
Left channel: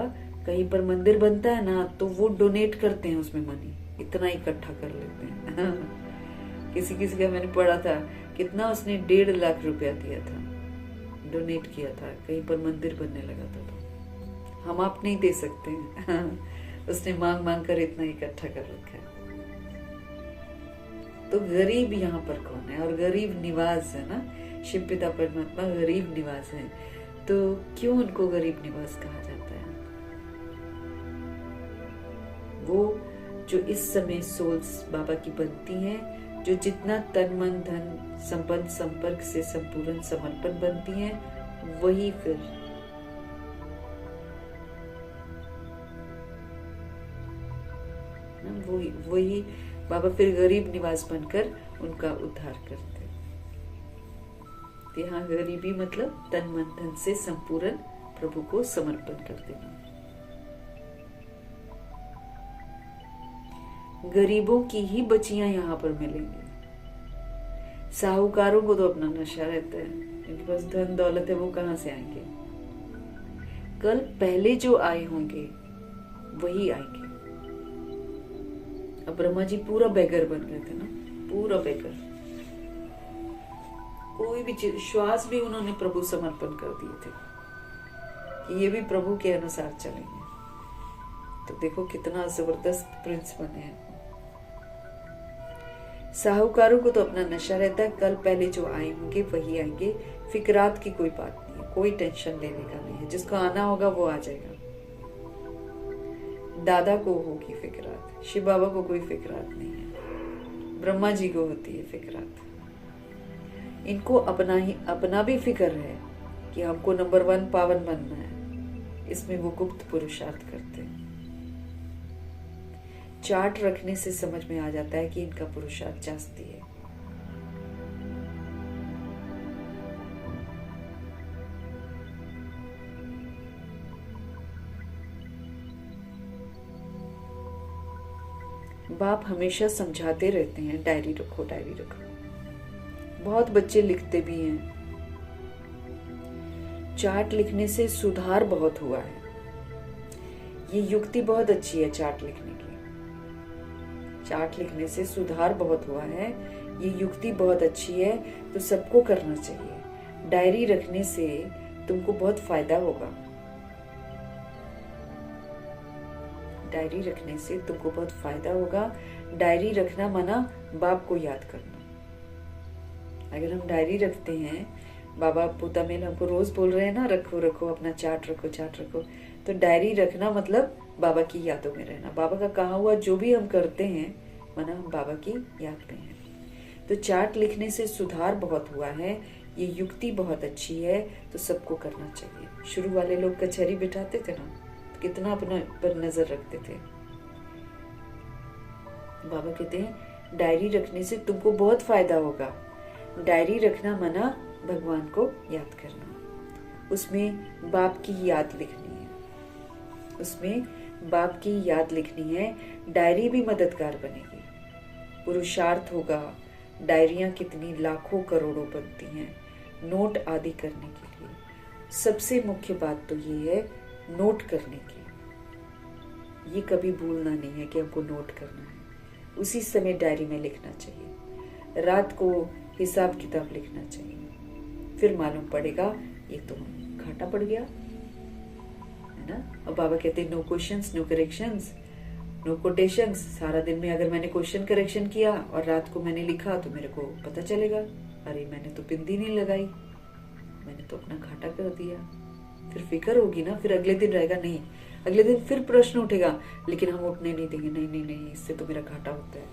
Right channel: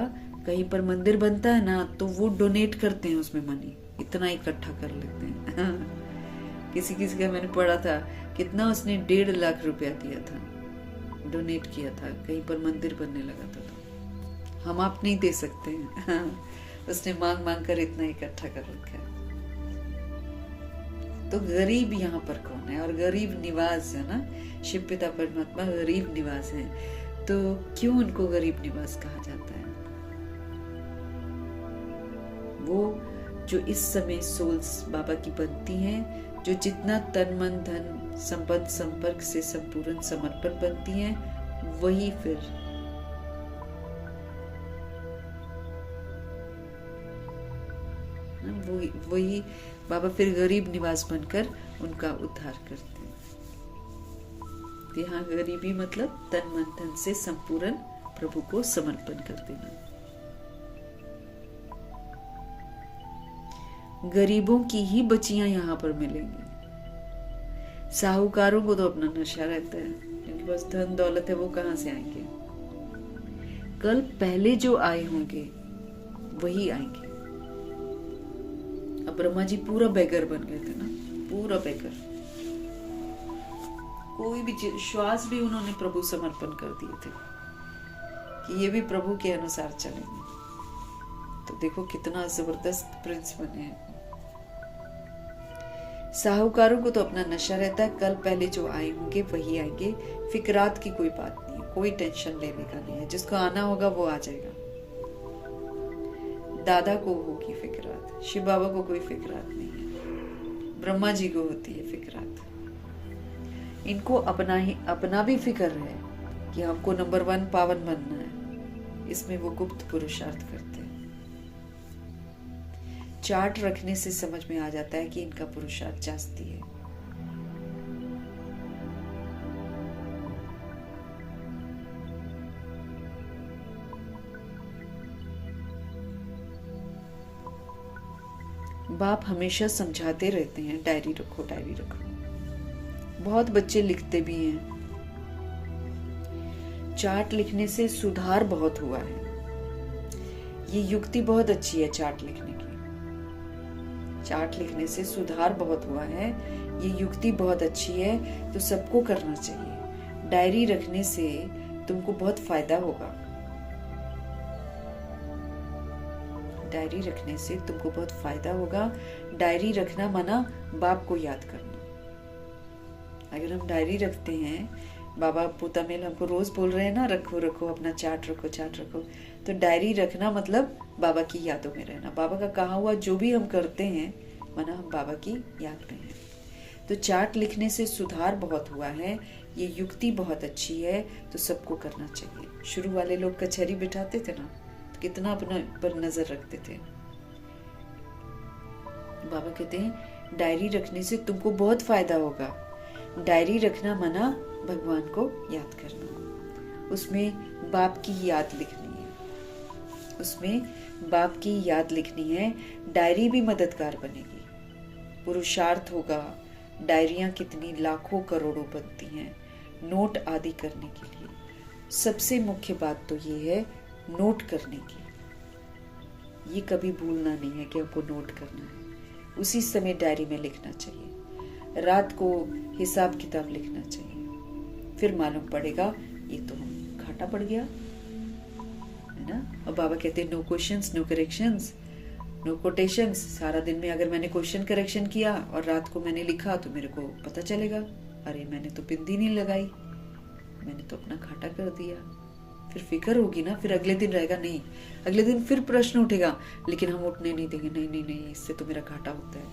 कहीं पर मंदिर बनता है ना, तो वो डोनेट करते हैं उसमें मनी, इतना इकट्ठा कर लेते हैं। किसी किसी का मैंने पढ़ा था, कितना उसने 1.5 लाख रुपया दिया था, डोनेट किया था, कहीं पर मंदिर बनने लगा था। तो हम आप नहीं दे सकते हैं। उसने मांग मांग कर इतना इकट्ठा कर रखा है। तो गरीब यहाँ पर कौन है, और गरीब निवास है ना, शिव पिता परमात्मा गरीब निवास है। तो क्यों उनको गरीब निवास कहा जाता है? वो जो इस समय सोल्स बाबा की बनती हैं, जो जितना तन मन धन संपन्न संपर्क से संपूर्ण समर्पण बनती हैं, वही फिर वही बाबा फिर गरीब निवास बनकर उनका उद्धार करते हैं। यहाँ गरीबी मतलब तन मन धन से संपूर्ण प्रभु को समर्पण कर देना। गरीबों की ही बच्चियां यहाँ पर मिलेंगी। साहूकारों को तो अपना नशा रहता है, इनके पास धन दौलत है, वो कहाँ से आएंगे। कल पहले जो आए होंगे वही आएंगे। अब ब्रह्मा जी पूरा बेगर बन गए थे ना, पूरा बेगर। कोई भी श्वास भी उन्होंने प्रभु समर्पण कर दिए थे कि ये भी प्रभु के अनुसार चलेंगे। तो देखो कितना जबरदस्त प्रिंस बने हैं। साहूकारों को तो अपना नशा रहता है, कल पहले जो आए होंगे वही आएंगे। फिक्रात की कोई बात नहीं है, कोई टेंशन लेने का नहीं है। जिसको आना होगा वो आ जाएगा। दादा को होगी फिक्रात, शिव बाबा को कोई फिक्रात नहीं है, ब्रह्मा जी को होती है फिक्रात। इनको अपना भी फिक्र है कि हमको नंबर 1 पावन बनना है। इसमें वो गुप्त पुरुषार्थ करते हैं। चार्ट रखने से समझ में आ जाता है कि इनका पुरुषार्थ जास्ती है। बाप हमेशा समझाते रहते हैं डायरी रखो, डायरी रखो। बहुत बच्चे लिखते भी हैं। चार्ट लिखने से सुधार बहुत हुआ है। ये युक्ति बहुत अच्छी है चार्ट लिखने की। चार्ट लिखने से सुधार बहुत हुआ है, ये युक्ति बहुत अच्छी है, तो सबको करना चाहिए। डायरी रखने से तुमको बहुत फायदा होगा। डायरी रखने से तुमको बहुत फायदा होगा। डायरी रखना माना बाप को याद करना। अगर हम डायरी रखते हैं, बाबा पूता मेल हमको रोज बोल रहे हैं ना, रखो रखो अपना चार्ट रखो, चार्ट रखो। तो डायरी रखना मतलब बाबा की यादों में रहना। बाबा का कहा हुआ जो भी हम करते हैं माना हम बाबा की याद में हैं। तो चार्ट लिखने से सुधार बहुत हुआ है, ये युक्ति बहुत अच्छी है, तो सबको करना चाहिए। शुरू वाले लोग कचहरी बिठाते थे ना, तो कितना अपने पर नजर रखते थे। बाबा कहते हैं डायरी रखने से तुमको बहुत फायदा होगा। डायरी रखना माना भगवान को याद करना। उसमें बाप की याद लिखनी है, उसमें बाप की याद लिखनी है। डायरी भी मददगार बनेगी, पुरुषार्थ होगा। डायरियां कितनी लाखों करोड़ों बनती हैं नोट आदि करने के लिए। सबसे मुख्य बात तो ये है नोट करने की। ये कभी भूलना नहीं है कि आपको नोट करना है, उसी समय डायरी में लिखना चाहिए। रात को हिसाब किताब लिखना चाहिए, फिर मालूम पड़ेगा ये तो घाटा पड़ गया, है ना। और बाबा कहते हैं no questions no corrections no quotations. सारा दिन में अगर मैंने क्वेश्चन करेक्शन किया और रात को मैंने लिखा तो मेरे को पता चलेगा अरे मैंने तो बिंदी नहीं लगाई, मैंने तो अपना घाटा कर दिया। फिर फिक्र होगी ना, फिर अगले दिन रहेगा नहीं, अगले दिन फिर प्रश्न उठेगा, लेकिन हम उठने नहीं देंगे। नहीं नहीं नहीं, इससे तो मेरा घाटा होता है,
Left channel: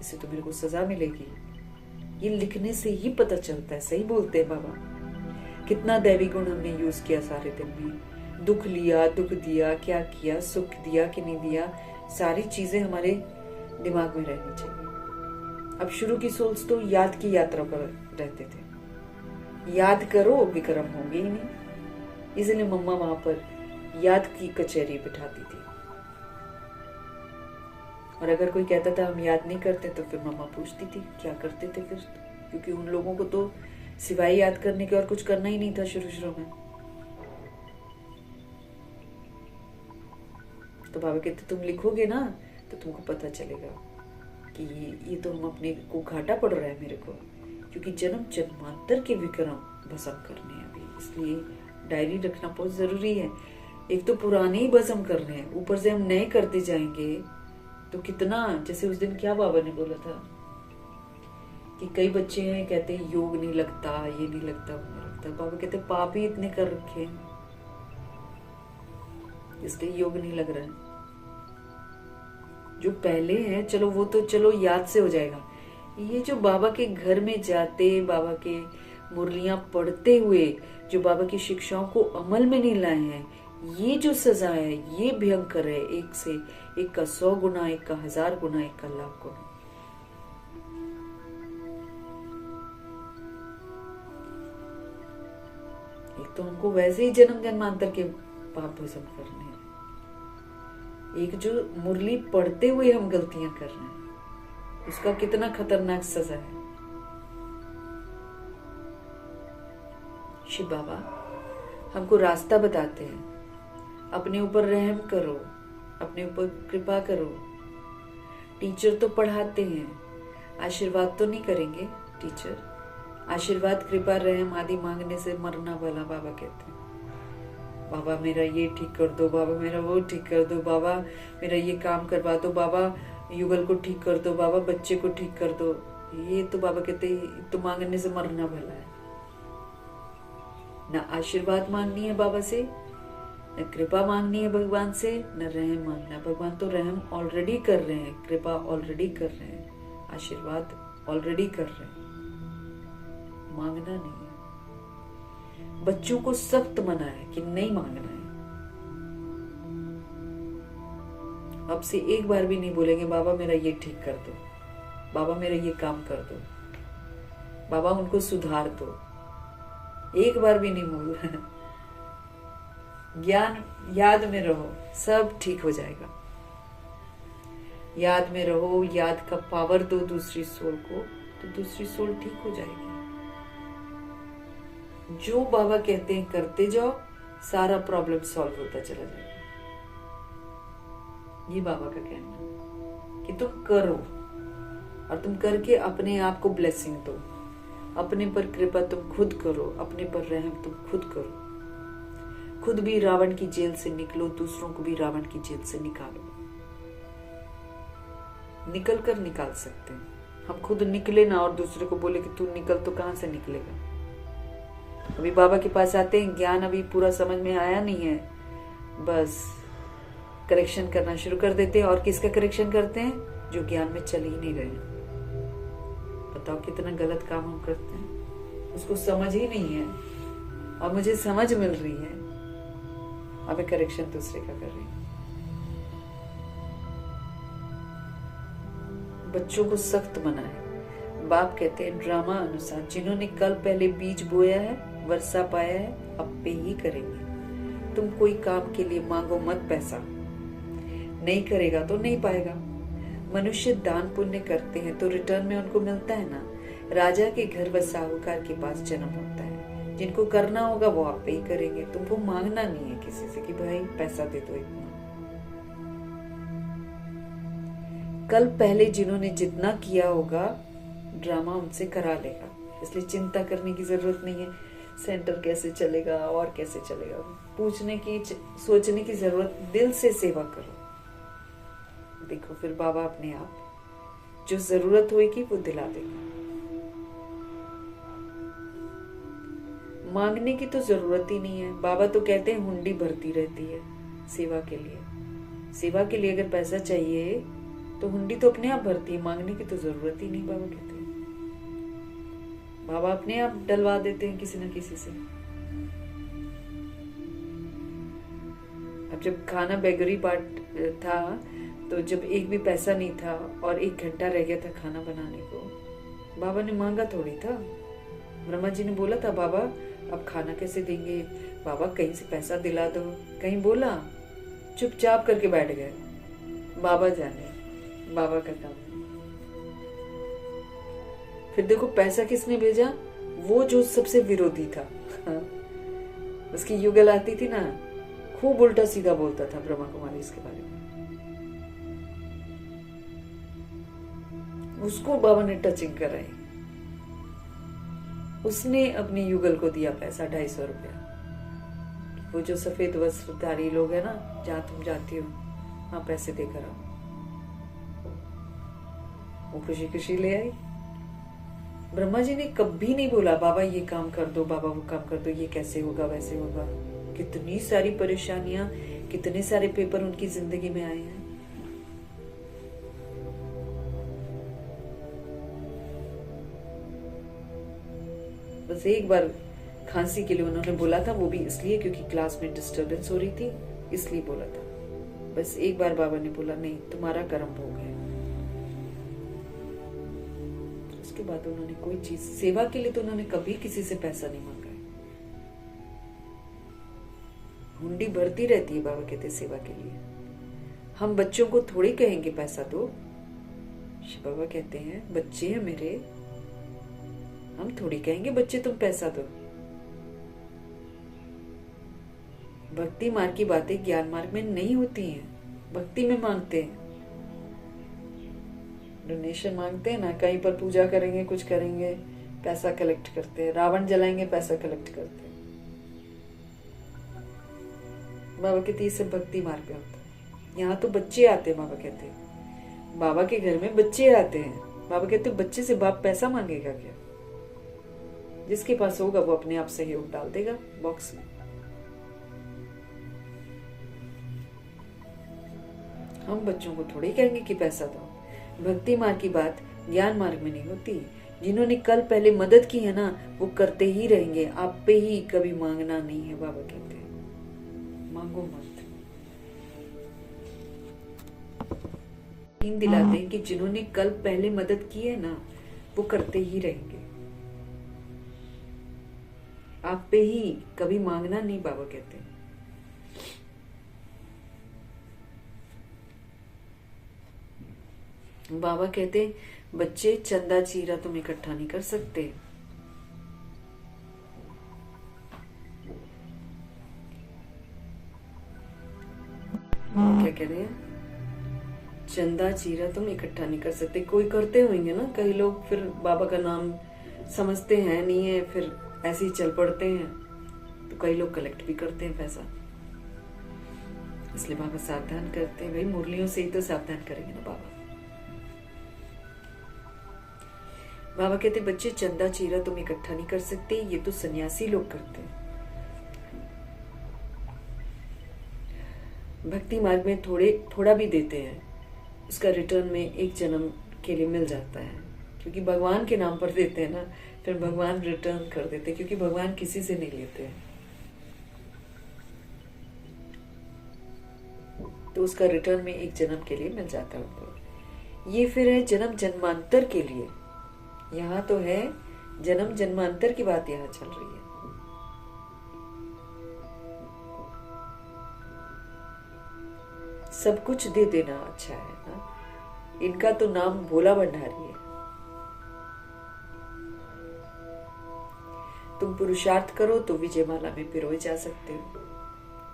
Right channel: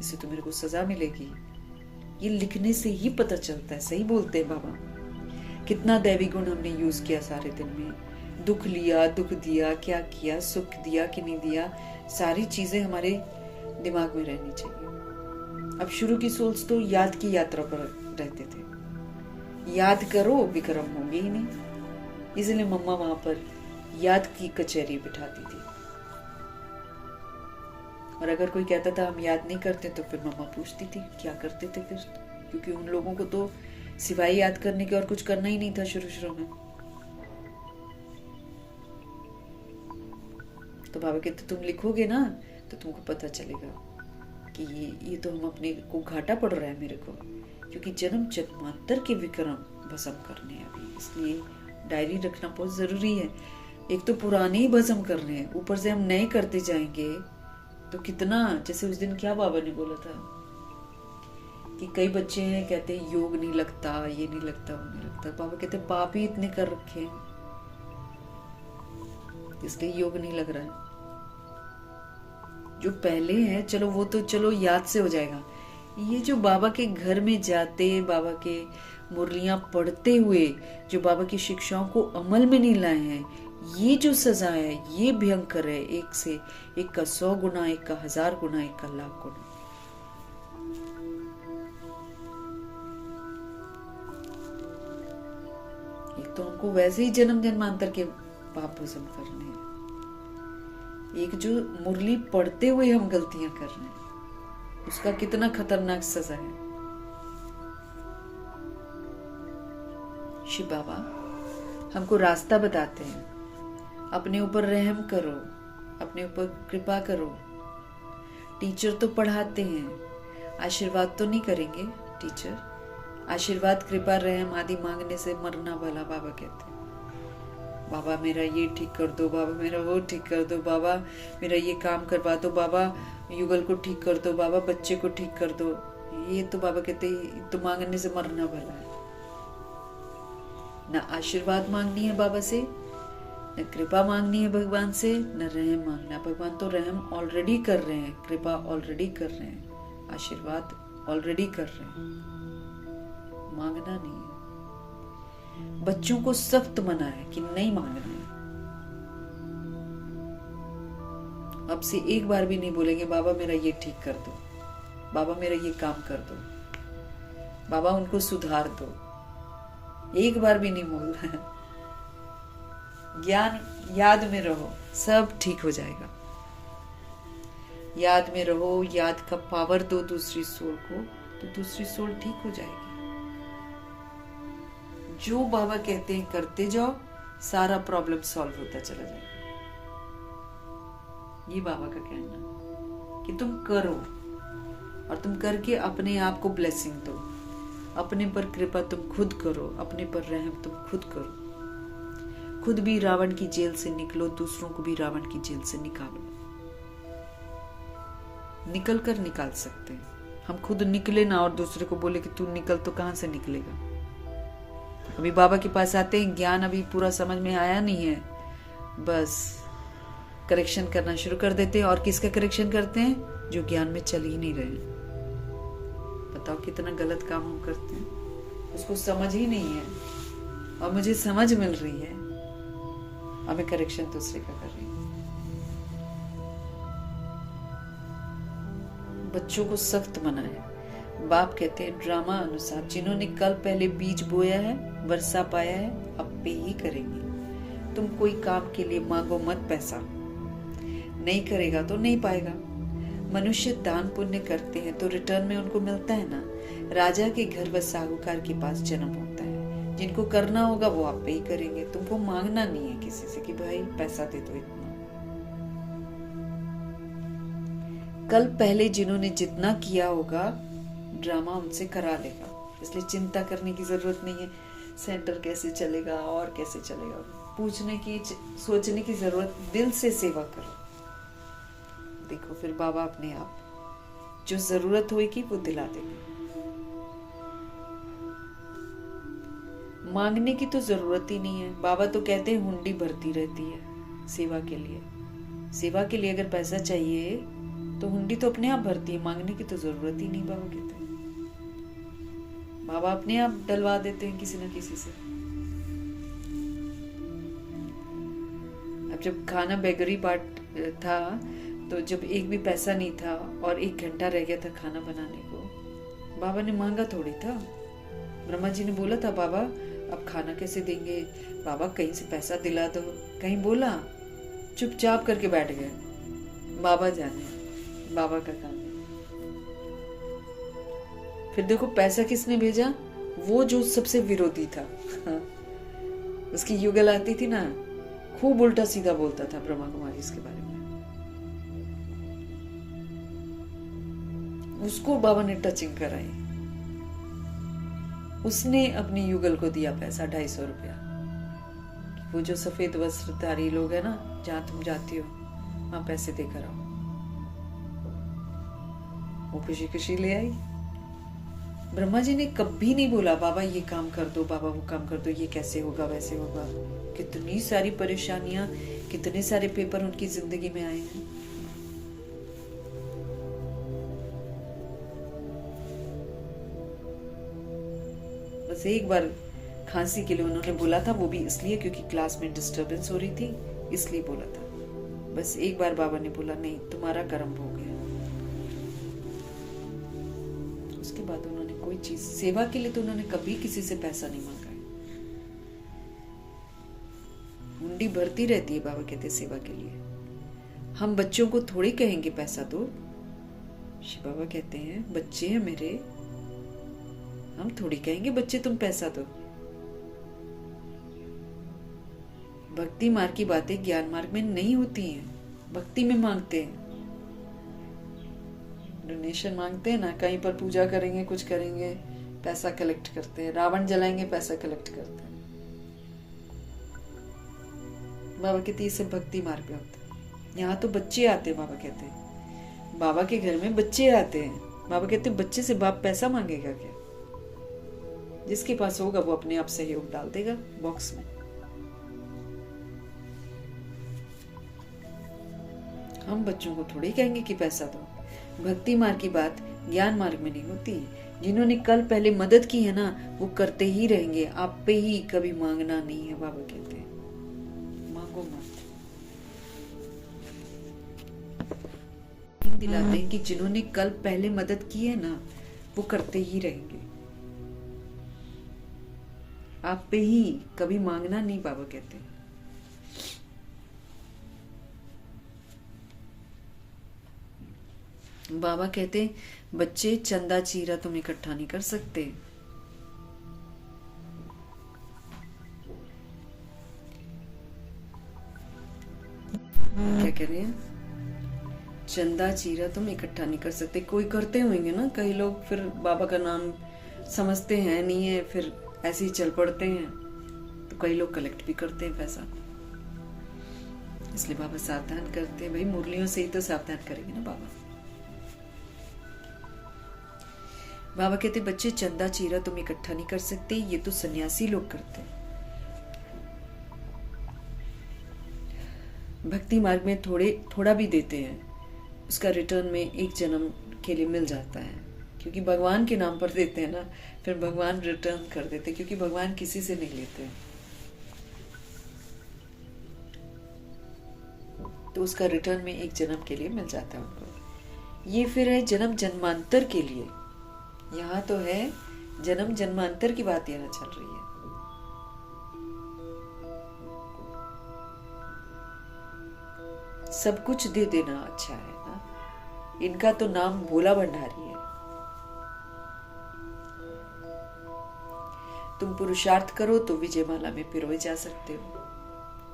इससे तो मेरे को सजा मिलेगी। ये लिखने से ही पता चलता है। सही बोलते हैं बाबा। कितना दैवी गुण हमने यूज किया सारे दिन में, दुख लिया, दुख दिया, क्या किया, सुख दिया कि नहीं दिया, सारी चीजें हमारे दिमाग में रहनी चाहिए। अब शुरू की सोल्स तो याद की यात्रा पर रहते थे। याद करो विक्रम होंगे ही नहीं, इसलिए मम्मा वहां पर याद की कचहरी बिठाती थी। और अगर कोई कहता था हम याद नहीं करते तो फिर मम्मा पूछती थी क्या करते थे फिर, क्योंकि उन लोगों को तो सिवाय याद करने के और कुछ करना ही नहीं था शुरू में। तो बाबा कहते तुम लिखोगे ना तो तुमको पता चलेगा कि ये तो हम अपने को घाटा पड़ रहा है मेरे को, क्योंकि जन्म जन्मांतर के विक्रम भस्म करने हैं अभी, इसलिए डायरी रखना बहुत जरूरी है। एक तो पुराने ही भस्म करने हैं, ऊपर से हम नए करते जाएंगे तो कितना, जैसे उस दिन क्या बाबा ने बोला था कि कई बच्चे हैं कहते हैं योग नहीं लगता, ये नहीं लगता, वो नहीं लगता। बाबा कहते पाप ही इतने कर रखे हैं इसलिए योग नहीं लग रहा है। जो पहले है चलो वो तो चलो याद से हो जाएगा। ये जो बाबा के घर में जाते, बाबा के मुरलियां पढ़ते हुए जो बाबा की शिक्षाओं को अमल में नहीं लाए हैं, ये जो सजा है ये भयंकर है। एक से एक का 100 गुना, एक का 1000 गुना, एक का 1,00,000 गुना। एक तो हमको वैसे ही जन्म जन्मांतर के पाप भस्म करने हैं, एक जो मुरली पढ़ते हुए हम गलतियां कर रहे हैं उसका कितना खतरनाक सजा है। शिव बाबा हमको रास्ता बताते हैं, अपने ऊपर रहम करो, अपने ऊपर कृपा करो। टीचर तो पढ़ाते हैं, आशीर्वाद तो नहीं करेंगे टीचर। आशीर्वाद कृपा रहम आदि मांगने से मरना भला, बाबा कहते हैं। बाबा मेरा ये ठीक कर दो, बाबा मेरा वो ठीक कर दो, बाबा मेरा ये काम करवा दो, बाबा युगल को ठीक कर दो, बाबा बच्चे को ठीक कर दो। ये तो बाबा कहते हैं तो मांगने से मरना भला है। ना आशीर्वाद मांगनी है बाबा से, न कृपा मांगनी है भगवान से, न रहम मांगना। भगवान तो रहम ऑलरेडी कर रहे हैं, कृपा ऑलरेडी कर रहे हैं, आशीर्वाद ऑलरेडी कर रहे हैं। मांगना नहीं है। बच्चों को सख्त मना है कि नहीं मांगना है। अब से एक बार भी नहीं बोलेंगे बाबा मेरा ये ठीक कर दो, बाबा मेरा ये काम कर दो, बाबा उनको सुधार दो। एक बार भी नहीं बोलना। ज्ञान याद में रहो, सब ठीक हो जाएगा। याद में रहो, याद का पावर दो दूसरी सोल को, तो दूसरी सोल ठीक हो जाएगी। जो बाबा कहते हैं करते जाओ, सारा प्रॉब्लम सॉल्व होता चला जाएगा। ये बाबा का कहना कि तुम करो, और तुम करके अपने आप को ब्लेसिंग दो। अपने पर कृपा तुम खुद करो, अपने पर रहम तुम खुद करो। खुद भी रावण की जेल से निकलो, दूसरों को भी रावण की जेल से निकालो। निकल कर निकाल सकते हैं हम, खुद निकले ना और दूसरे को बोले कि तू निकल, तो कहां से निकलेगा। अभी बाबा के पास आते हैं, ज्ञान अभी पूरा समझ में आया नहीं है, बस करेक्शन करना शुरू कर देते हैं। और किसका करेक्शन करते हैं? जो ज्ञान में चल ही नहीं रहे। बताओ कितना गलत काम हम करते हैं, उसको समझ ही नहीं है। अब मुझे समझ मिल रही है, अब मैं करेक्शन दूसरे का कर रही हूँ। बच्चों को सख्त मना है। बाप कहते हैं ड्रामा अनुसार जिन्होंने कल पहले बीज बोया है, वर्षा पाया है, अब पे ही करेंगे। तुम कोई काम के लिए मांगो मत पैसा, नहीं करेगा तो नहीं पाएगा। मनुष्य दान पुण्य करते हैं तो रिटर्न में उनको मिलता है ना। राजा के घर व साहूकार के पास जन्म होता है। जिनको करना होगा वो आप पे ही करेंगे। तुमको मांगना नहीं है किसी से कि भाई पैसा दे दो इतना। कल पहले जिन्होंने जितना किया होगा ड्रामा उनसे करा लेगा, इसलिए चिंता करने की जरूरत नहीं है सेंटर कैसे चलेगा और कैसे चलेगा। पूछने की सोचने की जरूरत, दिल से सेवा करो। देखो फिर बाबा अपने आप जो जरूरत होगी वो दिला देंगे। मांगने की तो जरूरत ही नहीं है। बाबा तो कहते हैं हुंडी भरती रहती है सेवा के लिए। सेवा के लिए अगर पैसा चाहिए तो हुंडी तो अपने आप भरती है, मांगने की तो जरूरत ही नहीं। बाबा कहते हैं, बाबा अपने आप डलवा देते हैं किसी न किसी से। अब जब खाना बेगरी पार्ट था तो जब एक भी पैसा नहीं था और 1 घंटा रह गया था खाना बनाने को, बाबा ने मांगा थोड़ी था। ब्रह्मा जी ने बोला था बाबा अब खाना कैसे देंगे, बाबा कहीं से पैसा दिला दो, कहीं बोला, चुपचाप करके बैठ गए। बाबा जाने, बाबा का काम है। फिर देखो पैसा किसने भेजा, वो जो सबसे विरोधी था। हाँ। उसकी युगल आती थी ना, खूब उल्टा सीधा बोलता था ब्रह्मा कुमारी इसके बारे में। उसको बाबा ने टचिंग कराई। उसने अपनी युगल को दिया पैसा 250 रुपया। वो जो सफेद वस्त्रधारी लोग है ना, जहां तुम जाती हो वहां पैसे देकर आओ। वो खुशी खुशी ले आई। ब्रह्मा जी ने कभी नहीं बोला बाबा ये काम कर दो, बाबा वो काम कर दो, ये कैसे होगा वैसे होगा। कितनी सारी परेशानियां, कितने सारे पेपर उनकी जिंदगी में आए हैं। बस एक बार खांसी के लिए उन्होंने बोला था, वो भी इसलिए क्योंकि क्लास में डिस्टरबेंस हो रही थी, इसलिए बोला था। बस एक बार बाबा ने बोला नहीं तुम्हारा कर्म हो गया। उसके बाद उन्होंने कोई चीज, सेवा के लिए तो उन्होंने कभी किसी से पैसा नहीं मांगा है। हुंडी भरती रहती है, बाबा कहते सेवा के लिए। हम बच्चों को थोड़ी कहेंगे पैसा दो। शिव बाबा कहते हैं बच्चे हैं मेरे, हम थोड़ी कहेंगे बच्चे तुम पैसा दो। भक्ति मार्ग की बातें ज्ञान मार्ग में नहीं होती हैं, भक्ति में मांगते हैं। डोनेशन मांगते हैं ना, कहीं पर पूजा करेंगे, कुछ करेंगे, पैसा कलेक्ट करते हैं। रावण जलाएंगे, पैसा कलेक्ट करते हैं। बाबा कहते ये सब भक्ति मार्ग पे होता है। यहाँ तो बच्चे आते हैं, बाबा कहते हैं बाबा के घर में बच्चे आते हैं। बाबा कहते बच्चे से बाप पैसा मांगेगा क्या? जिसके पास होगा वो अपने आप सहयोग डाल देगा बॉक्स में। हम बच्चों को थोड़ी कहेंगे कि पैसा दो। भक्ति मार्ग की बात ज्ञान मार्ग में नहीं होती। जिन्होंने कल पहले मदद की है ना, वो करते ही रहेंगे। आप पे ही कभी मांगना नहीं है। बाबा कहते हैं मांगो मत। दिलाते हैं कि जिन्होंने कल पहले मदद की है ना, वो करते ही रहेंगे। आप पे ही कभी मांगना नहीं, बाबा कहते हैं। बाबा कहते बच्चे चंदा चीरा तुम इकट्ठा नहीं कर सकते। क्या कह रहे हैं? चंदा चीरा तुम इकट्ठा नहीं कर सकते। कोई करते होंगे ना, कई लोग फिर बाबा का नाम समझते हैं नहीं है, फिर ऐसे ही चल पड़ते हैं। तो कई लोग कलेक्ट भी करते हैं पैसा। इसलिए बाबा सावधान करते हैं। भाई मुरलियों से ही तो सावधान करेंगे ना बाबा। बाबा कहते बच्चे चंदा चीरा तुम इकट्ठा नहीं कर सकते, ये तो सन्यासी लोग करते हैं। भक्ति मार्ग में थोड़ा भी देते हैं, उसका रिटर्न में एक जन्म के लिए मिल जाता है। क्योंकि भगवान के नाम पर देते हैं ना, फिर भगवान रिटर्न कर देते हैं, क्योंकि भगवान किसी से नहीं लेते हैं, तो उसका रिटर्न में एक जन्म के लिए मिल जाता है उनको। ये फिर है जन्म जन्मांतर के लिए। यहाँ तो है जन्म जन्मांतर की बात यहाँ चल रही है। सब कुछ दे देना अच्छा है ना। इनका तो नाम भोला भंडारी है। तुम पुरुषार्थ करो तो विजय माला में पिरोए जा सकते हो।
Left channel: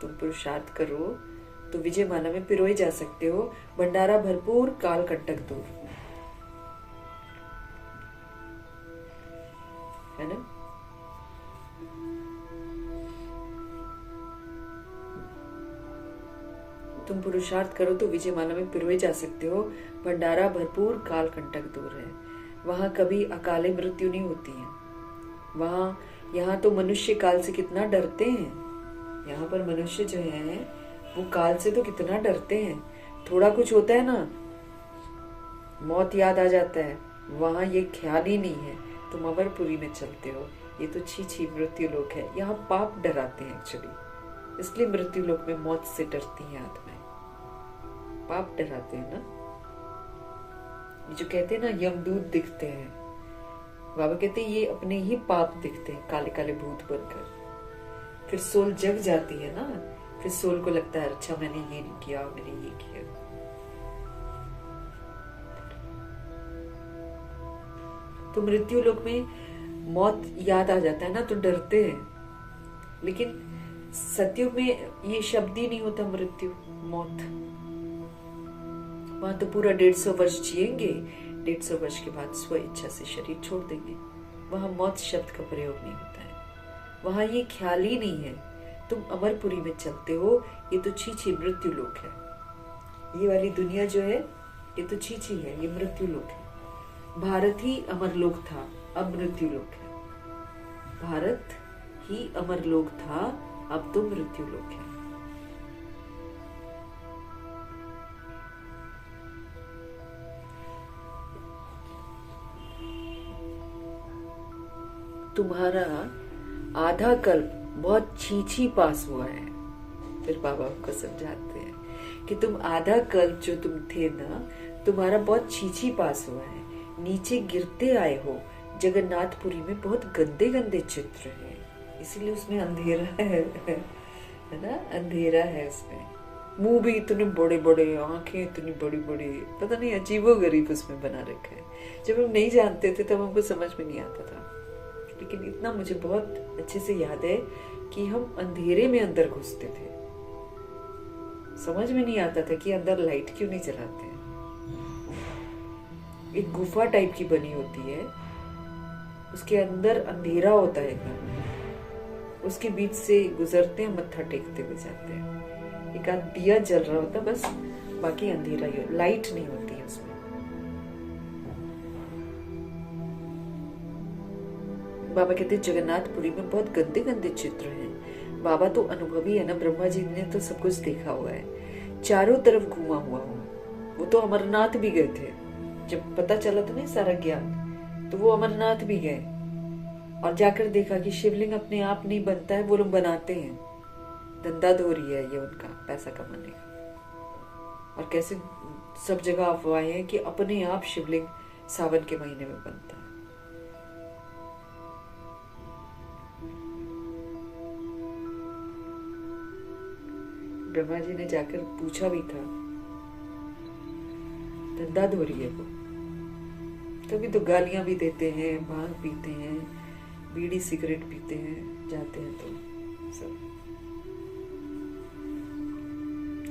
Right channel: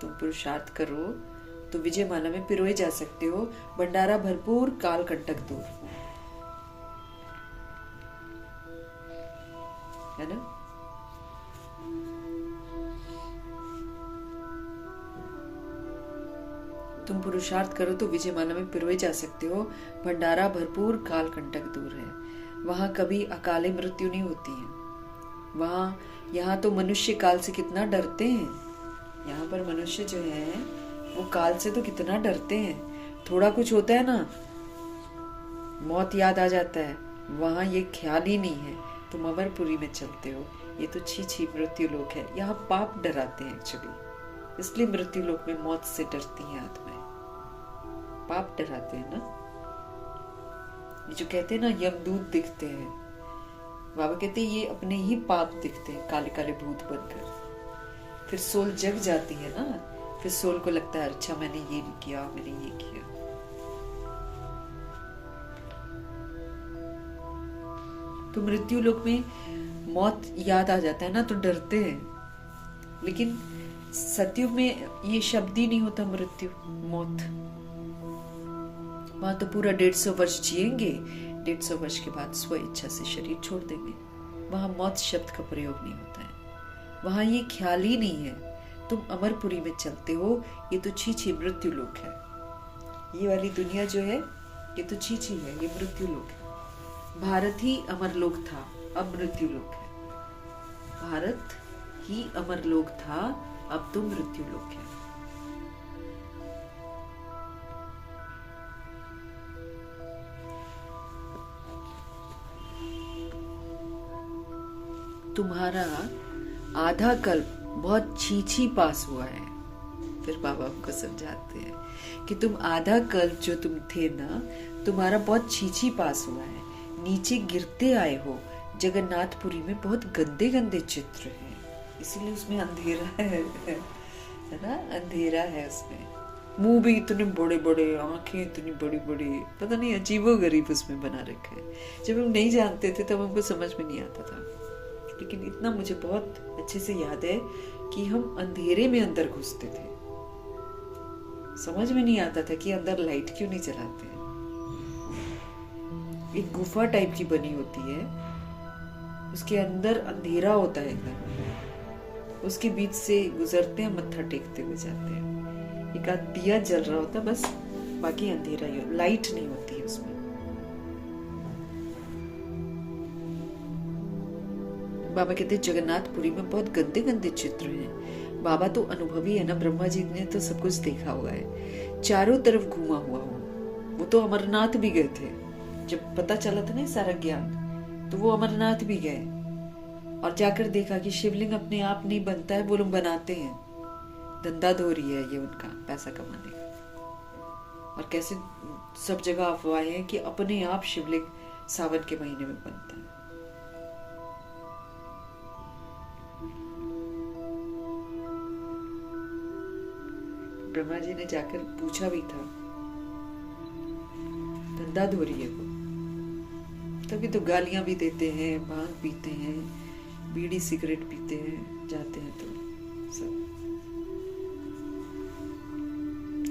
तुम पुरुषार्थ करो तो विजय माला में पिरोए जा सकते हो। भंडारा भरपूर, काल कंटक दूर, है ना। तुम पुरुषार्थ करो तो विजय माला में पिरोए जा सकते हो। भंडारा भरपूर, काल कंटक दूर है। वहां कभी अकाले मृत्यु नहीं होती है। यहाँ तो मनुष्य काल से कितना डरते हैं। यहाँ पर मनुष्य जो है वो काल से तो कितना डरते हैं। थोड़ा कुछ होता है ना, मौत याद आ जाता है। वहां ये ख्याल ही नहीं है। तुम अमरपुरी में चलते हो, ये तो छी मृत्यु लोक है। यहाँ पाप डराते हैं एक्चुअली, इसलिए मृत्यु लोक में मौत से डरती हैं आत्माएं। पाप डराते हैं ना। ये जो कहते हैं ना यमदूत दिखते हैं, बाबा कहते हैं ये अपने ही पाप दिखते हैं, काले काले भूत बनकर। फिर सोल जग जाती है ना, फिर सोल को लगता है अच्छा मैंने ये नहीं किया, मैंने ये किया। तो मृत्यु लोक में मौत याद आ जाता है ना, तो डरते हैं। लेकिन सतयुग में ये शब्द ही नहीं होता मृत्यु, मौत। वहां तो पूरा 150 वर्ष जिएंगे, 150 वर्ष के बाद स्व इच्छा से शरीर छोड़ देंगे। वहां मौत शब्द का प्रयोग नहीं होता है। वहां ये ख्याल ही नहीं है। तुम अमरपुरी में चलते हो, ये तो छी मृत्यु लोक है। ये वाली दुनिया जो है ये तो छी है, ये मृत्यु लोक है। भारत ही अमरलोक था, अब मृत्यु लोक है। भारत ही अमरलोक था, अब तो मृत्यु लोक है। तुम्हारा आधा कल्प बहुत छी पास हुआ है। फिर बाबा उनको समझाते हैं कि तुम आधा कल्प जो तुम थे ना, तुम्हारा बहुत छी पास हुआ है। नीचे गिरते आए हो। जगन्नाथपुरी में बहुत गंदे गंदे चित्र हैं, इसीलिए उसमें अंधेरा है ना, अंधेरा है उसमें। मुंह भी इतने बड़े बड़े, आंखें इतनी बड़ी बड़ी, पता नहीं अजीबो गरीब उसमें बना रखा है। जब हम नहीं जानते थे तब हमको समझ में नहीं आता था, लेकिन इतना मुझे बहुत अच्छे से याद है कि हम अंधेरे में अंदर घुसते थे। समझ में नहीं आता था कि अंदर लाइट क्यों नहीं जलाते हैं। एक गुफा टाइप की बनी होती है, उसके अंदर अंधेरा होता है एकदम। उसके बीच से गुजरते हैं, मत्था टेकते हुए जाते हैं। एक आध दिया जल रहा होता है बस, बाकी अंधेरा ही, लाइट नहीं होती है उसमें। बाबा कहते जगन्नाथपुरी में बहुत गंदे गंदे चित्र हैं। बाबा तो अनुभवी है ना, ब्रह्मा जी ने तो सब कुछ देखा हुआ है, चारों तरफ घूमा हुआ हूँ। वो तो अमरनाथ भी गए थे, जब पता चला था ना सारा ज्ञान, तो वो अमरनाथ भी गए और जाकर देखा कि शिवलिंग अपने आप नहीं बनता है, वो लोग बनाते हैं। धंधाधोरी है ये उनका, पैसा कमाने का। और कैसे सब जगह अफवाहें हैं कि अपने आप शिवलिंग सावन के महीने में बनता है। ब्रह्मा जी ने जाकर पूछा भी था, धंधाधोरी है वो। तभी तो गालियां भी देते हैं, भांग पीते हैं, बीड़ी सिगरेट पीते हैं, जाते हैं तो सब।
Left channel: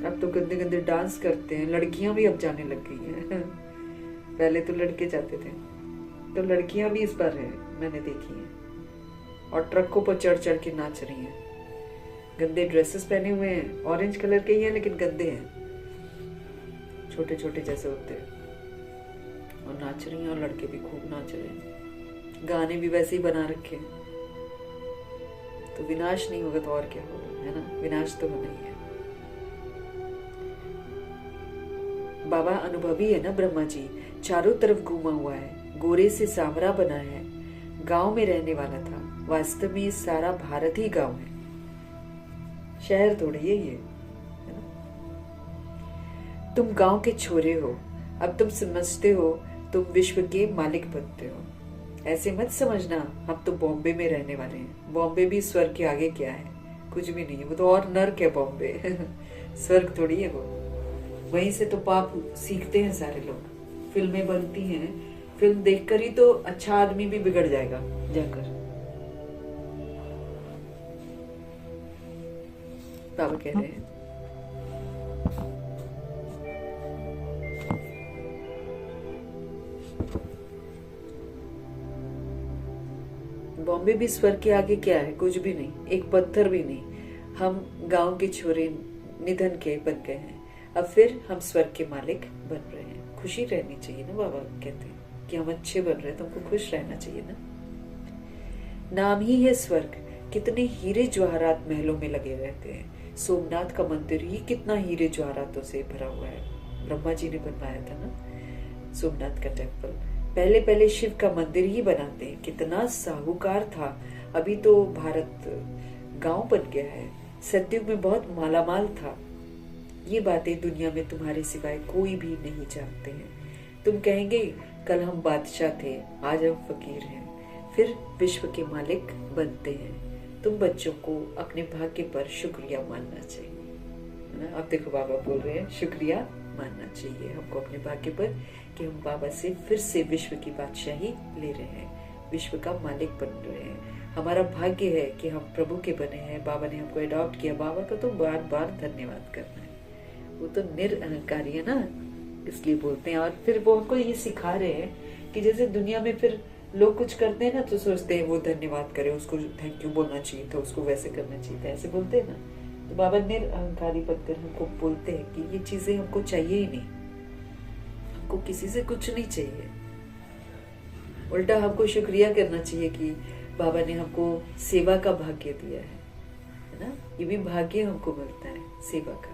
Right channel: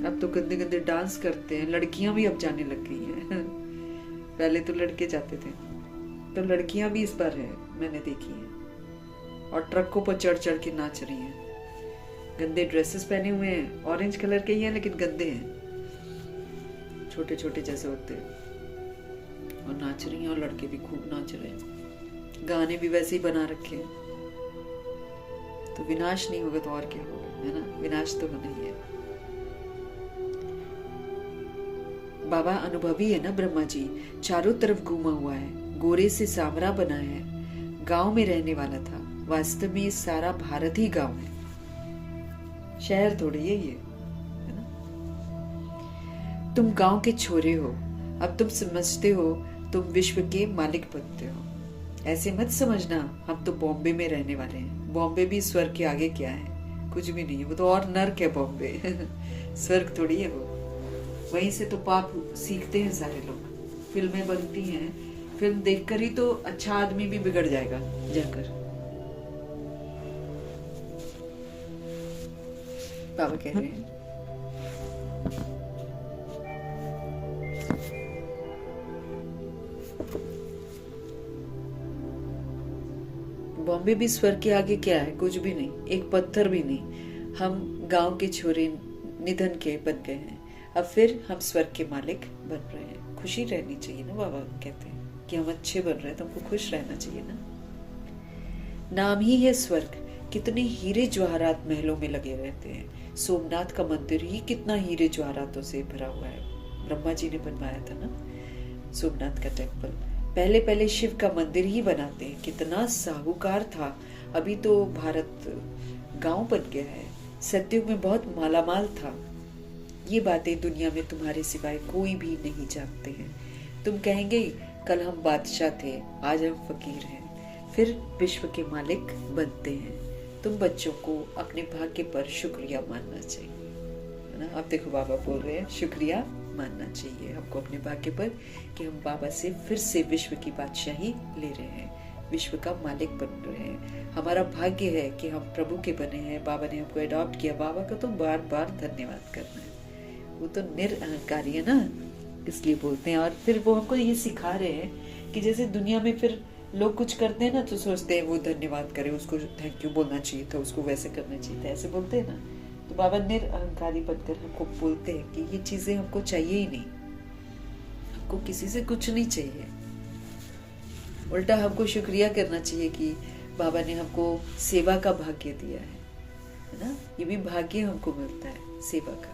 अब तो गंदे गंदे डांस करते हैं। लड़कियां भी अब जाने लग गई हैं। पहले तो लड़के जाते थे, तो लड़कियां भी इस बार हैं, मैंने देखी हैं। और ट्रकों पर चढ़ चढ़ के नाच रही हैं। गंदे ड्रेसेस पहने हुए हैं, ऑरेंज कलर के ही हैं लेकिन गंदे हैं, छोटे छोटे जैसे होते हैं, और नाच रही हैं। और लड़के भी खूब नाच रहे हैं, गाने भी वैसे ही बना रखे हैं। तो विनाश नहीं होगा तो और क्या होगा, है ना। विनाश तो होना ही है। बाबा अनुभवी है ना ब्रह्मा जी, चारों तरफ घूमा हुआ है, गोरे से सांवरा बना है, गांव में रहने वाला था। वास्तव में ये सारा भारत ही गांव है, शहर थोड़ी है ये, है ना। तुम गांव के छोरे हो, अब तुम समझते हो तुम विश्व के मालिक बनते हो। ऐसे मत समझना हम तो बॉम्बे में रहने वाले हैं। बॉम्बे भी स्वर्ग के आगे क्या है, कुछ भी नहीं है, वो तो और नर्क है बॉम्बे। स्वर्ग थोड़ी है वो। वहीं से तो पाप सीखते हैं सारे लोग, फिल्में बनती हैं, फिल्म देखकर ही तो अच्छा आदमी भी बिगड़ जाएगा जाकर। बाबा कह रहे हैं बॉम्बे भी स्वर्ग के आगे क्या है, कुछ भी नहीं, एक पत्थर भी नहीं। हम गांव के छोरे निधन के बन गए हैं, अब फिर हम स्वर्ग के मालिक बन रहे हैं। खुशी रहनी चाहिए ना, बाबा कहते हैं कि हम अच्छे बन रहे हैं तो हमको खुश रहना चाहिए ना। नाम ही है स्वर्ग, कितने हीरे जवाहरात महलों में लगे रहते हैं। सोमनाथ का मंदिर ही कितना हीरे जवाहरातों से भरा हुआ है, ब्रह्मा जी ने बनवाया था ना सोमनाथ का टेम्पल। पहले पहले शिव का मंदिर ही बनाते हैं, कितना साहूकार था। अभी तो भारत गांव बन गया है, सतयुग में बहुत मालामाल था। ये बातें दुनिया में तुम्हारे सिवाय कोई भी नहीं जानते हैं। तुम कहेंगे कल हम बादशाह थे, आज हम फकीर हैं, फिर विश्व के मालिक बनते हैं। तुम बच्चों को अपने भाग्य पर शुक्रिया मानना चाहिए, है ना। अब देखो बाबा बोल रहे हैं शुक्रिया मानना चाहिए हमको अपने भाग्य पर कि हम बाबा से फिर से विश्व की बादशाही ले रहे हैं, विश्व का मालिक बन रहे हैं। हमारा भाग्य है कि हम प्रभु के बने हैं, बाबा ने हमको अडॉप्ट किया। बाबा का तो बार बार धन्यवाद करना है, वो तो निरअहंकारी है ना, इसलिए बोलते हैं। और फिर वो हमको ये सिखा रहे हैं कि जैसे दुनिया में फिर लोग कुछ करते हैं ना तो सोचते हैं वो धन्यवाद करे, उसको थैंक यू बोलना चाहिए था, उसको वैसे करना चाहिए था, ऐसे बोलते हैं ना। तो बाबा निरअहंकारी बनकर हमको बोलते हैं कि ये चीजें हमको चाहिए ही नहीं, हमको किसी से कुछ नहीं चाहिए। उल्टा हमको शुक्रिया करना चाहिए कि बाबा ने हमको सेवा का भाग्य दिया है ना। ये भी भाग्य हमको मिलता है सेवा का।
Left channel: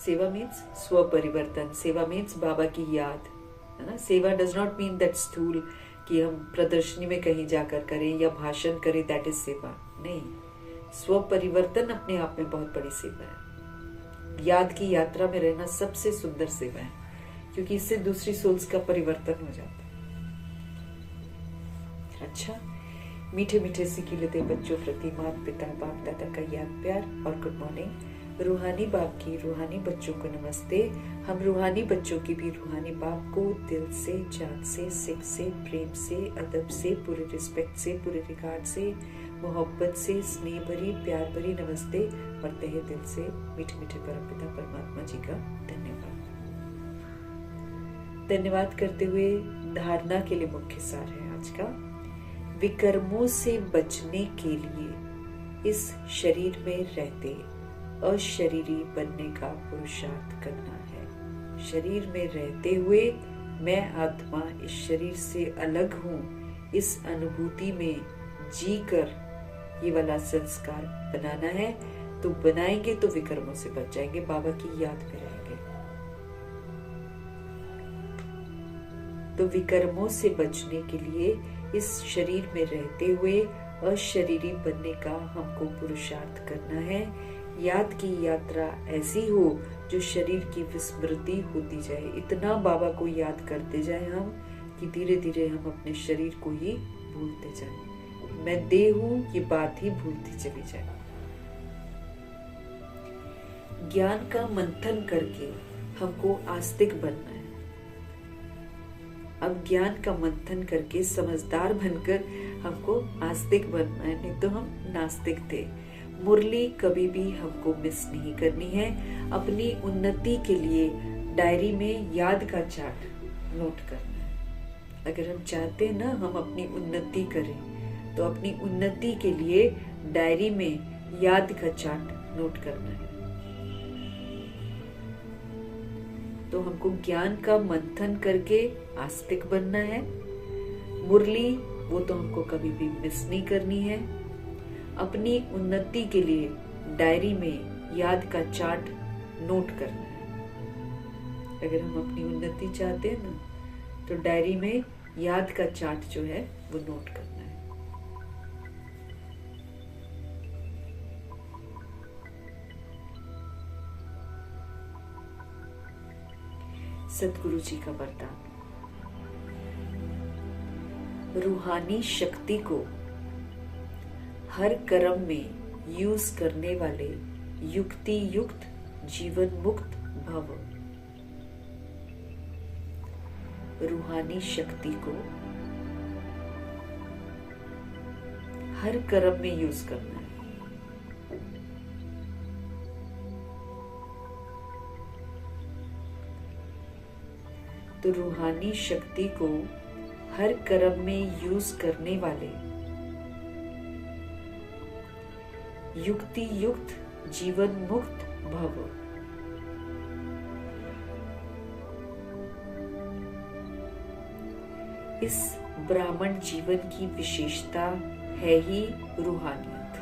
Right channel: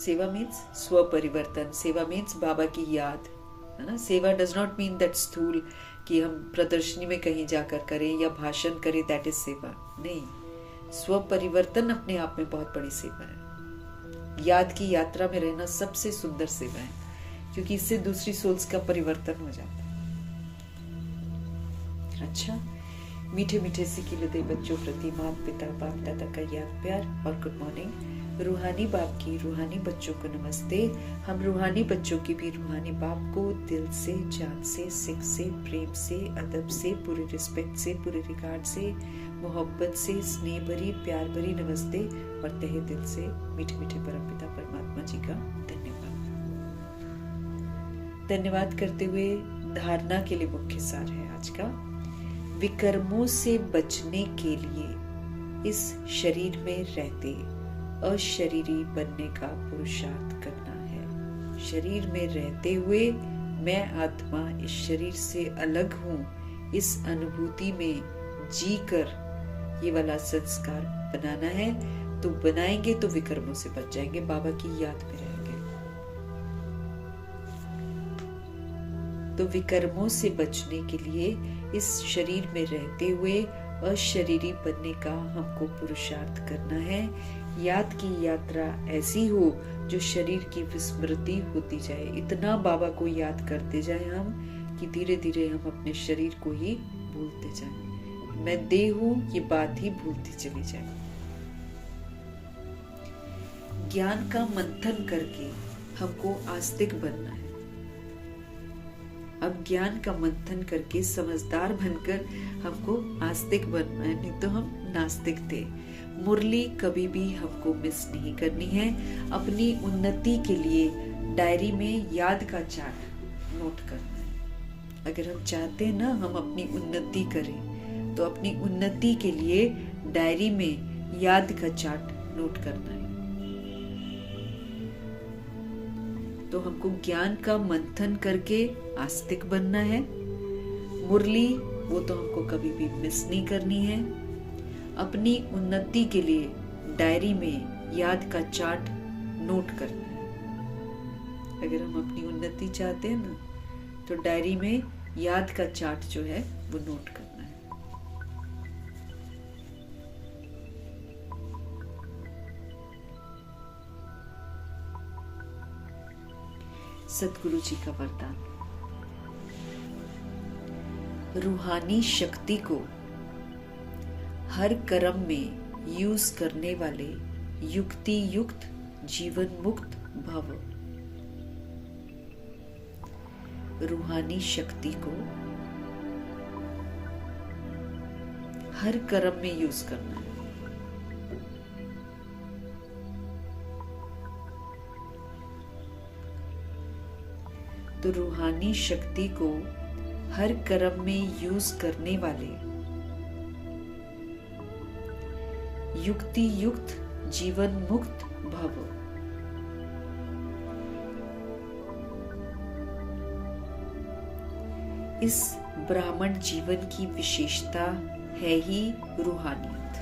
सेवा मीन्स स्व परिवर्तन, सेवा मीन्स बाबा की याद, है ना। सेवा डज नॉट मीन दैट स्थूल कि हम प्रदर्शनी में कहीं जाकर करें या भाषण करें, दैट इज सेवा नहीं। स्व परिवर्तन अपने आप में बहुत बड़ी सेवा है। याद की यात्रा में रहना सबसे सुंदर सेवा है, क्योंकि इससे दूसरी सोल्स का परिवर्तन हो जाता है। अच्छा, मीठे मीठे सिकिलते बच्चों प्रति माता पिता बाप दादा का याद प्यार और गुड मॉर्निंग। रूहानी बाप की रूहानी बच्चों को नमस्ते। हम रूहानी बच्चों की भी रूहानी बाप को दिल से, जान से, सिख से, प्रेम से, अदब से, पूरे रिस्पेक्ट से, पूरे रिगार्ड से, मोहब्बत से, स्नेह भरी प्यार भरी नमस्ते और तहे दिल से मीठे मीठे परमपिता परमात्मा जी का धन्यवाद। धन्यवाद करते हुए धारणा के लिए मुख्य सार है आज का, विकर्मों से बचने के लिए इस शरीर में रहते अशरीरी बनने का पुरुषार्थ करना है। शरीर में रहते हुए मैं आत्मा इस शरीर से अलग हूँ, इस अनुभूति में जीकर ये वाला संस्कार बनाना है। तो बनाएंगे तो विकर्मों से बच जाएंगे, बाबा की याद में रहेंगे। तो विकर्मों से बचने के लिए इस शरीर में रहते हुए अशरीरी बनने का हमको पुरुषार्थ करना है। याद की यात्रा ऐसी हो जो शरीर की विस्मृति होती जाए, इतना बाबा को याद करते जाए हम कि धीरे धीरे हम अपने शरीर को ही भूलते जाए। मैं देह हूं ये बात ही भूलती चली जाए। ज्ञान का मंथन करके हमको आस्तिक बनना है। अब ज्ञान का मंथन करके समझदार बनकर हमको आस्तिक बनना है, नहीं तो हम नास्तिक थे। मुरली कभी भी हमको मिस नहीं करनी है। अपनी उन्नति के लिए डायरी में याद का चार्ट नोट करना है। अगर हम चाहते हैं ना हम अपनी उन्नति करें, तो अपनी उन्नति के लिए डायरी में याद का चार्ट नोट करना है। तो हमको ज्ञान का मंथन करके आस्तिक बनना है। मुरली वो तो हमको कभी भी मिस नहीं करनी है। अपनी उन्नति के लिए डायरी में याद का चार्ट नोट करना है। अगर हम अपनी उन्नति चाहते हैं ना, तो डायरी में याद का चार्ट जो है वो नोट करना है। सतगुरु जी का वरदान, रूहानी शक्ति को हर कर्म में यूज करने वाले युक्ति युक्त जीवन मुक्त भव। रूहानी शक्ति को हर कर्म में यूज करना है। तो रूहानी शक्ति को हर कर्म में यूज करने वाले युक्ति युक्त जीवन मुक्त भव। इस ब्राह्मण जीवन की विशेषता है ही रूहानियत।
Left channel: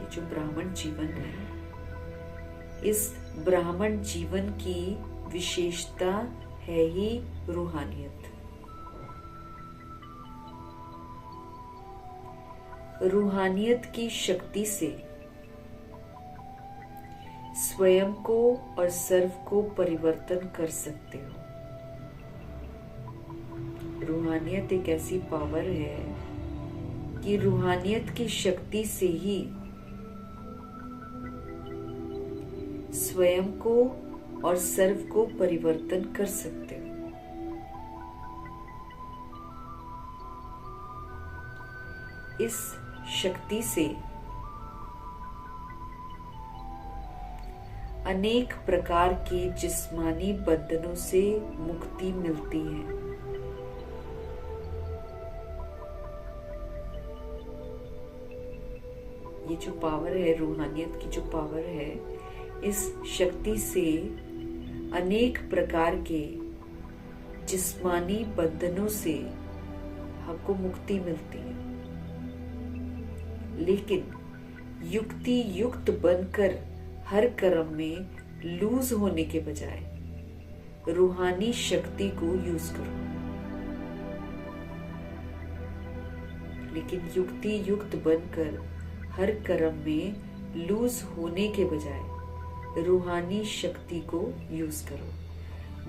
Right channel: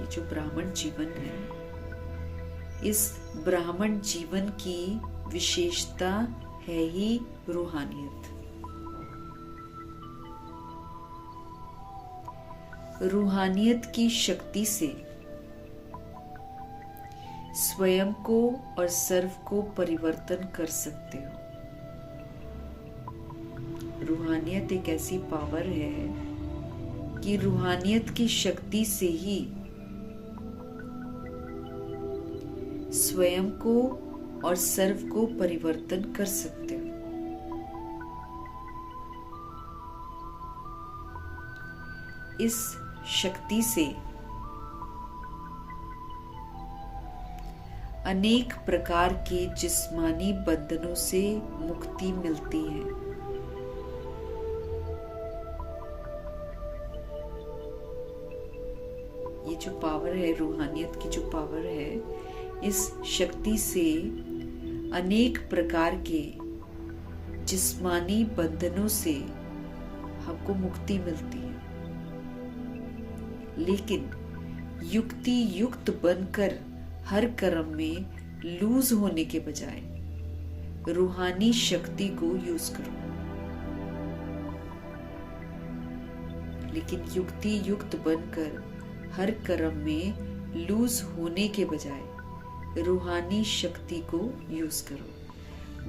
ये जो ब्राह्मण जीवन है, इस ब्राह्मण जीवन की विशेषता है ही रूहानियत। रूहानियत की शक्ति से स्वयं को और सर्व को परिवर्तन कर सकते हो। रूहानियत एक ऐसी पावर है कि रूहानियत की शक्ति से ही स्वयं को और सर्व को परिवर्तन कर सकते हो। इस शक्ति से अनेक प्रकार के जिस्मानी बंधनों से मुक्ति मिलती है। ये जो पावर है, रूहानियत की जो पावर है, इस शक्ति से अनेक प्रकार के जिस्मानी बंधनों से हमको मुक्ति मिलती है। लेकिन युक्ति युक्त बनकर हर कर्म में लूज होने के बजाय रूहानी शक्ति को यूज करो। लेकिन युक्ति युक्त बनकर हर कर्म में लूज होने के बजाय रूहानी शक्ति को यूज करो।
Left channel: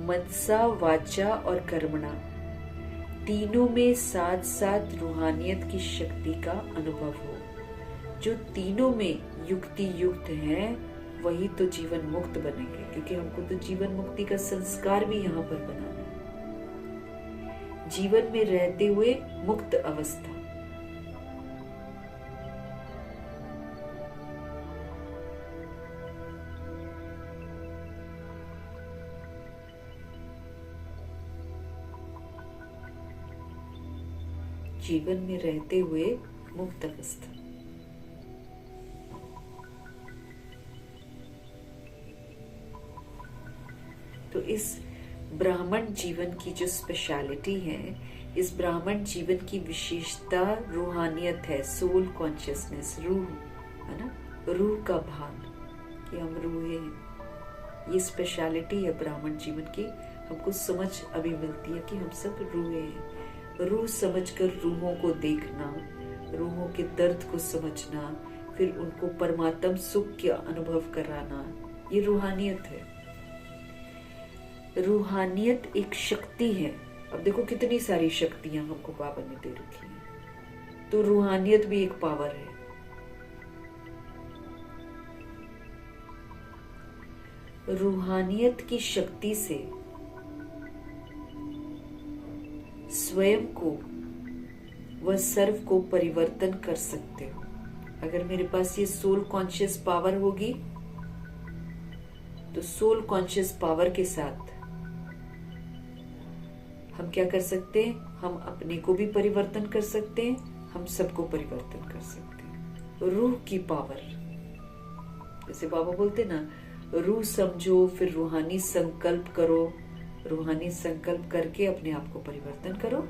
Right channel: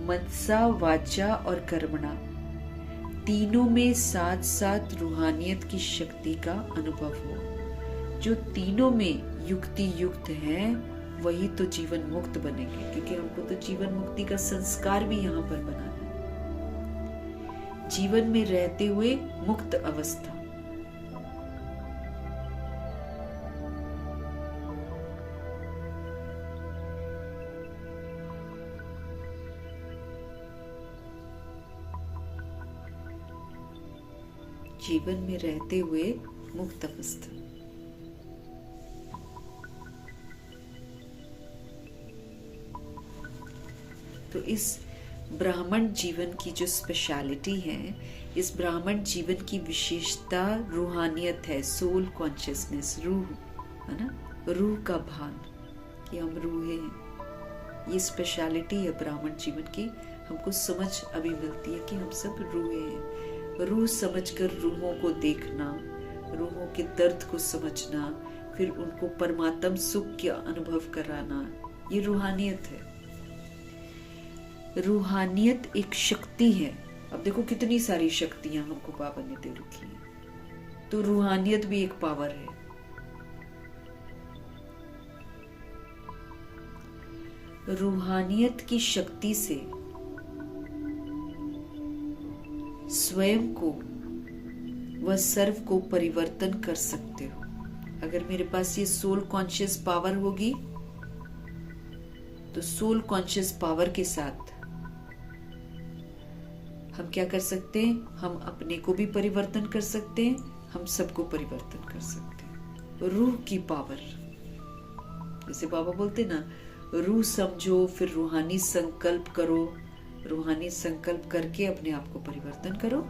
मनसा, वाचा और कर्मणा तीनों में साथ साथ रूहानियत की शक्ति का अनुभव हो। जो तीनों में युक्ति युक्त है वही तो जीवन मुक्त बनेंगे, क्योंकि हमको तो जीवन मुक्ति का संस्कार भी यहाँ पर बनाना है। जीवन में रहते हुए मुक्त अवस्था। जीवन में रहते हुए मुक्त अवस्था। तो इस ब्राह्मण जीवन की जो स्पेशलिटी है, इस ब्राह्मण जीवन की विशेषता रूहानियत है, सोल कॉन्शियसनेस, रूह है ना, रूह का भान कि हम रूह हैं। ये स्पेशलिटी है ब्राह्मण जीवन की। हमको समझ अभी मिलती है कि हम सब रूहें हैं। रूह समझकर रूहों को देखना, रूहों के दर्द को समझना, फिर उनको परमात्म सुख के अनुभव कराना, ये रूहानियत है। रूहानियत एक शक्ति है। अब देखो कितनी सारी शक्तियां हमको बाबा ने दे रखी हैं, तो रूहानियत भी एक पावर है। रूहानियत की शक्ति से स्वयं को व सर्व को परिवर्तन कर सकते हो। अगर मेरे पास ये सोल कॉन्शियस पावर होगी, तो सोल कॉन्शियस पावर के साथ हम क्या कर सकते हैं? हम अपने को भी परिवर्तन कर सकते हैं, हम सबको परिवर्तन कर सकते हैं। रूह की पावर, जैसे बाबा बोलते ना, रूह समझो फिर रूहानी संकल्प करो, रूहानी संकल्प करके अपने आप को परिवर्तन करो।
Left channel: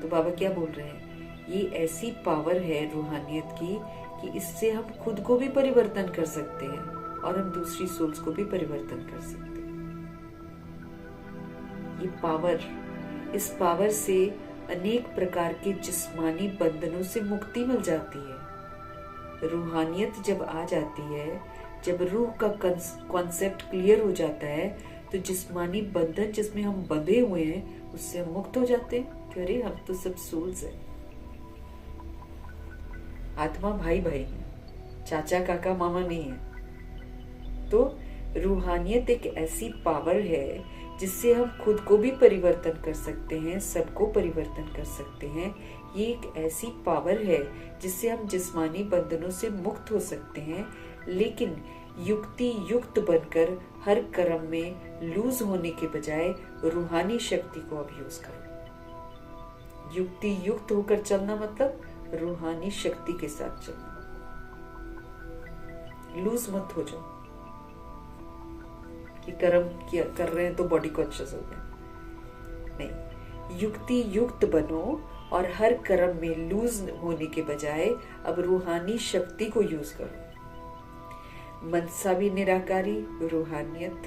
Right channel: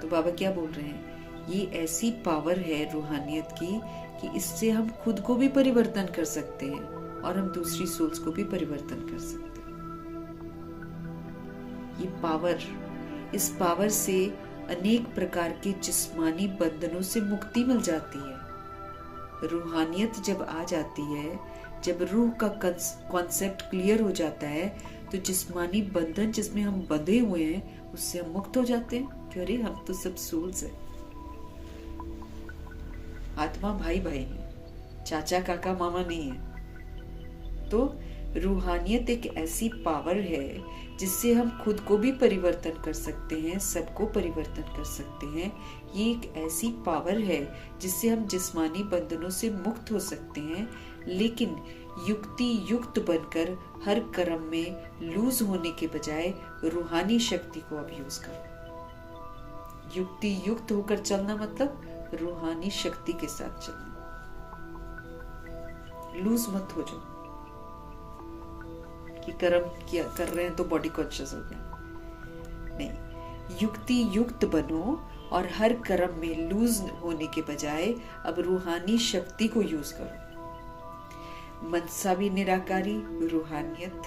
तो बाबा क्या बोल रहे हैं? ये ऐसी पावर है रूहानियत की कि इससे हम खुद को भी परिवर्तन कर सकते हैं और हम दूसरी सोल्स को भी परिवर्तन कर सकते हैं। ये पावर, इस पावर से अनेक प्रकार के जिस्मानी बंधनों से मुक्ति मिल जाती है। रूहानियत जब आ जाती है, जब रूह का कॉन्सेप्ट क्लियर हो जाता है, तो जिस्मानी बंधन जिसमें हम बंधे हुए हैं उससे हम मुक्त हो जाते हैं कि अरे हम तो सब सोल्स हैं। आत्मा भाई भाई है, चाचा काका मामा नहीं है। तो रूहानियत एक ऐसी पावर है जिससे हम खुद को भी परिवर्तन कर सकते हैं, सबको परिवर्तन कर सकते हैं। ये एक ऐसी पावर है जिससे हम जिस्मानी बंधनों से मुक्त हो सकते हैं, लेकिन युक्ति युक्त बनकर हर कर्म में लूज होने के बजाय रूहानी शक्ति को अब यूज करो। युक्ति युक्त होकर चलना मतलब रूहानी शक्ति के साथ चलना। लूज मत हो जाओ कि कर्म किया कर रहे हैं तो बॉडी कॉन्शियस हो गया। नहीं, युक्ति युक्त बनो और हर कर्म में लूज होने के बजाय अब रूहानी शक्ति को यूज करो। मनसा भी निराकारी रूहानियत,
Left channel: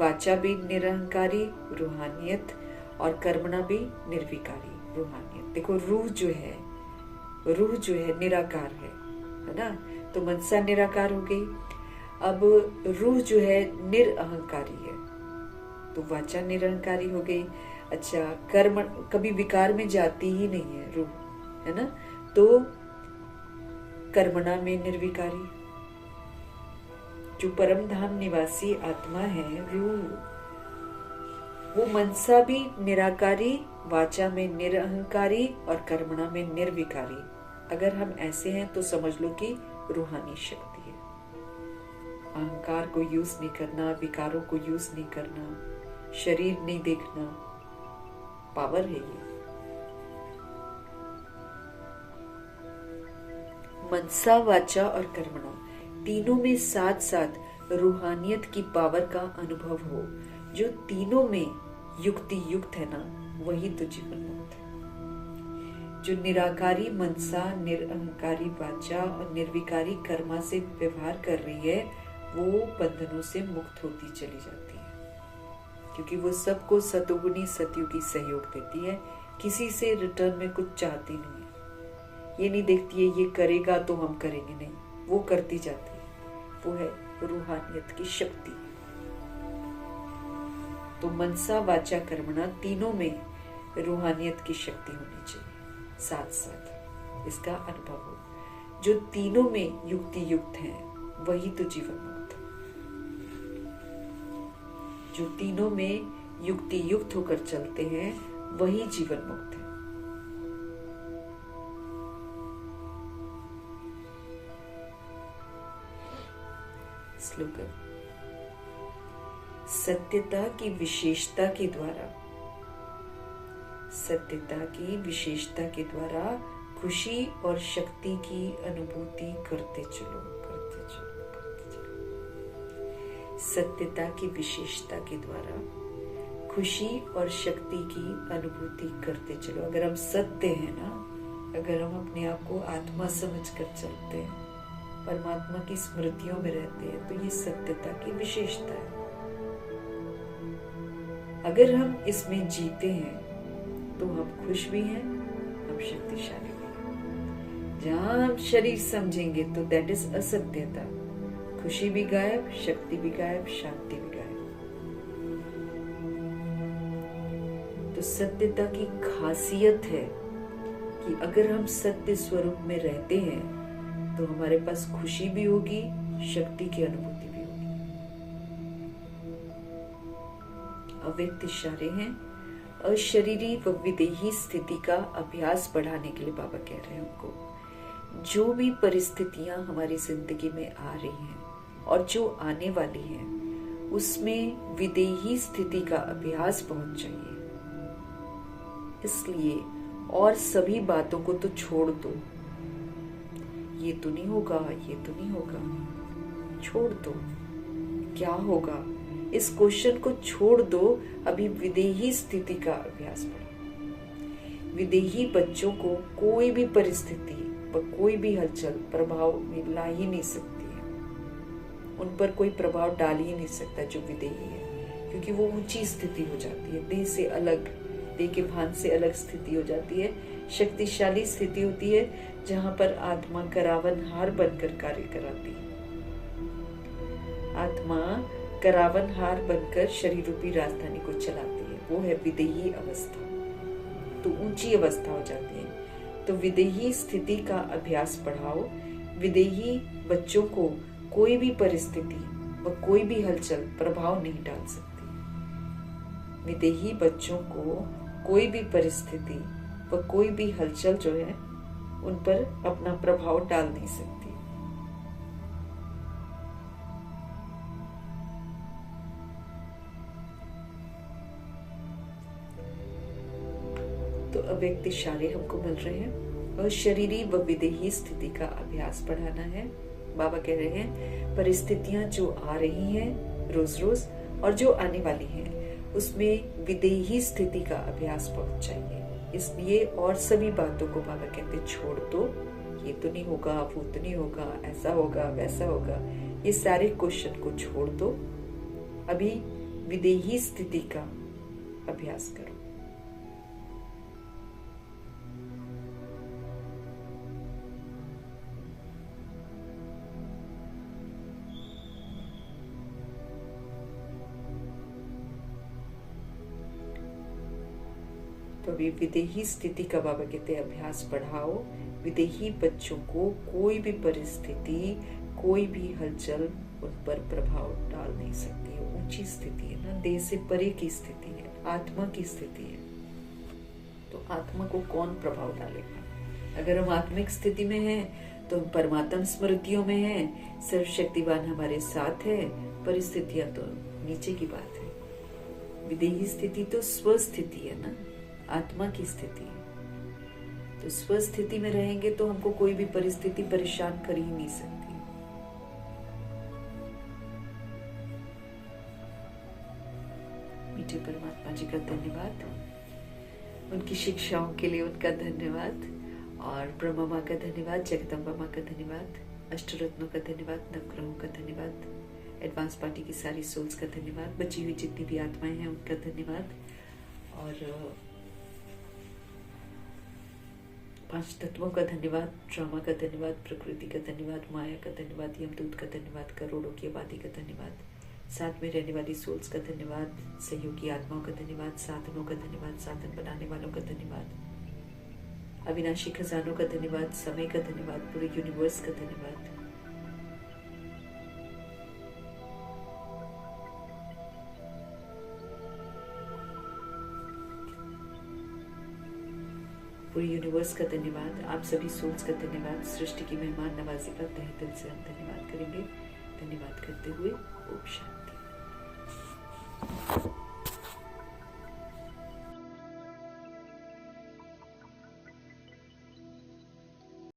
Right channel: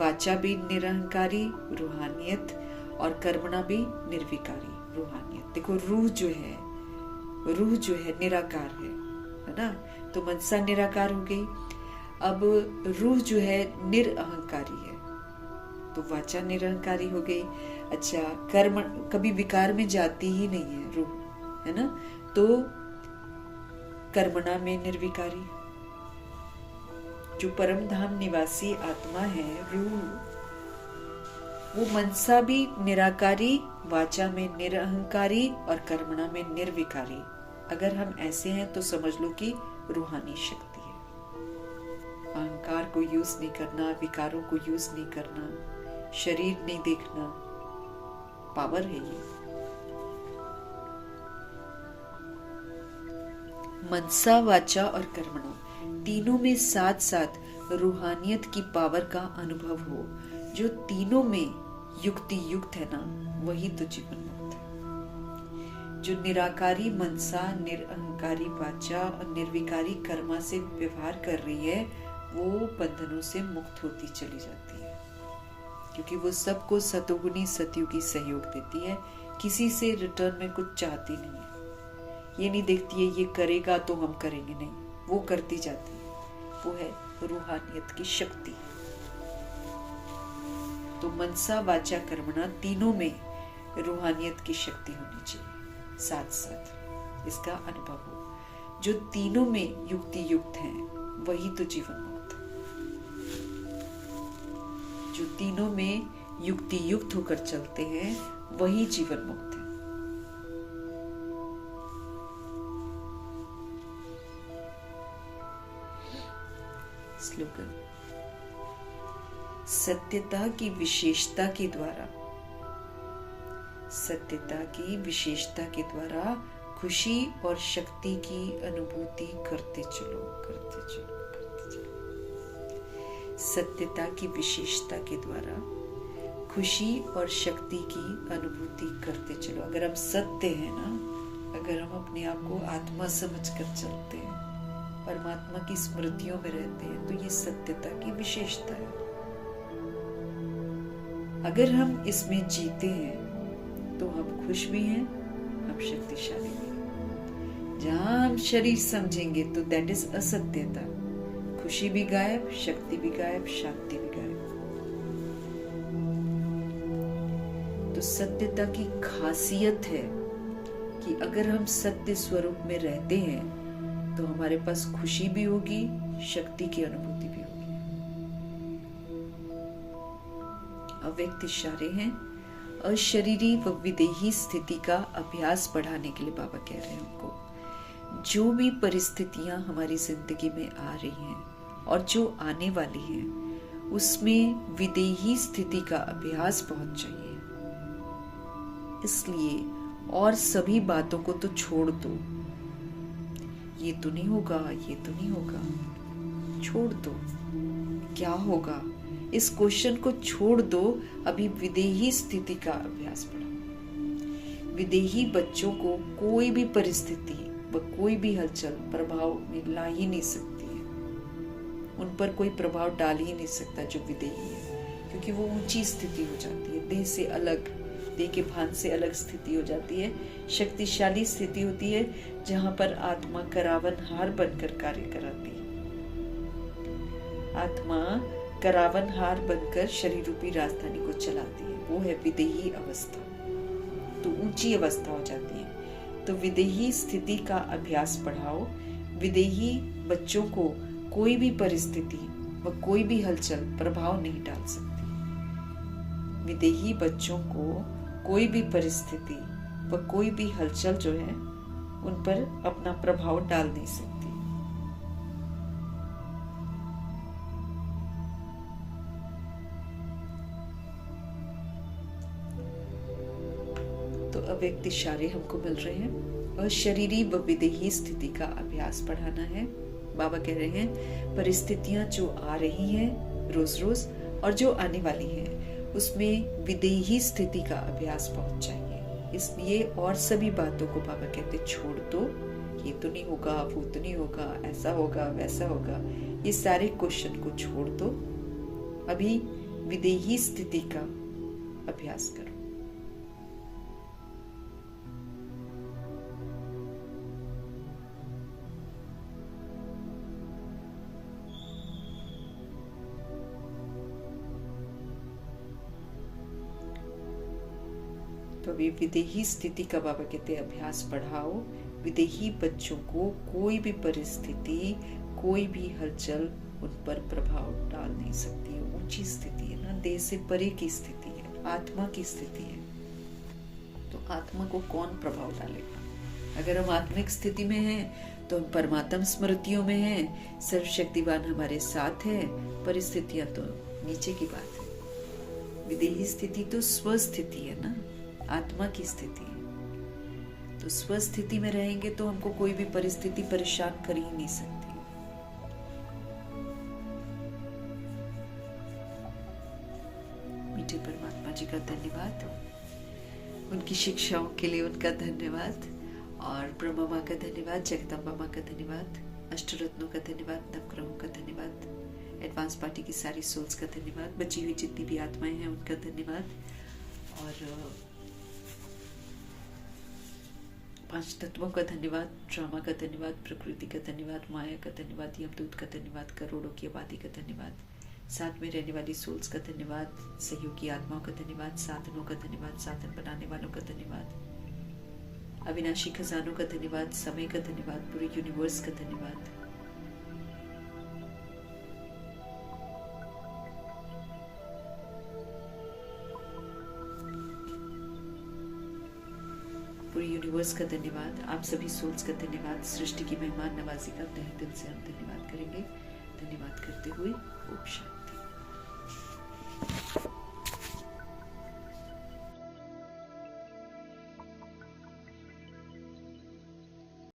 वाचा भी निरहंकारी रूहानियत और कर्मणा भी निर्विकारी रूहानियत। देखो रूह जो है निराकार है ना। तो मनसा निराकार हो गई। अब रूह जो है निरअहंकारी है, तो वाचा निरअहंकारी हो गई। अच्छा, कर्म कभी विकार में जाती ही नहीं है रूह, है ना। तो कर्मणा में निर्विकारी, जो परम धाम निवासी आत्मा है रूह, वो मनसा भी निराकारी, वाचा में निरअहंकारी और कर्मणा में निर्विकारी। अगर हम ऐसे हैं तो समझ लो कि रूहानी शक्ति है। अहंकार को यूज नहीं करना, विकारों को यूज नहीं करना, शरीर नहीं देखना, पावर है ये। मनसा, वाचा और कर्मणा तीनों में साथ साथ रूहानियत की पावर का अनुभव हो। जो तीनों में युक्ति युक्त है ना, वही तो जीवन मुक्त है। जो निराकारी मनसा, निरअहंकारी वाचा और निर्विकारी कर्मा से व्यवहार कर रही है, वो बंधनों से मुक्त होती चली जाती है, क्योंकि वो सबको सतोगुणी सतयुगी सहयोग देती है। किसी से रिटर्न में कुछ चाहती नहीं है। ये नहीं देखती है ये करेगा तो हम करेंगे, नहीं, वो करती जाती है। वो है रूहानियत की शक्ति। तो मनसा, वाचा, कर्मणा तीनों में रूहानियत की शक्ति होनी चाहिए, साथ साथ इसका अनुभव हो। जो तीनों में युक्ति युक्त हैं, वही तो जीवन मुक्त है। जो तीनों में युक्ति युक्त होकर चलते हैं, वही जीवन मुक्त है। स्लोगन: सत्यता की विशेषता के द्वारा, सत्यता की विशेषता के द्वारा खुशी और शक्ति की अनुभूति करते चलो, करते चलो, करते चलो। सत्यता की विशेषता के द्वारा खुशी और शक्ति की अनुभूति करते चलो। अगर हम सत्य हैं ना, अगर हम अपने आप को आत्मा समझकर चलते हैं, परमात्मा की स्मृतियों में रहते हैं, तो ये सत्यता की विशेषता है। अगर हम इसमें जीते हैं तो हम खुश भी हैं, हम शक्तिशाली भी हैं। जहां हम शरीर समझेंगे तो दैट इज असत्यता। खुशी भी गायब, शक्ति भी गायब, शांति भी गायब। तो सत्यता की खासियत है कि अगर हम सत्य स्वरूप में रहते हैं तो हमारे पास खुशी भी होगी, शक्ति की अनुभूति भी होगी। अव्यक्त इशारे हैं अशरीरी व विदेही स्थिति का अभ्यास बढ़ाने के लिए बाबा कह रहे हैं हमको। जो भी परिस्थितियां हमारी जिंदगी में आ रही हैं और जो आने वाली हैं, उसमें विदेही स्थिति का अभ्यास बहुत चाहिए। इसलिए और सभी बातों को तो छोड़ दो। ये तो नहीं होगा, ये तो नहीं होगा, छोड़ दो। क्या होगा, इस क्वेश्चन को छोड़ दो। अभी विदेही स्थिति का अभ्यास करो। विदेही बच्चों को कोई भी परिस्थिति व कोई भी हलचल प्रभाव में ला ही नहीं सकती है, उन पर कोई प्रभाव डाल ही नहीं सकता जो विदेही है, क्योंकि वो ऊंची स्थिति हो जाती है, देह से अलग, देह के भान से अलग स्थिति हो जाती है, शक्तिशाली स्थिति होती है जहां पर आत्मा करावनहार बनकर कार्य कराती है। आत्मा करावनहार बनकर शरीर रूपी राजधानी को चलाती है, वो है विदेही अवस्था। तो ऊंची अवस्था हो जाती है। तो विदेही स्थिति का अभ्यास बढ़ाओ। विदेही बच्चों को कोई भी परिस्थिति व कोई भी हलचल प्रभाव नहीं डाल सकती। विदेही बच्चों को कोई भी परिस्थिति व कोई भी हलचल जो है उन पर अपना प्रभाव डाल नहीं सकती। तो अव्यक्त इशारे हमको मिल रहे हैं और शरीरी व विदेही स्थिति का अभ्यास बढ़ाना है। बाबा कह रहे हैं परिस्थितियां जो आ रही हैं रोज रोज और जो आने वाली हैं उसमें विदेही स्थिति का अभ्यास बहुत चाहिए। इसलिए और सभी बातों को बाबा कहते छोड़ दो, ये तो नहीं होगा, वो तो नहीं होगा, ऐसा होगा, वैसा होगा, ये सारे क्वेश्चन को छोड़ दो। अभी विदेही स्थिति का अभ्यास करो। तो अभी विदेही स्थिति का बाबा कहते हैं अभ्यास बढ़ाओ। विदेही बच्चों को कोई भी परिस्थिति, कोई भी हलचल उन पर प्रभाव डाल नहीं सकती है। ऊंची स्थिति है ना, देह से परे की स्थिति है, आत्मा की स्थिति है। तो आत्मा को कौन प्रभाव डालेगा? अगर हम आत्मिक स्थिति में हैं तो हम परमात्मा स्मृतियों में हैं, सर्वशक्तिवान हमारे साथ है, परिस्थितियां तो नीचे की बात है। विदेही स्थिति तो स्वस्थिति है ना, आत्मा की स्थिति है। तो स्वस्थिति में रहेंगे तो हमको कोई भी परिस्थिति परेशान कर ही नहीं सकती। मीठे परमात्मा जी का धन्यवाद, उनकी शिक्षाओं के लिए उनका धन्यवाद, और ब्रह्मा माँ का धन्यवाद, जगदम्बा माँ का धन्यवाद, अष्टरत्नों का धन्यवाद, नवग्रहों का धन्यवाद, एडवांस पार्टी की सारी सोल्स का धन्यवाद, बची हुई जितनी भी आत्माएं हैं उनका धन्यवाद, और 5 तत्वों का धन्यवाद, ड्रामा का धन्यवाद, प्रकृति का धन्यवाद, माया का धन्यवाद, यमदूत का धन्यवाद, करोड़ों की आबादी का धन्यवाद, साथ में रहने वाली सोल्स का धन्यवाद, सहयोगी आत्माओं का धन्यवाद, साधनों का धन्यवाद, साधन बनाने वालों का धन्यवाद, अविनाशी खजानों का धन्यवाद, समय का धन्यवाद, पूरे यूनिवर्स का धन्यवाद। पूरे यूनिवर्स का धन्यवाद, आप सभी सोल्स का धन्यवाद, सृष्टि की मेहमान नवाजी का तहे दिल से हम धन्यवाद करेंगे। धन्यवाद करते हुए ओम शांति।